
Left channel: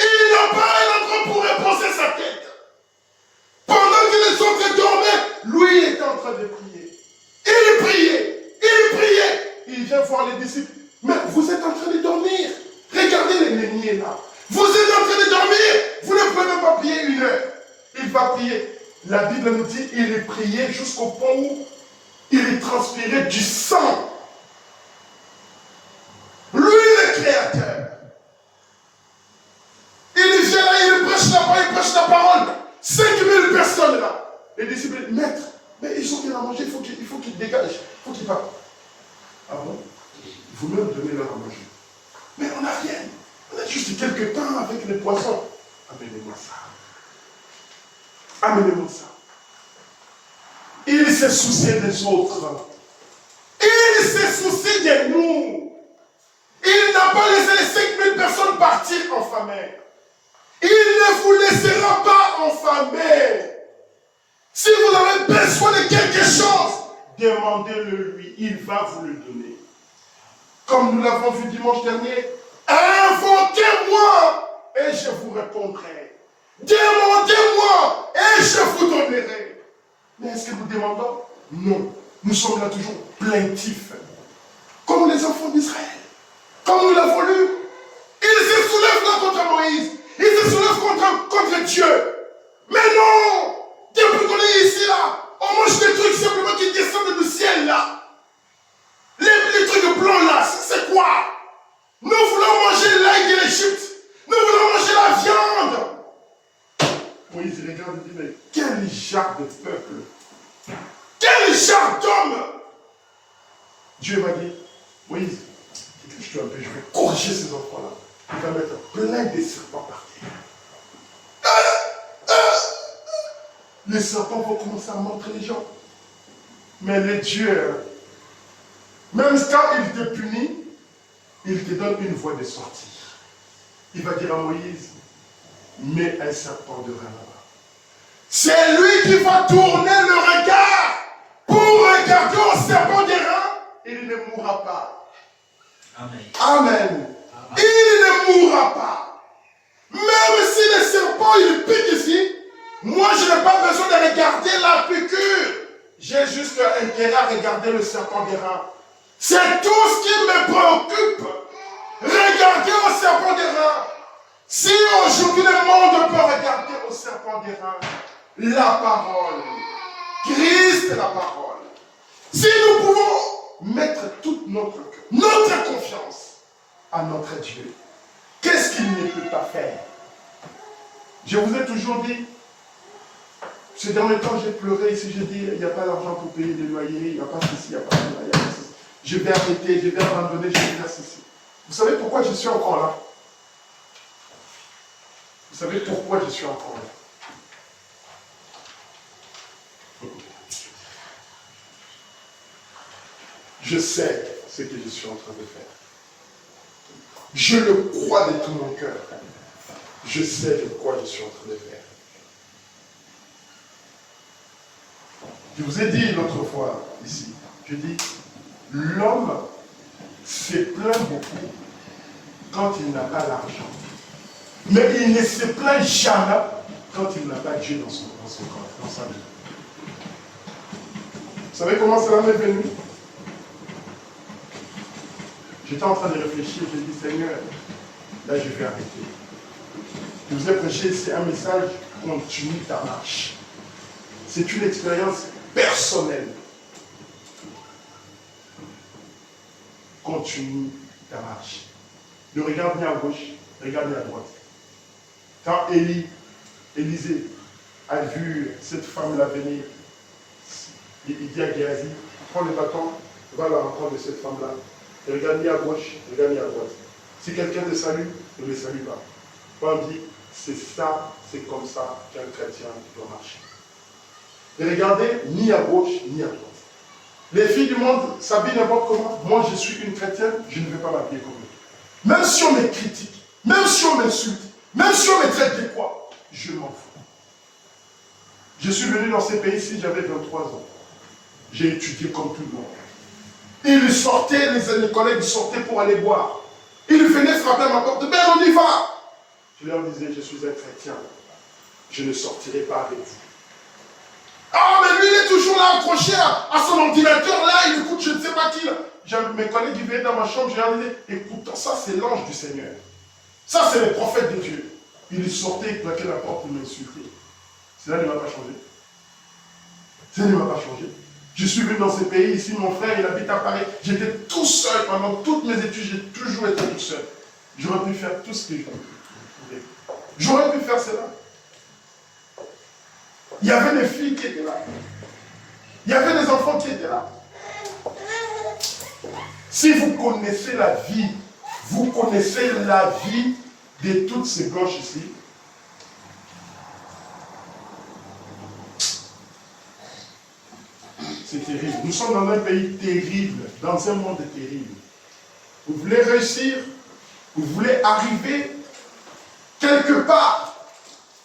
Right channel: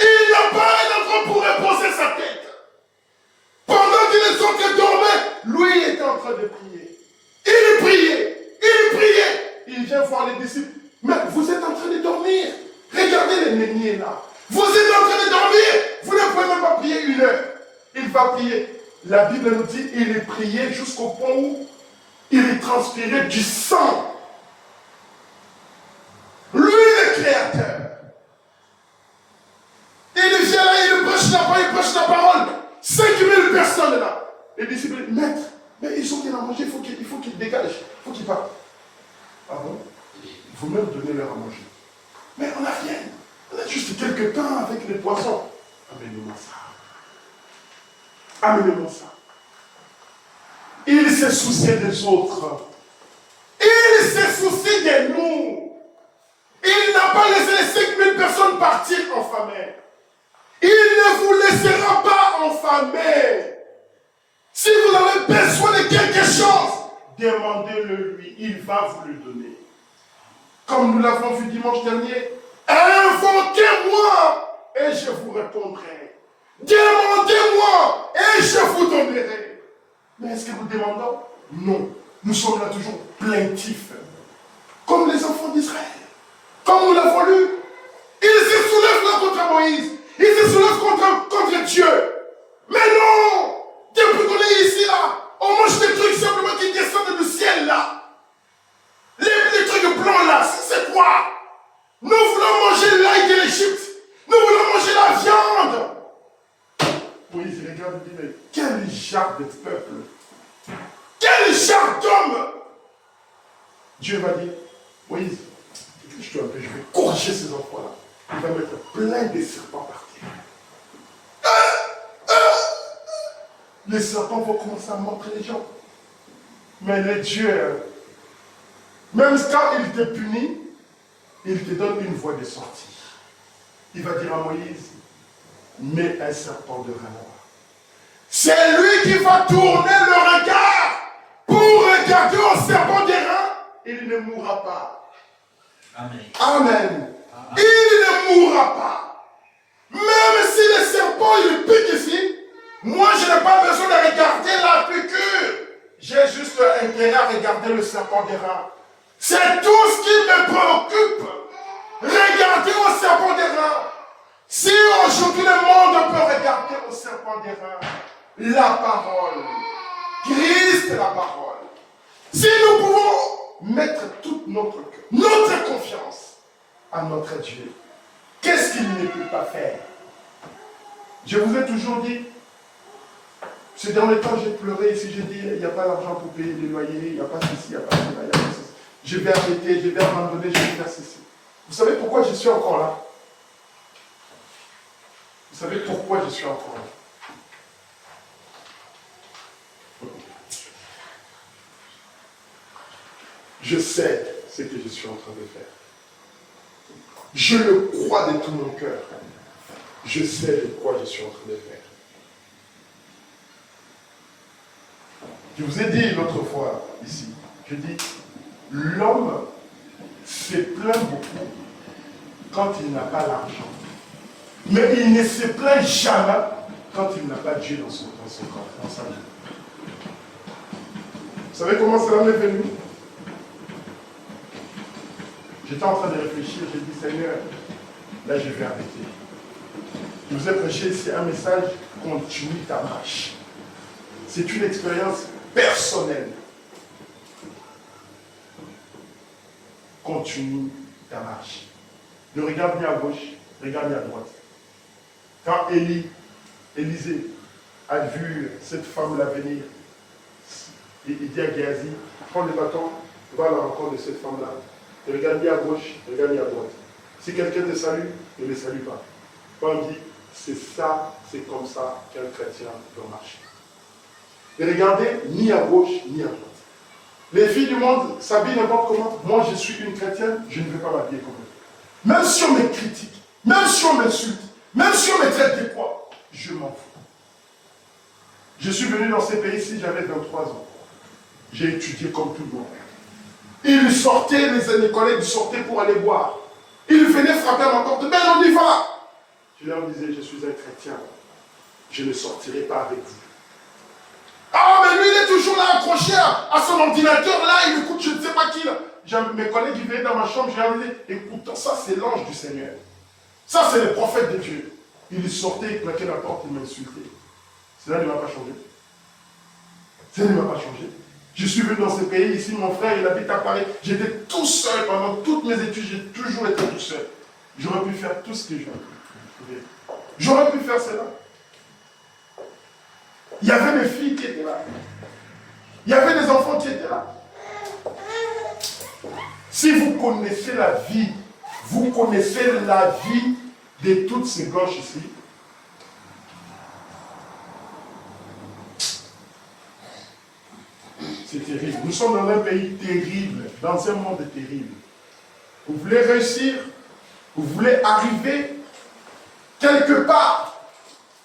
Il n'a pas un endroit pour reposer sa tête. Pendant que les autres dormaient, lui il était en train de prier. Il priait, il priait. Il vient voir les disciples. Mais vous êtes en train de dormir. Regardez les néniers là. Vous êtes en train de dormir. Vous ne pouvez même pas prier 1 heure. Il va prier. La Bible nous dit il priait jusqu'au point où il transpirait du sang. Lui le Créateur. Il vient là, il prêche la parole. 5000 personnes là. Les disciples disent, maître, mais ils ont rien à manger, il faut qu'ils dégagent, il faut qu'ils partent. Ah bon? Vous-même donnez leur à manger. Mais on n'a rien. On a juste quelques temps avec les poissons. Amenez-moi ça. Amenez-moi ça. Il se soucie des autres. Il se soucie de nous. Il n'a pas laissé les 5000 personnes partir affamées. Il ne vous laissera pas enfamer. Si vous avez besoin de quelque chose, demandez-le lui. Il va vous le donner. Comme nous l'avons vu dimanche dernier, invoquez-moi et je vous répondrai. Demandez-moi et je vous donnerai. Mais est-ce que nous demandons? Non. Nous sommes là toujours plaintifs. Comme les enfants d'Israël. Comme nous l'avons lu. Ils se soulèvent là contre Moïse. Ils se soulèvent contre Dieu. Mais non! Depuis qu'on est ici là, on mange des trucs simplement qui descendent du ciel là. Les trucs blancs là, c'est quoi? Nous voulons manger l'ail de l'Égypte. Nous voulons manger la viande. Moïse regarde et dit, mais quel genre de peuple? Quel genre d'homme? Dieu va dire, Moïse, je vais corriger ces enfants-là. Il va mettre plein de serpents par terre. Les serpents vont commencer à mordre les gens. Mais le Dieu, même quand il te punit, il te donne une voie de sortie. Il va dire à Moïse, mets un serpent devant là-bas. C'est lui qui va tourner le regard pour regarder au serpent d'airain. Il ne mourra pas. Amen. Amen. Il ne mourra pas. Même si le serpent il pique ici, moi je n'ai pas besoin de regarder la piqûre. J'ai juste intérêt à regarder le serpent d'airain. C'est tout ce qui me préoccupe. Regardez au serpent d'airain. Si aujourd'hui le monde peut regarder au serpent d'airain, la parole, Christ est la parole. Si nous pouvons mettre toute notre confiance à notre Dieu, qu'est-ce qu'il ne peut pas faire? Je vous ai toujours dit, ces derniers temps j'ai pleuré ici, j'ai dit, il n'y a pas d'argent pour payer les loyers, il n'y a pas ceci, il n'y a pas cela, il n'y a pas ceci. Je vais arrêter, je vais abandonner, je vais faire ceci. Vous savez pourquoi je suis encore là? Vous savez pourquoi je suis encore là? Je sais ce que je suis en train de faire. Je le crois de tout mon cœur. Je sais de quoi je suis en train de faire. Je vous ai dit l'autre fois ici, je dis, l'homme se plaint beaucoup quand il n'a pas l'argent. Mais il ne se plaint jamais quand il n'a pas Dieu dans son corps, dans sa vie. Vous savez comment cela m'est venu? J'étais en train de réfléchir, j'ai dit, Seigneur, là je vais arrêter. Je vous ai prêché ici un message, continue ta marche. C'est une expérience personnelle. Continue ta marche. Ne regarde ni à gauche, regarde ni à droite. Quand Élisée a vu cette femme-là venir, il dit à Géasi, prends le bâton, va à la rencontre de cette femme-là. Ne regarde ni à gauche, regarde ni à droite. Si quelqu'un te salue, ne le salue pas. Paul dit, c'est ça, c'est comme ça qu'un chrétien doit marcher. Ne regardez ni à gauche, ni à droite. Les filles du monde s'habillent n'importe comment. Moi, je suis une chrétienne, je ne vais pas m'habiller comme eux. Même si on me critique, même si on m'insulte, même si on me traite de quoi, je m'en fous. Je suis venu dans ces pays-ci, j'avais 23 ans. J'ai étudié comme tout le monde. Ils sortaient, les collègues sortaient pour aller boire. Ils venaient frapper à ma porte. Ben, on y va. Je leur disais, je suis un chrétien. Je ne sortirai pas avec vous. Ah, mais lui, il est toujours là, accroché à son ordinateur, là, il écoute, je ne sais pas qui, là. Mes collègues, ils venaient dans ma chambre, je leur disais, écoute, ça, c'est l'ange du Seigneur. Ça, c'est le prophète de Dieu. Il sortait, il claquait la porte, il m'insultait. Cela ne m'a pas changé. Cela ne m'a pas changé. Je suis venu dans ces pays, ici, mon frère, il habite à Paris. J'étais tout seul pendant toutes mes études, j'ai toujours été tout seul. J'aurais pu faire tout ce que je voulais. J'aurais pu faire cela. Il y avait des filles qui étaient là. Il y avait des enfants qui étaient là. Si vous connaissez la vie, vous connaissez la vie de toutes ces gauches ici, c'est terrible. Nous sommes dans un pays terrible, dans un monde terrible. Vous voulez réussir, vous voulez arriver quelque part,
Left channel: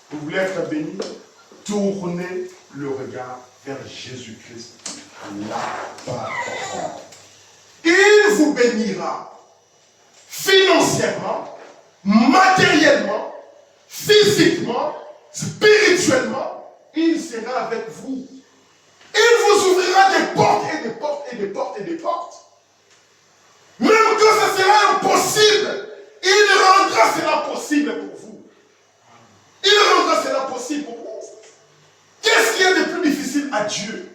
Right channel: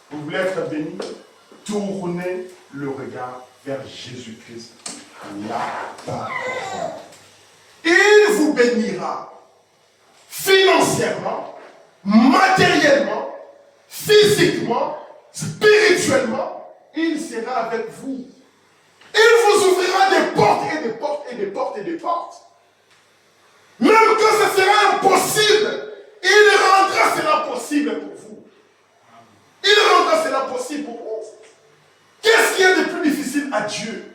vous voulez être béni, tournez le regard vers Jésus-Christ. Là-bas. Il vous bénira financièrement, matériellement, physiquement, spirituellement. Il sera avec vous. Il vous ouvrira des portes et des portes et des portes et des portes. Même quand ce sera impossible, il rendra cela possible pour vous. Il rendra cela possible pour vous. Qu'est-ce qu'il y a de plus difficile à Dieu?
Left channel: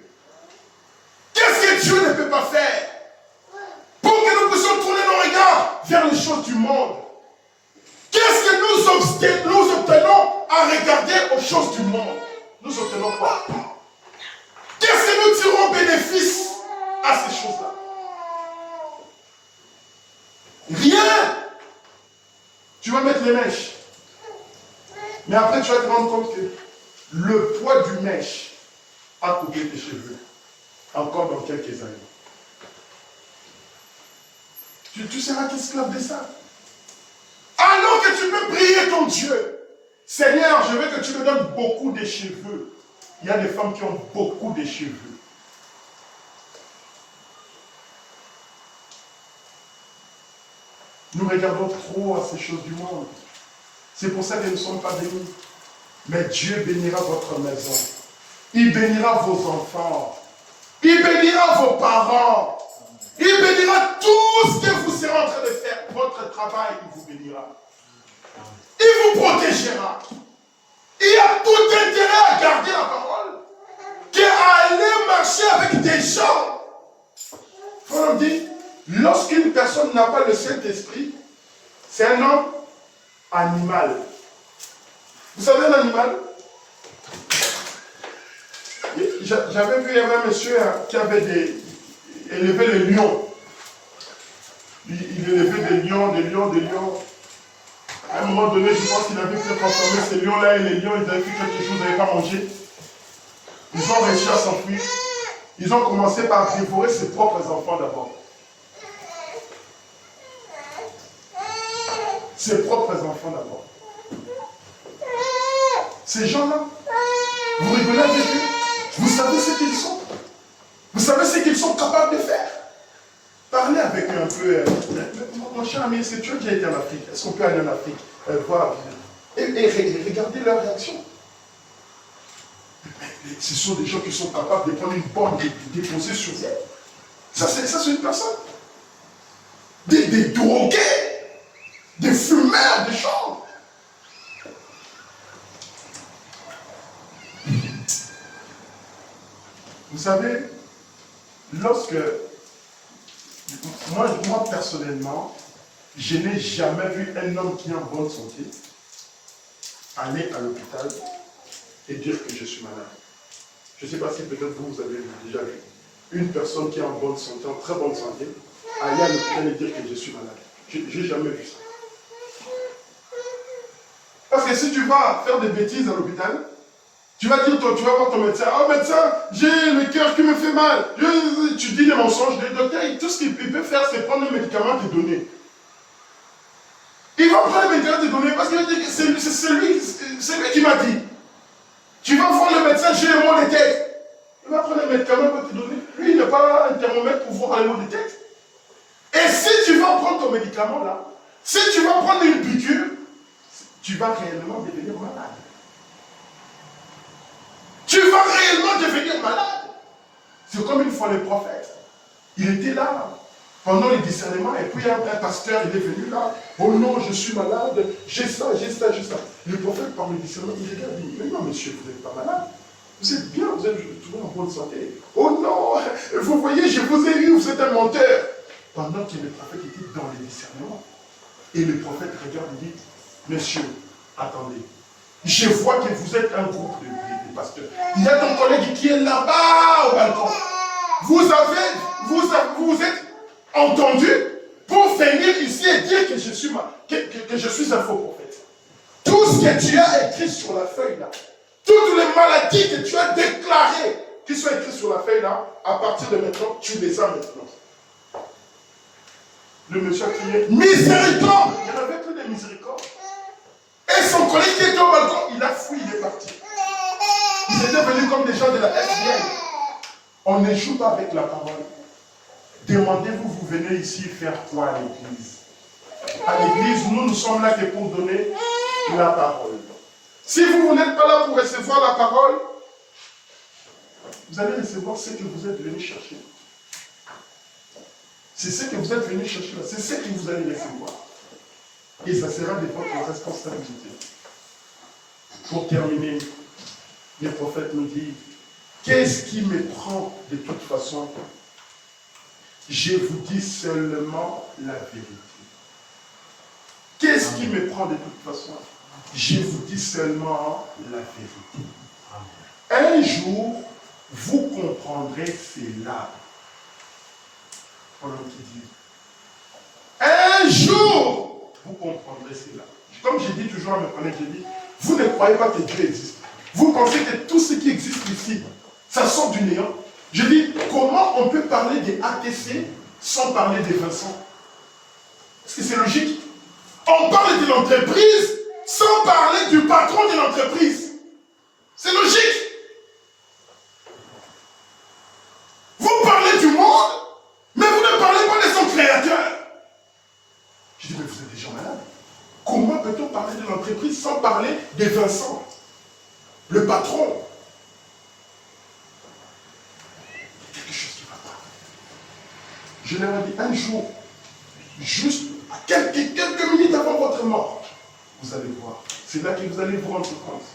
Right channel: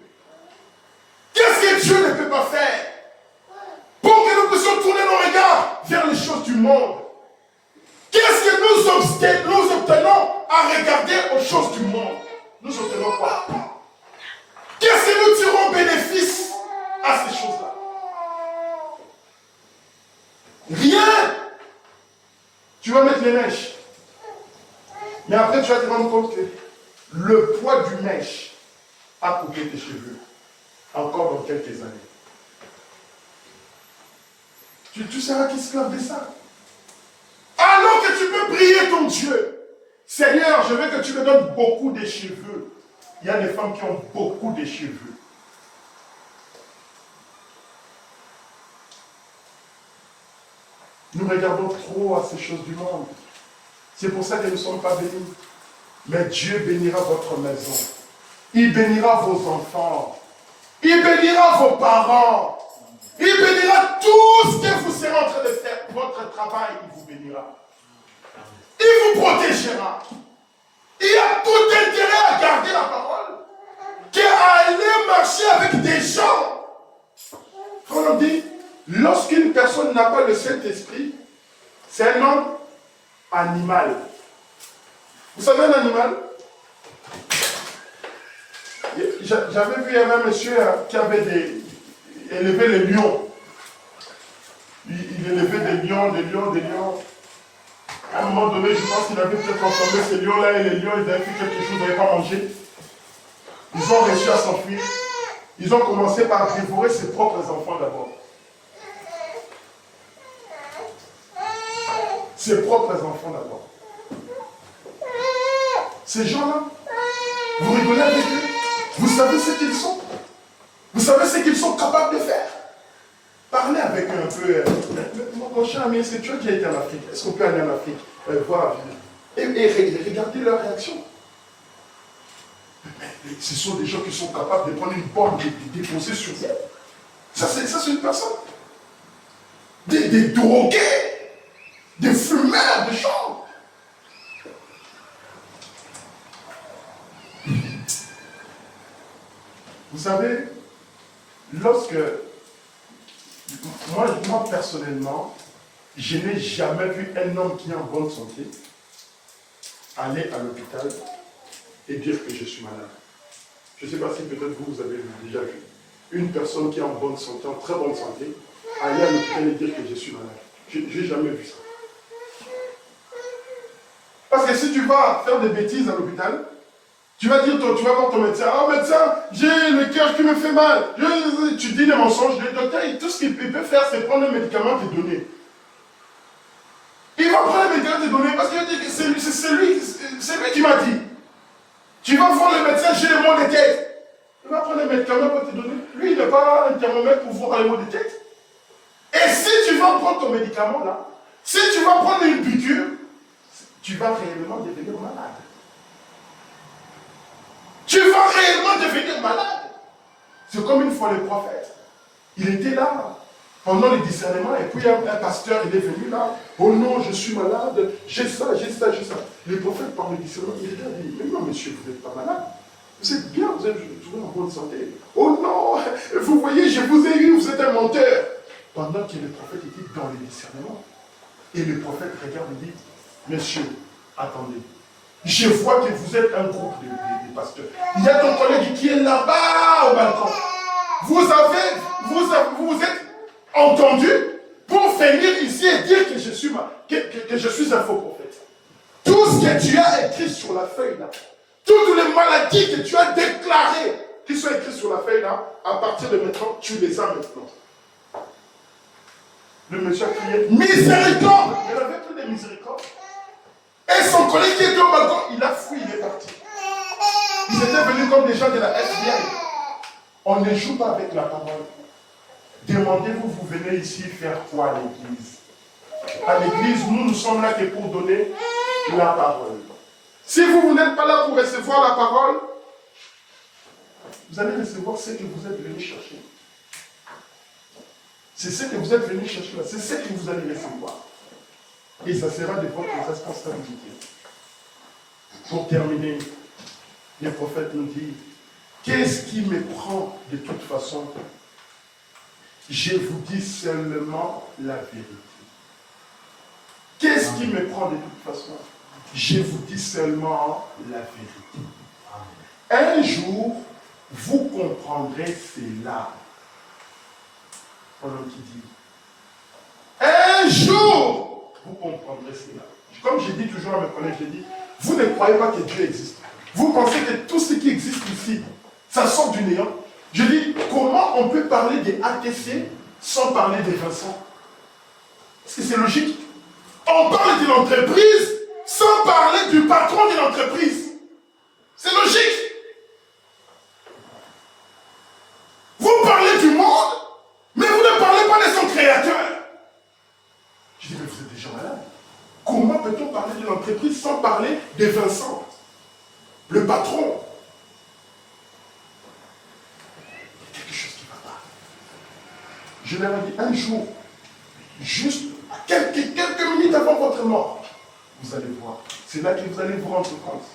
Qu'est-ce que Dieu ne peut pas faire? Pour que nous puissions tourner nos regards vers les choses du monde. Qu'est-ce que nous obtenons à regarder aux choses du monde? Nous obtenons quoi? Qu'est-ce que nous tirons bénéfice à ces choses-là? Rien. Tu vas mettre les mèches. Mais après, tu vas te rendre compte que le poids du mèche a coupé tes cheveux. Encore dans quelques années. Tu seras esclave de ça. Alors que tu peux prier ton Dieu. Seigneur, je veux que tu me donnes beaucoup de cheveux. Il y a des femmes qui ont beaucoup de cheveux. Nous regardons trop à ces choses du monde. C'est pour ça que nous ne sommes pas bénis. Mais Dieu bénira votre maison. Il bénira vos enfants. Il bénira vos parents. Il bénira tout ce que vous serez en train de faire. Votre travail, il vous bénira. Il vous protégera. Il y a tout intérêt à garder la parole qu'à aller marcher avec des gens. On dit, lorsqu'une personne n'a pas le Saint-Esprit, c'est un homme animal. Vous savez un animal? J'avais vu, il y avait un monsieur qui avait élevé les lions. Il élevait des lions. À un moment donné, je pense qu'il avait peut-être transformé ces lions-là et les lions, ils avaient fait quelque chose, ils n'avaient pas mangé. Ils ont réussi à s'enfuir. Ils ont commencé par dévorer ses propres enfants d'abord. Ses propres enfants d'abord. Ces gens-là, vous rigolez avec eux, vous savez ce qu'ils sont. Vous savez ce qu'ils sont capables de faire? Parlez avec eux un peu. Mon cher ami, est-ce que tu as déjà été en Afrique? Est-ce qu'on peut aller en Afrique voir et regardez leur réaction. Mais ce sont des gens qui sont capables de prendre une bombe et de déposer sur vous. Ça, c'est une personne. Des drogués, des fumeurs de chambre. Vous savez, lorsque, moi personnellement, je n'ai jamais vu un homme qui est en bonne santé aller à l'hôpital et dire que je suis malade. Je ne sais pas si peut-être vous avez déjà vu une personne qui est en bonne santé, en très bonne santé, aller à l'hôpital et dire que je suis malade. Je n'ai jamais vu ça. Parce que si tu vas faire des bêtises à l'hôpital, tu vas dire, tu vas voir ton médecin, oh médecin, j'ai le cœur qui me fait mal. Tu dis des mensonges, le docteur, tout ce qu'il peut faire, c'est prendre un médicament et te donner. Il va prendre le médicament et te donner parce que c'est lui qui m'a dit. Tu vas voir le médecin, j'ai les maux de tête. Il va prendre le médicament et te donner. Lui, il n'a pas un thermomètre pour voir les maux de tête. Et si tu vas prendre ton médicament là, si tu vas prendre une piqûre, tu vas réellement devenir malade. Tu vas réellement devenir malade. C'est comme une fois le prophète. Il était là pendant les discernements et puis un pasteur, il est venu là. Oh non, je suis malade, j'ai ça, j'ai ça, j'ai ça. Le prophète, par le discernement, il regarde, il dit, mais non monsieur, vous n'êtes pas malade. Vous êtes bien, vous êtes toujours en bonne santé. Oh non, vous voyez, je vous ai eu, vous êtes un menteur. Pendant que le prophète était dans les discernements. Et le prophète regarde et dit, monsieur, attendez. Je vois que vous êtes un groupe de pasteurs. Il y a ton collègue qui est là-bas au balcon. Vous êtes entendu pour venir ici et dire que je suis un faux prophète. Tout ce que tu as écrit sur la feuille là, toutes les maladies que tu as déclarées, qui sont écrites sur la feuille là, à partir de maintenant, tu les as maintenant. Le monsieur a crié, miséricorde! Il n'y en avait plus de miséricorde. Et son collègue qui était au balcon, il a fui, il est parti. Ils étaient venus comme des gens de la FBI. On ne joue pas avec la parole. Demandez-vous, vous venez ici faire quoi à l'église? À l'église, nous sommes là que pour donner la parole. Si vous n'êtes pas là pour recevoir la parole, vous allez recevoir ce que vous êtes venu chercher. C'est ce que vous êtes venu chercher là. C'est ce que vous allez recevoir. Et ça sera de votre responsabilité. Pour terminer, le prophète nous dit, qu'est-ce qui me prend de toute façon? Je vous dis seulement la vérité. Qu'est-ce qui me prend de toute façon? Je vous dis seulement la vérité. Un jour, vous comprendrez cela. Pendant qu'il dit, un jour, vous comprendrez cela. Comme je dis toujours à mes collègues, je dis, vous ne croyez pas que Dieu existe. Vous pensez que tout ce qui existe ici, ça sort du néant. Je dis, comment on peut parler des ATC sans parler des Vincent? Est-ce que c'est logique? On parle de l'entreprise sans parler du patron de l'entreprise. C'est logique. Vous parlez du monde, mais vous ne parlez pas de son créateur. Je dis, mais vous êtes déjà malade. Comment peut-on parler de l'entreprise sans parler de Vincent, le patron? Il y a quelque chose qui ne va pas. Je leur ai dit, un jour, juste à quelques minutes avant votre mort, vous allez voir. C'est là que vous allez vous rendre compte.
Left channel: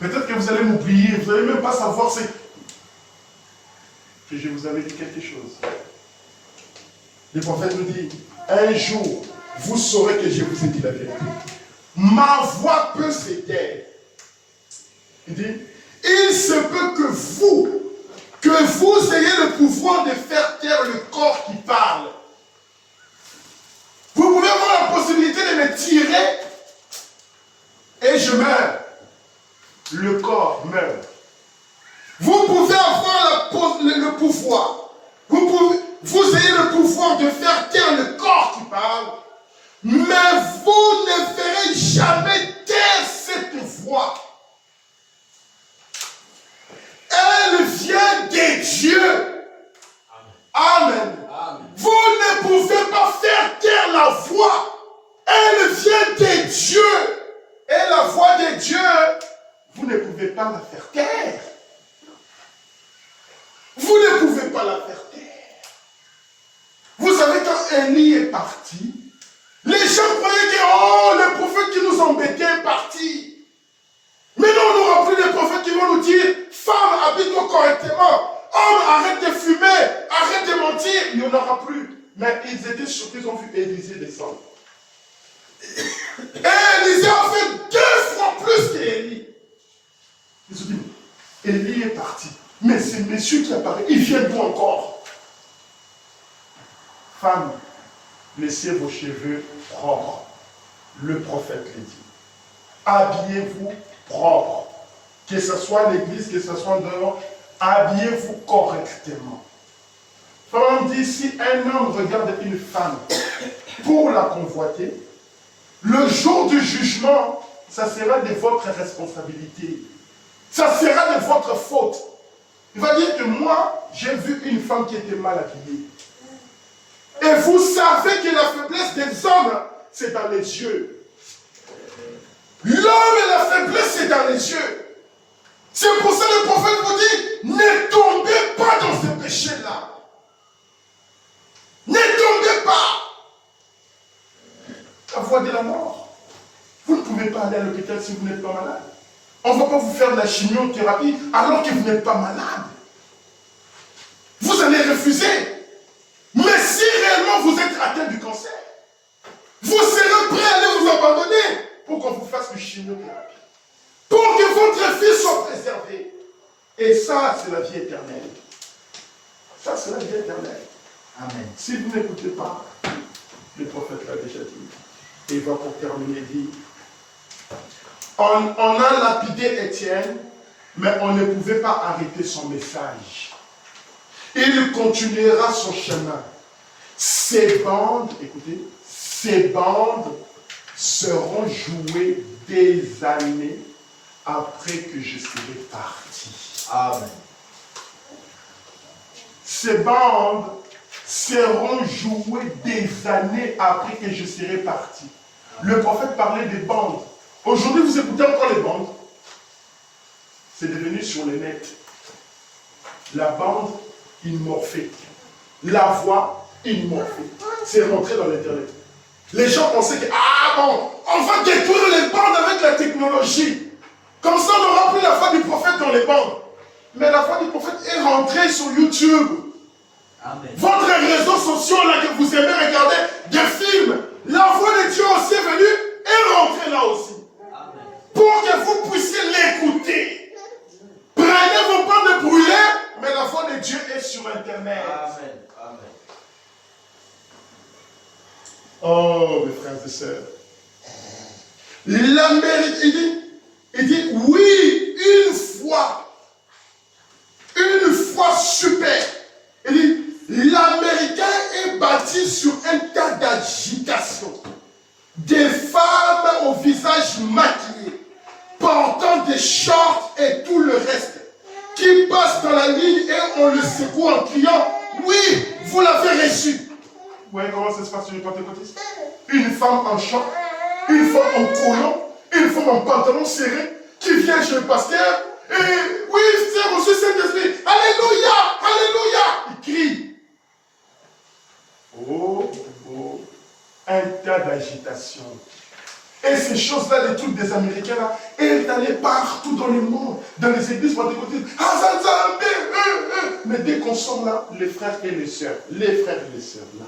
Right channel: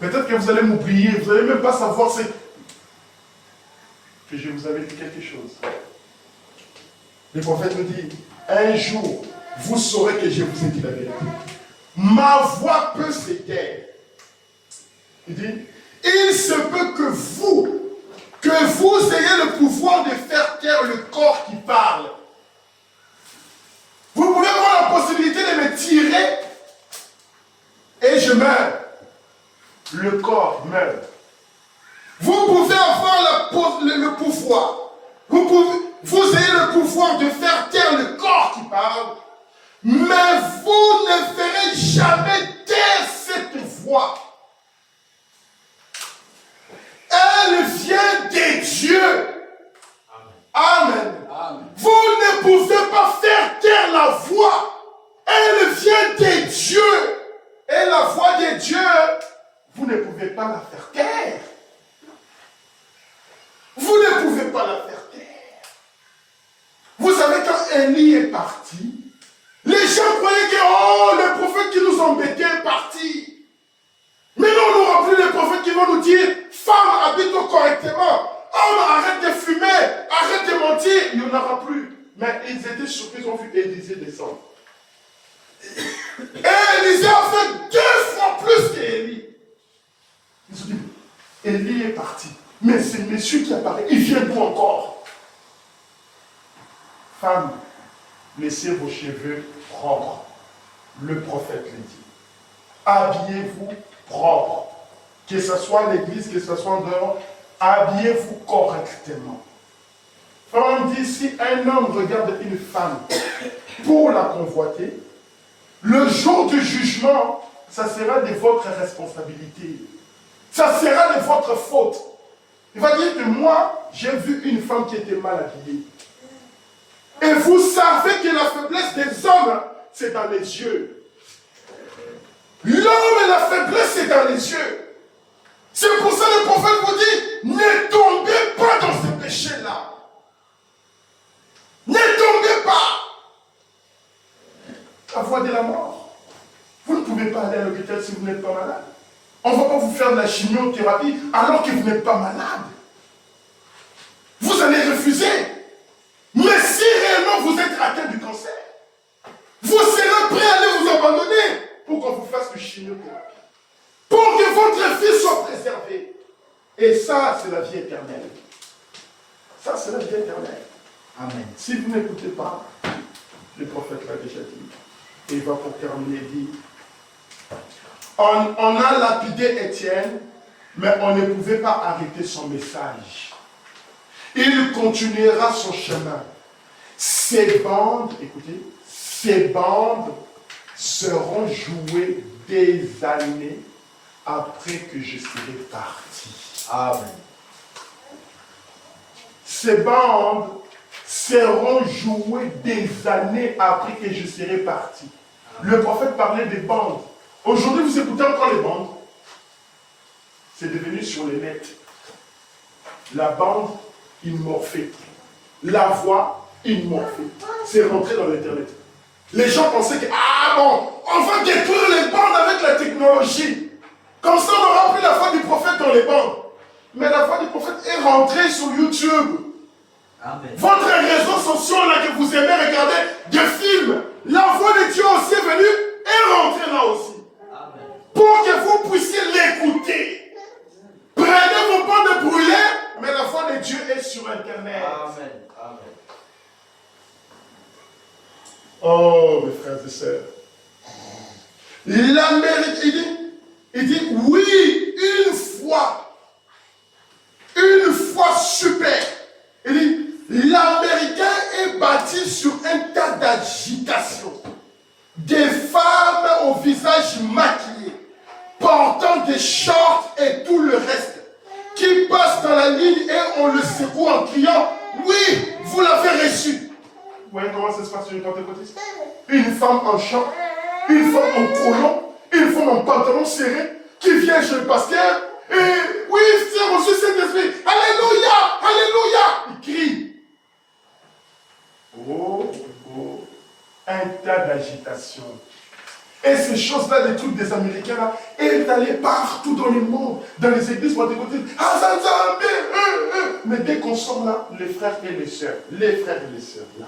Peut-être que vous allez m'oublier, vous n'allez même pas savoir que je vous avais dit quelque chose. Le prophète me dit, un jour, vous saurez que je vous ai dit la vérité. Ma voix peut se taire. Il dit, il se peut que vous ayez le pouvoir de faire taire le corps qui parle. Vous pouvez avoir la possibilité de me tirer et je meurs. Le corps meurt. Vous pouvez avoir le pouvoir. Vous ayez le pouvoir de faire taire le corps qui parle, mais vous ne ferez jamais taire cette voix. Elle vient de Dieu. pas la faire taire. Vous ne pouvez pas la faire taire. Vous savez, quand Élie est parti, les gens croyaient que, oh, le prophète qui nous embêtait est parti. Mais non, on n'aura plus les prophètes qui vont nous dire, femme, habite-toi correctement. Homme, arrête de fumer, arrête de mentir. Il n'y en aura plus. Mais ils étaient choqués, ils ont vu Élisée descendre. Et Élisée a fait 2 fois plus qu'Élie. Ils ont dit, Élie est parti. Mais c'est monsieur qui apparaît, il vient d'où encore? Femme, laissez vos cheveux propres. Le prophète le dit. Habillez-vous propre. Que ce soit à l'église, que ce soit en dehors, habillez-vous correctement. On dit, si un homme regarde une femme pour la convoiter, le jour du jugement, ça sera de votre responsabilité. Ça sera de votre faute. Il va dire que moi, j'ai vu une femme qui était mal habillée. Et vous savez que la faiblesse des hommes, c'est dans les yeux. L'homme et la faiblesse, c'est dans les yeux. C'est pour ça que le prophète vous dit, ne tombez pas dans ce péché-là. Ne tombez pas. La voie de la mort. Vous ne pouvez pas aller à l'hôpital si vous n'êtes pas malade. On ne va pas vous faire de la chimiothérapie alors que vous n'êtes pas malade. Vous allez refuser. Mais si réellement vous êtes atteint du cancer, vous serez prêt à aller vous abandonner pour qu'on vous fasse une chimiothérapie. Pour que votre vie soit préservée. Et ça, c'est la vie éternelle. Ça, c'est la vie éternelle. Amen. Si vous n'écoutez pas, le prophète l'a déjà dit. Et il va pour terminer dire, on a lapidé Étienne, mais on ne pouvait pas arrêter son message. Il continuera son chemin. Ces bandes, écoutez, ces bandes seront jouées des années après que je serai parti. Amen. Ces bandes seront jouées des années après que je serai parti. Le prophète parlait des bandes. Aujourd'hui, vous écoutez encore les bandes. C'est devenu sur les net. La bande immorphique. La voix immorphique. C'est rentré dans l'internet. Les gens pensaient que, ah bon, on va détruire les bandes avec la technologie. Comme ça, on n'aura plus la voix du prophète dans les bandes. Mais la voix du prophète est rentrée sur YouTube. Amen. Votre réseau social là que vous aimez regarder des films, la voix de Dieu aussi est venue et rentrée là aussi. Amen. Pour que vous puissiez l'écouter. Prenez vos bandes de brûler, mais la voix de Dieu est sur Internet. Amen. Amen. Oh, mes frères et sœurs. L'Amérique, il dit, oui, une fois super. Il dit, l'Américain est bâti sur un tas d'agitation. Des femmes au visage maquillé, portant des shorts et tout le reste, qui passent dans la ligne et on le secoue en criant, oui, vous l'avez reçu. Vous voyez comment ça se passe sur les pentecôtistes? Une femme en short, une femme en collant, une femme en pantalon serré, qui vient chez le pasteur, et oui, c'est reçu cet esprit. Alléluia, alléluia. Il crie. Oh, un tas d'agitation. Et ces choses-là, les trucs des Américains, là, est allé partout dans le monde, dans les églises pentecôtistes. Mais dès qu'on sort là, les frères et les sœurs, là.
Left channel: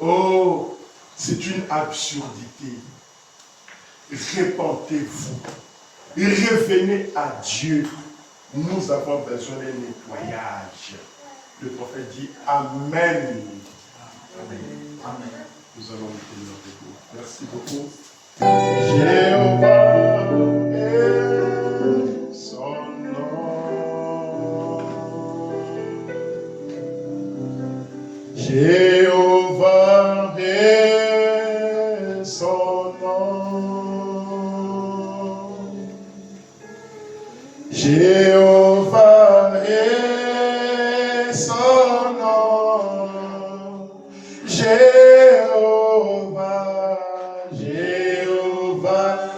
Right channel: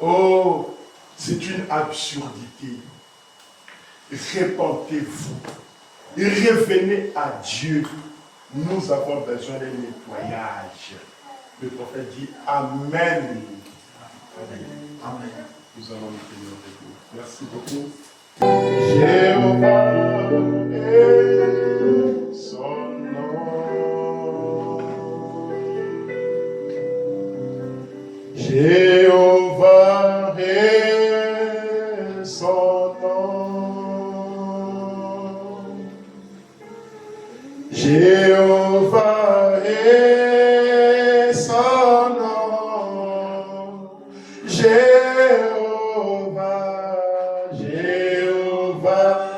Oh, c'est une absurdité. Répentez-vous. Revenez à Dieu. Nous avons besoin d'un nettoyage. Le prophète dit Amen. Amen. Amen. Nous allons nous tenir debout. Merci beaucoup. Jéhovah est son nom. Jéhovah est son nom. Jéhovah est son nom. Jéhovah, Jéhovah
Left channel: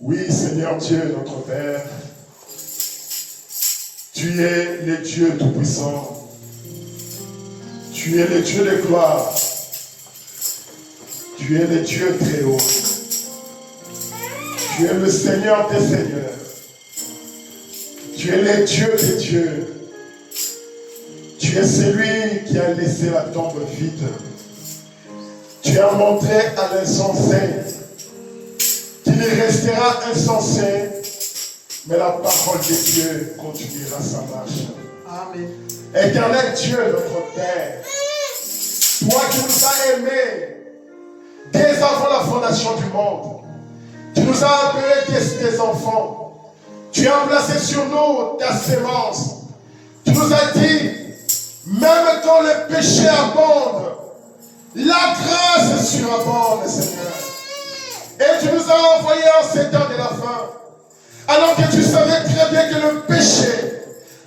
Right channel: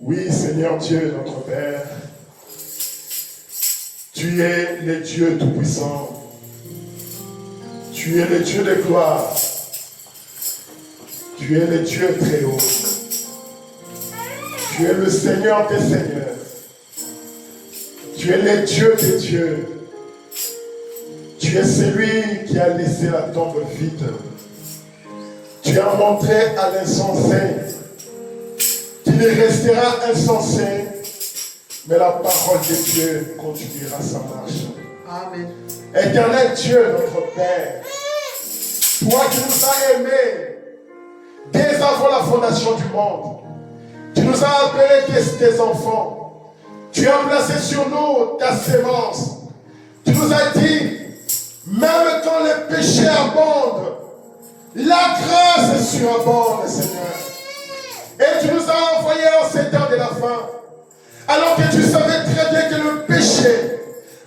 Oui, Seigneur Dieu, notre Père, tu es le Dieu Tout-Puissant. Tu es le Dieu de gloire. Tu es le Dieu très haut. Tu es le Seigneur des Seigneurs. Tu es le Dieu des dieux. Tu es celui qui a laissé la tombe vide. Tu as montré à l'insensé qu'il ne restera insensé, mais la parole de Dieu continuera sa marche. Amen. Éternel Dieu, notre Père, toi qui nous as aimés dès avant la fondation du monde, tu nous as appelés tes enfants, tu as placé sur nous ta sémence, tu nous as dit, même quand le péché abonde, la grâce surabonde, Seigneur. Et tu nous as envoyés en ces temps de la fin, alors que tu savais très bien que le péché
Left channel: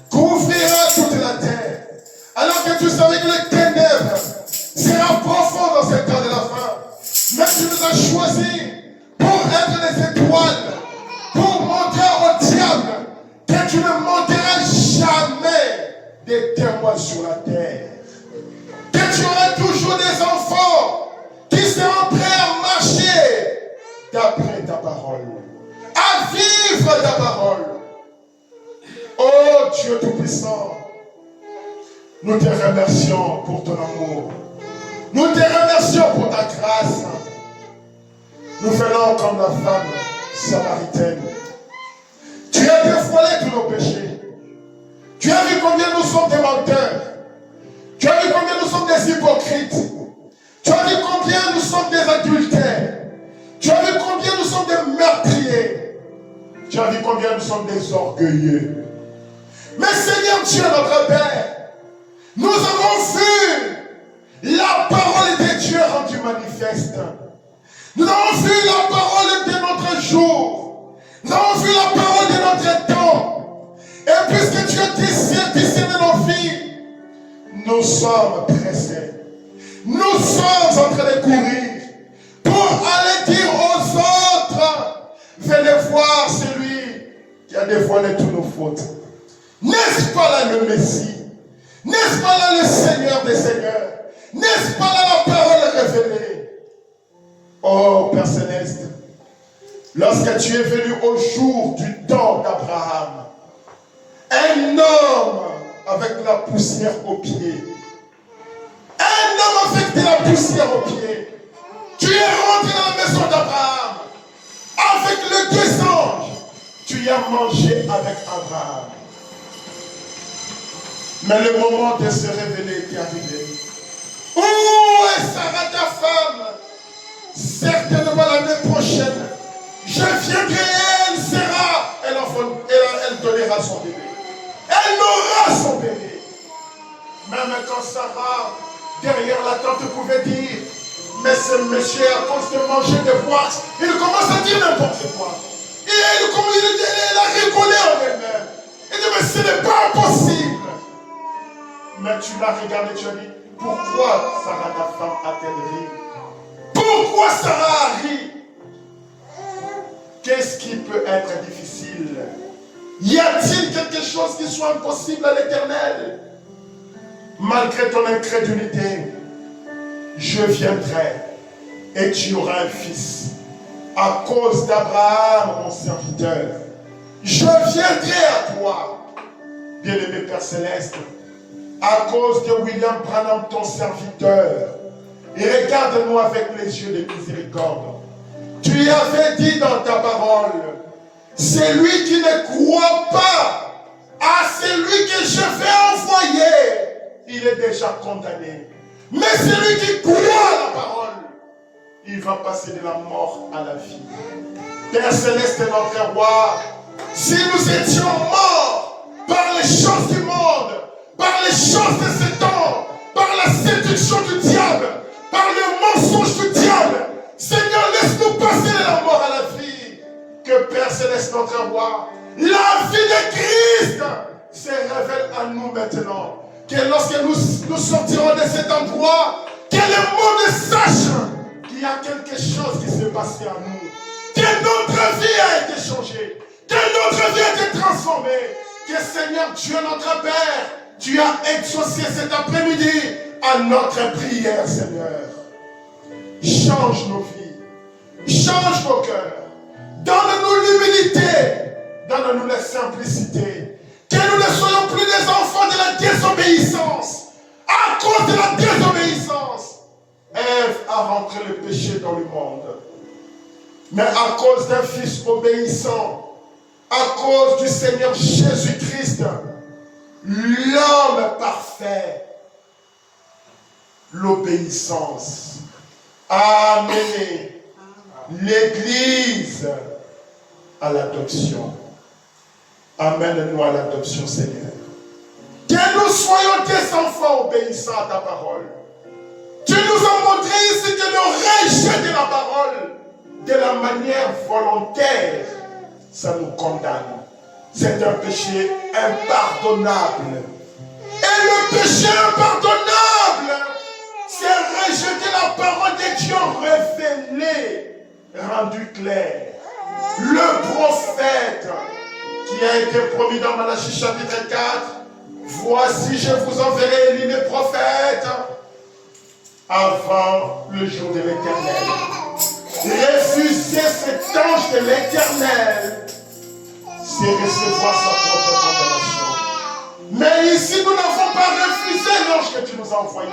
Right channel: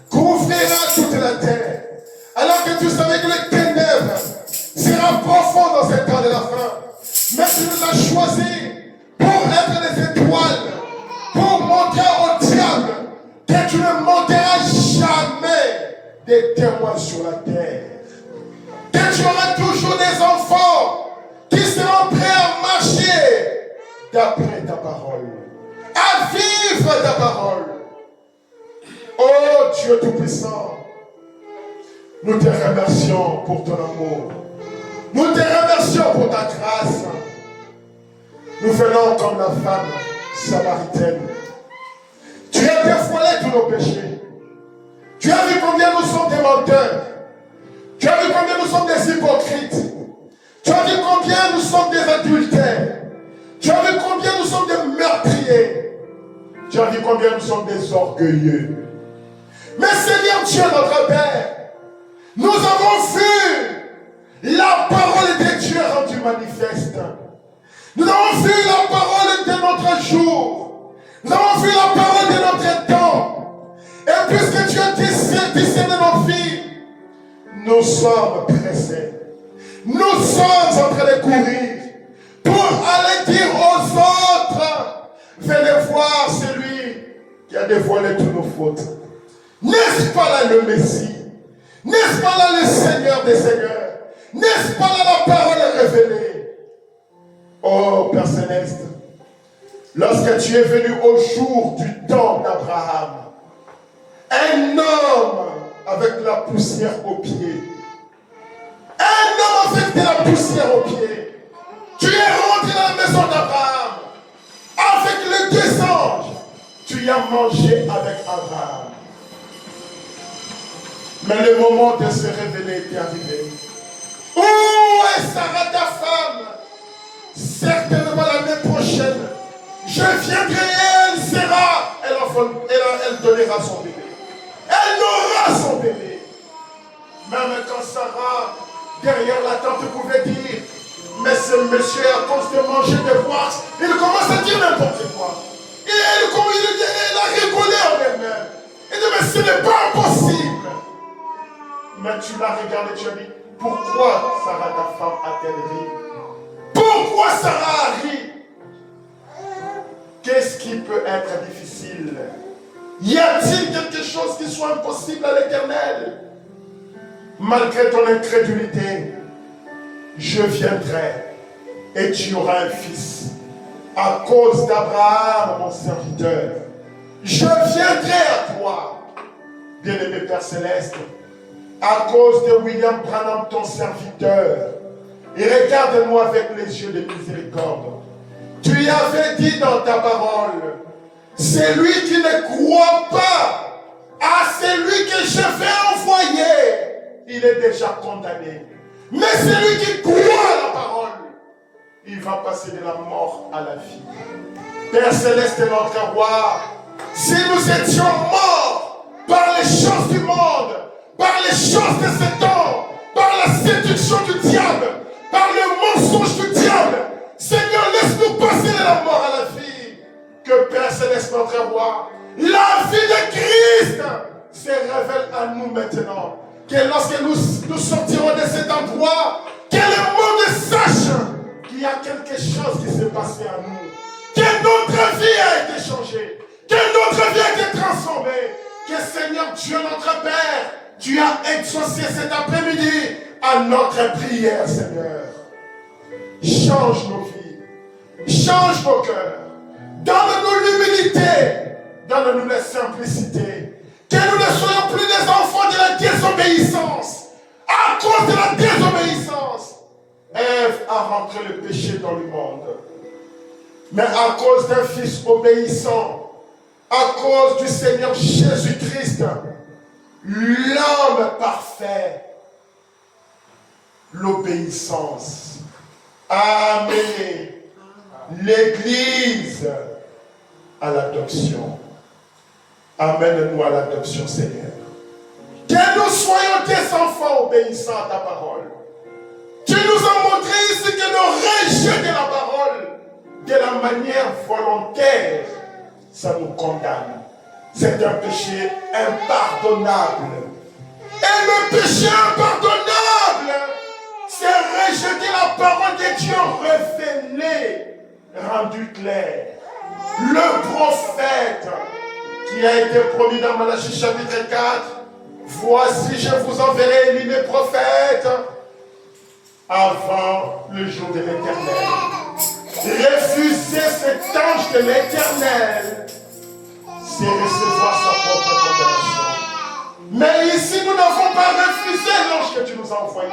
couvrira toute la terre, alors que tu savais que le ténèbre sera profond dans ces temps de la fin. Mais tu nous as choisis pour être des étoiles, pour montrer au diable que tu ne monteras jamais des témoins sur la terre. Que tu auras toujours des enfants qui seront prêts à marcher d'après ta parole, à vivre ta parole. Oh Dieu Tout-Puissant, nous te remercions pour ton amour. Nous te remercions pour ta grâce. Nous faisons comme la femme samaritaine. Tu as dévoilé tous nos péchés. Tu as vu combien nous sommes des menteurs. Tu as vu combien nous sommes des hypocrites. Tu as vu combien nous sommes des adultères. Tu as vu combien nous sommes des meurtriers. Tu as vu combien nous sommes des orgueilleux. Mais Seigneur Dieu, notre Père, nous avons vu la parole de Dieu rendue manifeste. Nous avons vu la parole de notre jour. Nous avons vu la parole de notre temps. Et puisque tu as discerné nos vies, nous sommes pressés. Nous sommes en train de courir pour aller dire aux autres, venez voir celui qui a dévoilé toutes nos fautes. N'est-ce pas là le Messie? N'est-ce pas là le Seigneur des Seigneurs? N'est-ce pas là la parole révélée? Oh Père Céleste, lorsque tu es venu au jour du temps d'Abraham, un homme avec la poussière aux pieds, un homme avec de la poussière aux pieds, tu es rentré dans la maison d'Abraham avec les deux anges, tu y as mangé avec Abraham. Mais le moment de se révéler était arrivé. Où est Sarah ta femme? Certainement l'année prochaine, je viendrai et elle sera, elle donnera son bébé. Elle aura son bébé. Même quand Sarah, derrière la tente, pouvait dire, mais ce monsieur, à cause de manger des poires, il commence à dire n'importe quoi. Et elle a rigolé en elle-même. Elle dit, mais ce n'est pas possible. Mais tu l'as regardé, tu as dit, pourquoi Sarah, ta femme, a-t-elle ri? Pourquoi Sarah a ri? Qu'est-ce qui peut être difficile? Y a-t-il quelque chose qui soit impossible à l'Éternel? Malgré ton incrédulité, je viendrai et tu auras un fils. À cause d'Abraham, mon serviteur, je viendrai à toi, bien-aimé Père Céleste, à cause de William Branham, ton serviteur. Et regarde-nous avec les yeux de miséricorde. Tu avais dit dans ta parole, celui qui ne croit pas à celui que je vais envoyer, il est déjà condamné. Mais celui qui croit à la parole, il va passer de la mort à la vie. Père Céleste, notre roi, si nous étions morts par les choses du monde, par les choses de ce temps, par la séduction du diable, la mort à la vie, que Père Céleste, notre roi, la vie de Christ se révèle à nous maintenant. Que lorsque nous sortirons de cet endroit, que le monde sache qu'il y a quelque chose qui s'est passé à nous. Que notre vie a été changée. Que notre vie a été transformée. Que Seigneur Dieu, notre Père, tu as exaucé cet après-midi à notre prière, Seigneur. Change nos vies. Change nos cœurs. Donne-nous l'humilité. Donne-nous la simplicité. Que nous ne soyons plus des enfants de la désobéissance. À cause de la désobéissance, Ève a rentré le péché dans le monde. Mais à cause d'un fils obéissant, à cause du Seigneur Jésus-Christ, l'homme parfait, l'obéissance a amené l'Église à l'adoption. Amène-nous à l'adoption, Seigneur. Que nous soyons des enfants obéissants à ta parole. Tu nous as montré ici que le rejet de la parole, de la manière volontaire, ça nous condamne. C'est un péché impardonnable. Et le péché impardonnable, c'est rejeter la parole de Dieu révélée, rendue claire. Le prophète qui a été promis dans Malachie chapitre 4, voici je vous enverrai Élie mes prophètes avant le jour de l'Éternel. Refuser cet ange de l'Éternel, c'est recevoir sa propre condamnation. Mais ici, nous n'avons pas refusé l'ange que tu nous as envoyé.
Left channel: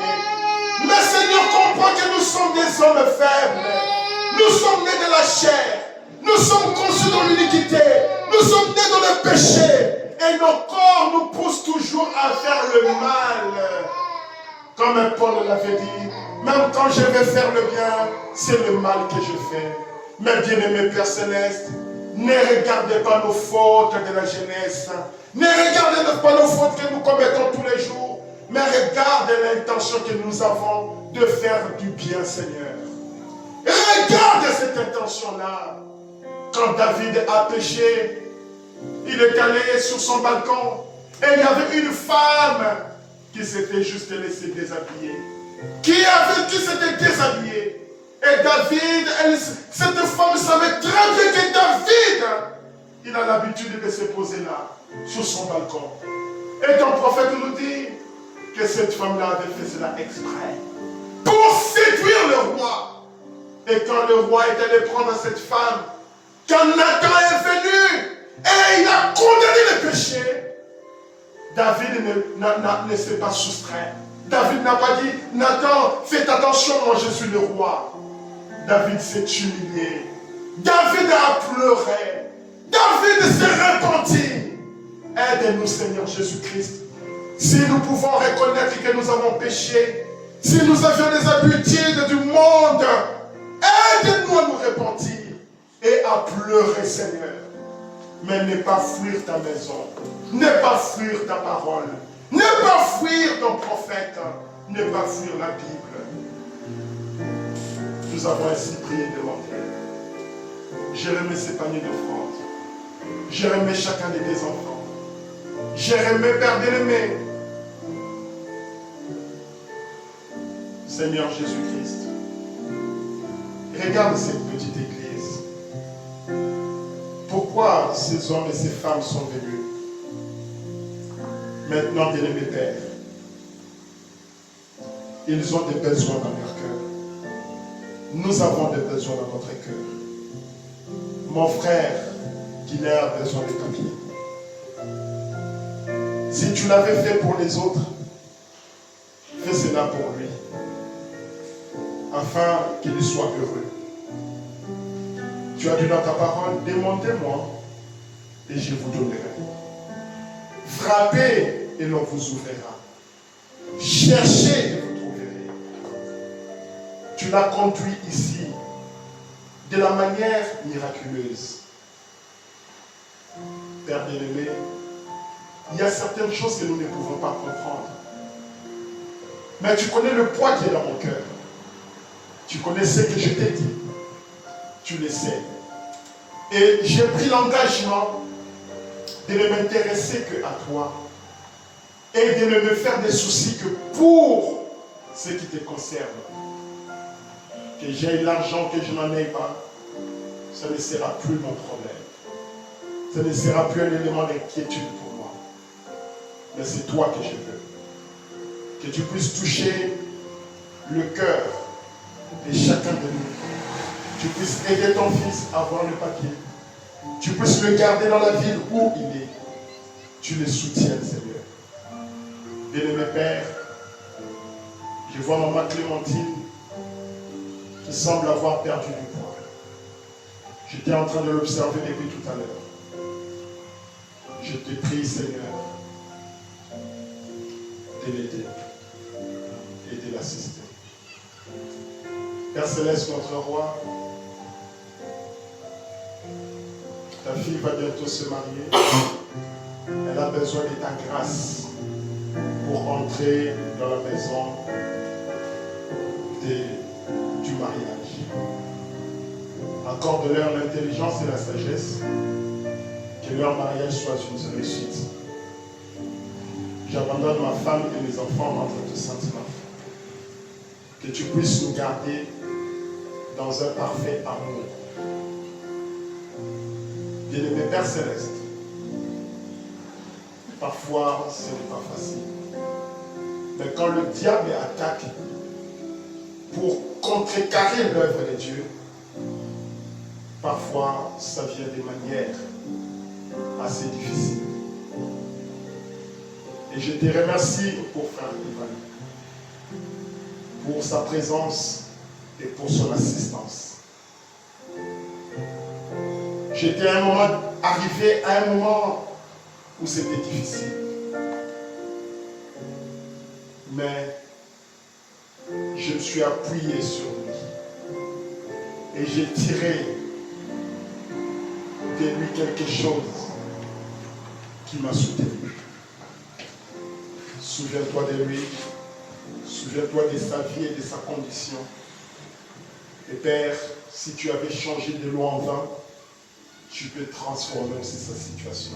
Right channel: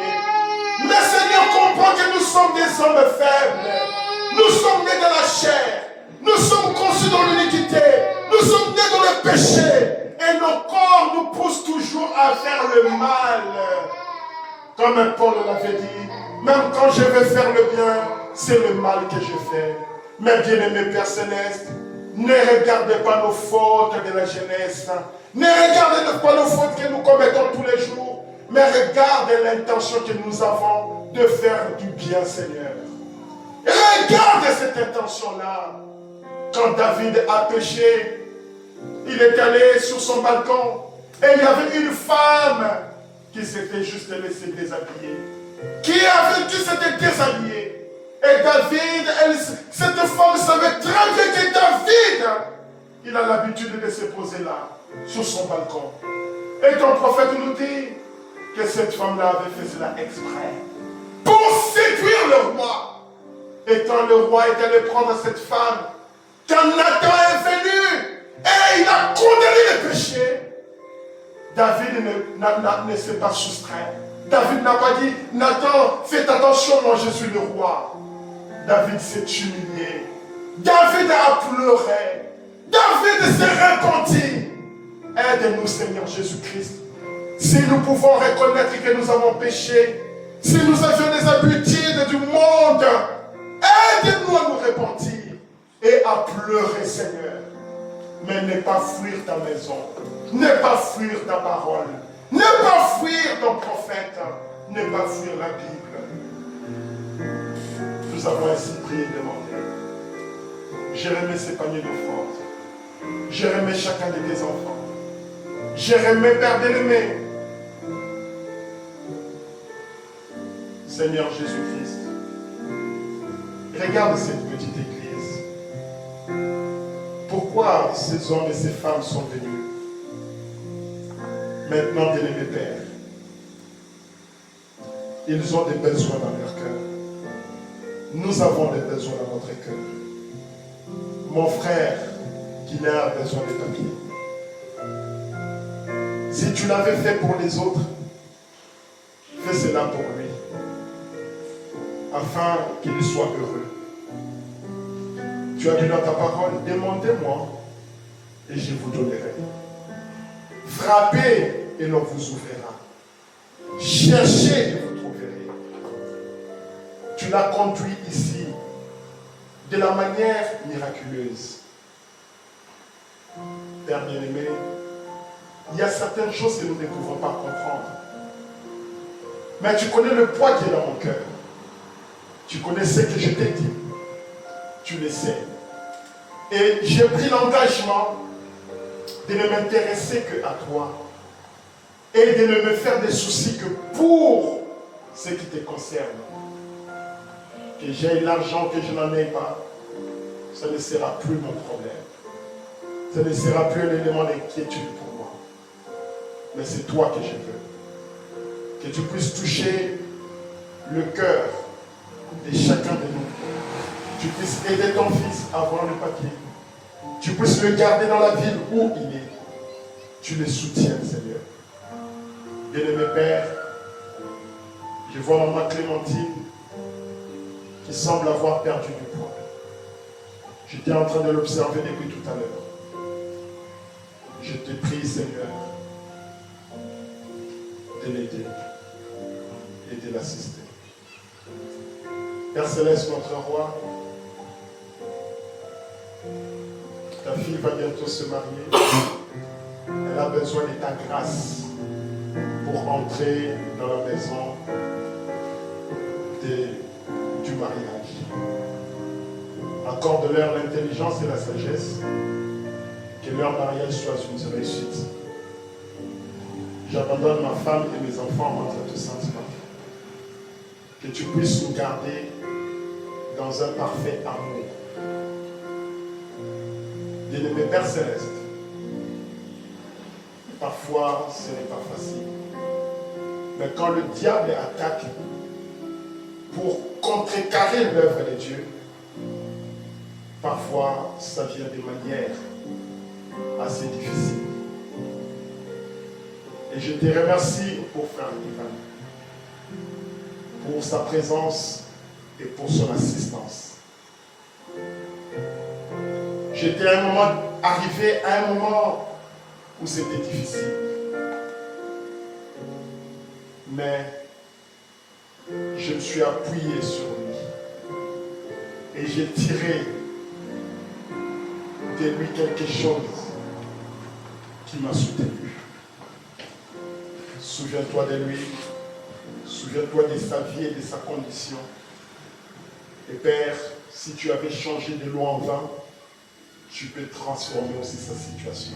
Mais Seigneur, comprends que nous sommes des hommes faibles. Nous sommes nés de la chair. Nous sommes conçus dans l'iniquité. Nous sommes nés dans le péché. Et nos corps nous poussent toujours à faire le mal. Comme Paul l'avait dit, même quand je vais faire le bien, c'est le mal que je fais. Mais bien-aimé Père Céleste, ne regardez pas nos fautes de la jeunesse. Ne regardez pas nos fautes que nous commettons tous les jours. Mais regarde l'intention que nous avons de faire du bien, Seigneur. Et regarde cette intention-là. Quand David a péché, il est allé sur son balcon et il y avait une femme qui s'était juste laissée déshabiller. Qui s'était déshabillée. Et David, cette femme savait très bien que David, il a l'habitude de se poser là, sur son balcon. Et ton prophète nous dit que cette femme-là avait fait cela exprès pour séduire le roi. Et quand le roi est allé prendre cette femme, quand Nathan est venu et il a condamné le péché, David ne s'est pas soustrait. David n'a pas dit, Nathan, faites attention, moi je suis le roi. David s'est humilié. David a pleuré. David s'est repenti. Aide-nous, Seigneur Jésus-Christ. Si nous pouvons reconnaître que nous avons péché, si nous avions des habitudes du monde, aide-nous à nous repentir et à pleurer, Seigneur. Mais ne pas fuir ta maison, ne pas fuir ta parole, ne pas fuir ton prophète, ne pas fuir la Bible. Nous avons ainsi prié et demandé. Je remets ces paniers d'offrandes. Je remets chacun de tes enfants. Je remets, Père bien-aimé, Seigneur Jésus-Christ, regarde cette petite église. Pourquoi ces hommes et ces femmes sont venus? Maintenant, bien-aimé Père, ils ont des besoins dans leur cœur. Nous avons des besoins dans notre cœur. Mon frère, qui a besoin de papier. Si tu l'avais fait pour les autres, fais cela pour lui, afin qu'il soit heureux. Tu as dit dans ta parole, demandez-moi et je vous donnerai. Frappez et l'on vous ouvrira. Cherchez et vous trouverez. Tu l'as conduit ici de la manière miraculeuse. Père bien-aimé, il y a certaines choses que nous ne pouvons pas comprendre. Mais tu connais le poids qui est dans mon cœur. Tu connais ce que je t'ai dit. Tu le sais. Et j'ai pris l'engagement de ne m'intéresser que à toi et de ne me faire des soucis que pour ce qui te concerne. Que j'ai l'argent, que je n'en ai pas, ce ne sera plus mon problème. Ce ne sera plus un élément d'inquiétude pour moi. Mais c'est toi que je veux. Que tu puisses toucher le cœur de chacun de nous. Tu puisses aider ton fils à avoir le papier. Tu puisses le garder dans la ville où il est. Tu le soutiens, Seigneur. Bien-aimé Père, je vois maman Clémentine qui semble avoir perdu du poids. J'étais en train de l'observer depuis tout à l'heure. Je te prie, Seigneur, de l'aider et de l'assister. Père Céleste, notre roi, ta fille va bientôt se marier. Elle a besoin de ta grâce pour entrer dans la maison du mariage. Accorde-leur l'intelligence et la sagesse, que leur mariage soit une réussite. J'abandonne ma femme et mes enfants entre tes sentiments. Que tu puisses nous garder dans un parfait amour. Bien-aimé Père Céleste, parfois ce n'est pas facile. Mais quand le diable attaque pour contrecarrer l'œuvre de Dieu, parfois ça vient de manière assez difficile. Et je te remercie pour Frère Ivan, pour sa présence et pour son assistance. J'étais arrivé à un moment où c'était difficile. Mais je me suis appuyé sur lui. Et j'ai tiré de lui quelque chose qui m'a soutenu. Souviens-toi de lui. Souviens-toi de sa vie et de sa condition. Et Père, si tu avais changé de l'eau en vin, tu peux transformer aussi sa situation.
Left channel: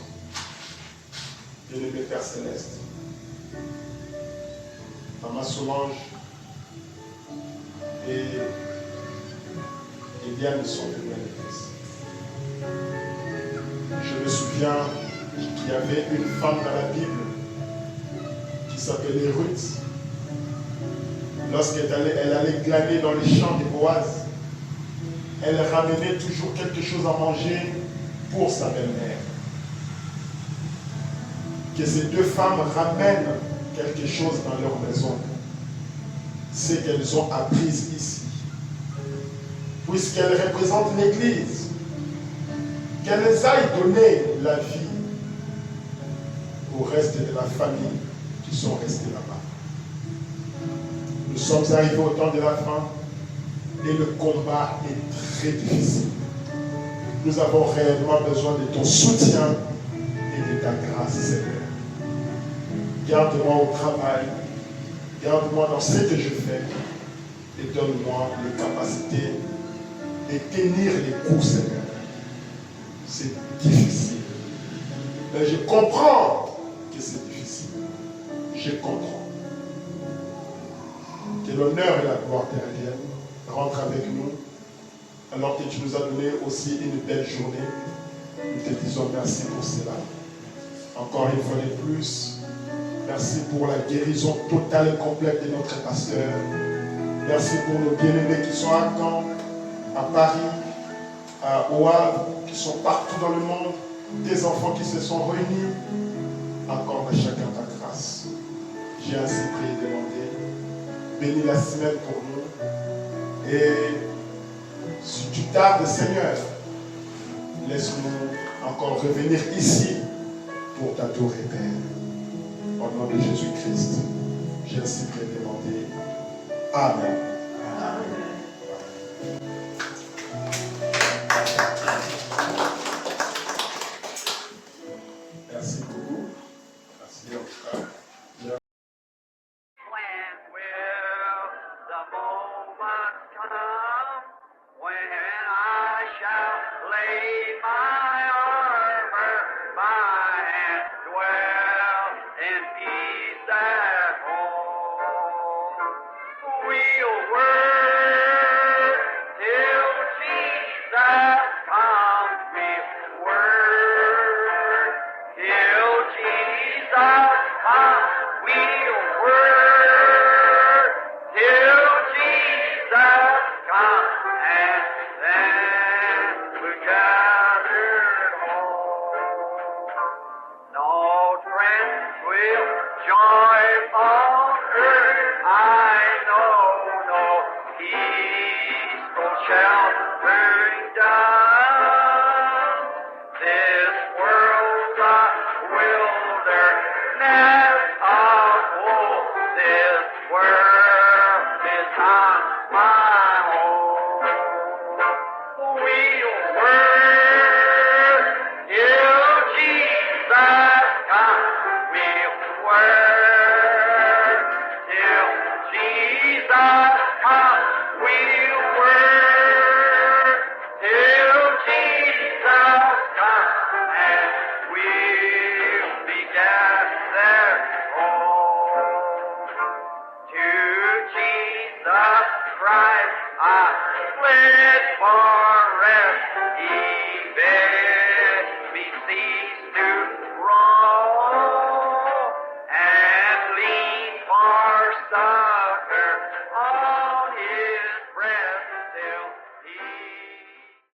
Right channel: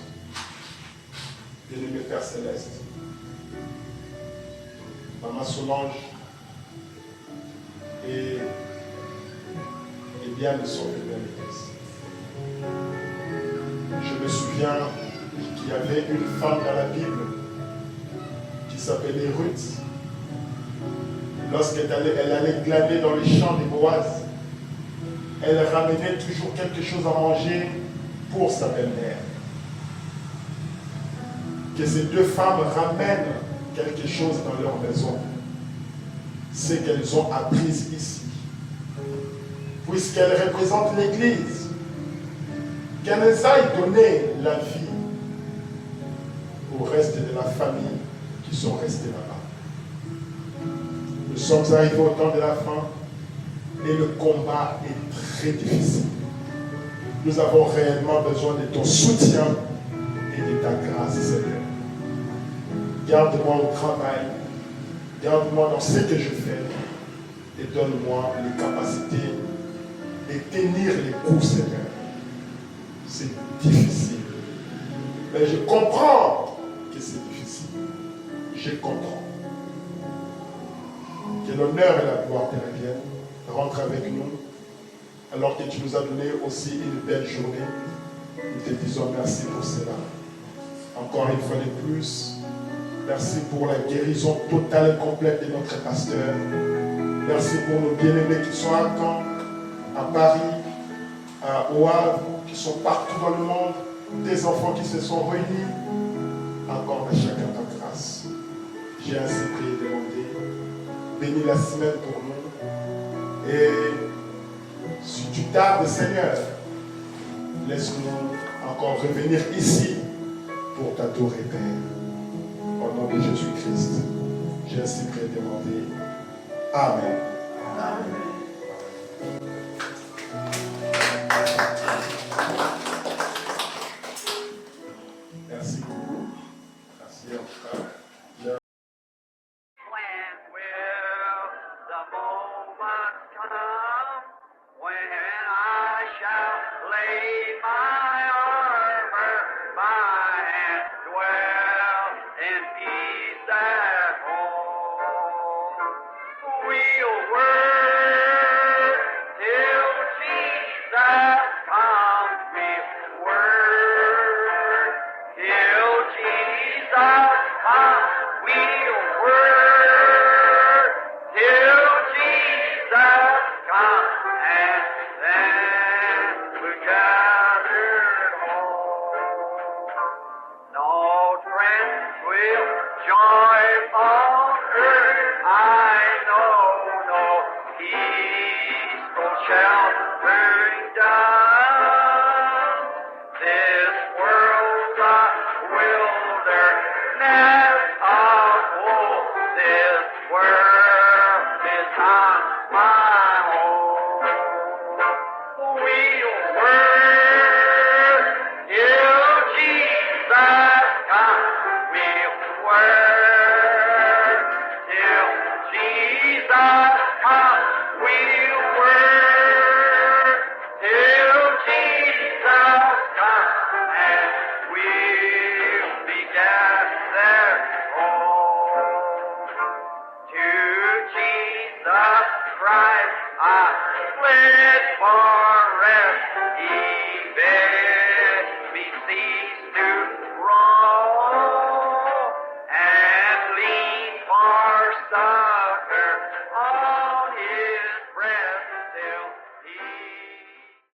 Bien-aimé Père Céleste, Maman Solange et Eliane sont venues à l'église. Je me souviens qu'il y avait une femme dans la Bible qui s'appelait Ruth. Lorsqu'elle allait glaner dans les champs de Boaz, elle ramenait toujours quelque chose à manger pour sa belle-mère. Que ces deux femmes ramènent quelque chose dans leur maison. C'est qu'elles ont appris ici. Puisqu'elles représentent l'Église, qu'elles aillent donner la vie au reste de la famille qui sont restés là-bas. Nous sommes arrivés au temps de la fin et le combat est très difficile. Nous avons réellement besoin de ton soutien et de ta grâce, Seigneur. Garde-moi au travail, garde-moi dans ce que je fais et donne-moi les capacités de tenir les coups, Seigneur. C'est difficile. Mais je comprends que c'est difficile. Je comprends. Que l'honneur et la gloire te reviennent. Rentre avec nous. Alors que tu nous as donné aussi une belle journée. Nous te disons merci pour cela. Encore une fois de plus, merci pour la guérison totale et complète de notre pasteur. Merci pour nos bien-aimés qui sont à Caen, à Paris, au Havre, qui sont partout dans le monde, des enfants qui se sont réunis. Accorde à chacun ta grâce. J'ai ainsi prié et demandé. Bénis la semaine pour nous. Et si tu tardes, Seigneur, laisse-nous encore revenir ici pour t'adorer, Père. Au nom de Jésus-Christ, j'ai ainsi prié et demandé. Amen. Merci beaucoup. Merci en tout cas. When will the moment come when I shall lay my sheltering dove. This world's a wilderness of woe. This world is not my home. We'll work till Jesus comes. We'll work till Jesus comes. We'll work till Jesus comes, and we'll be gathered home. To Jesus Christ I fled for rest. He bid me cease to roam, and lean for succor on His breast till He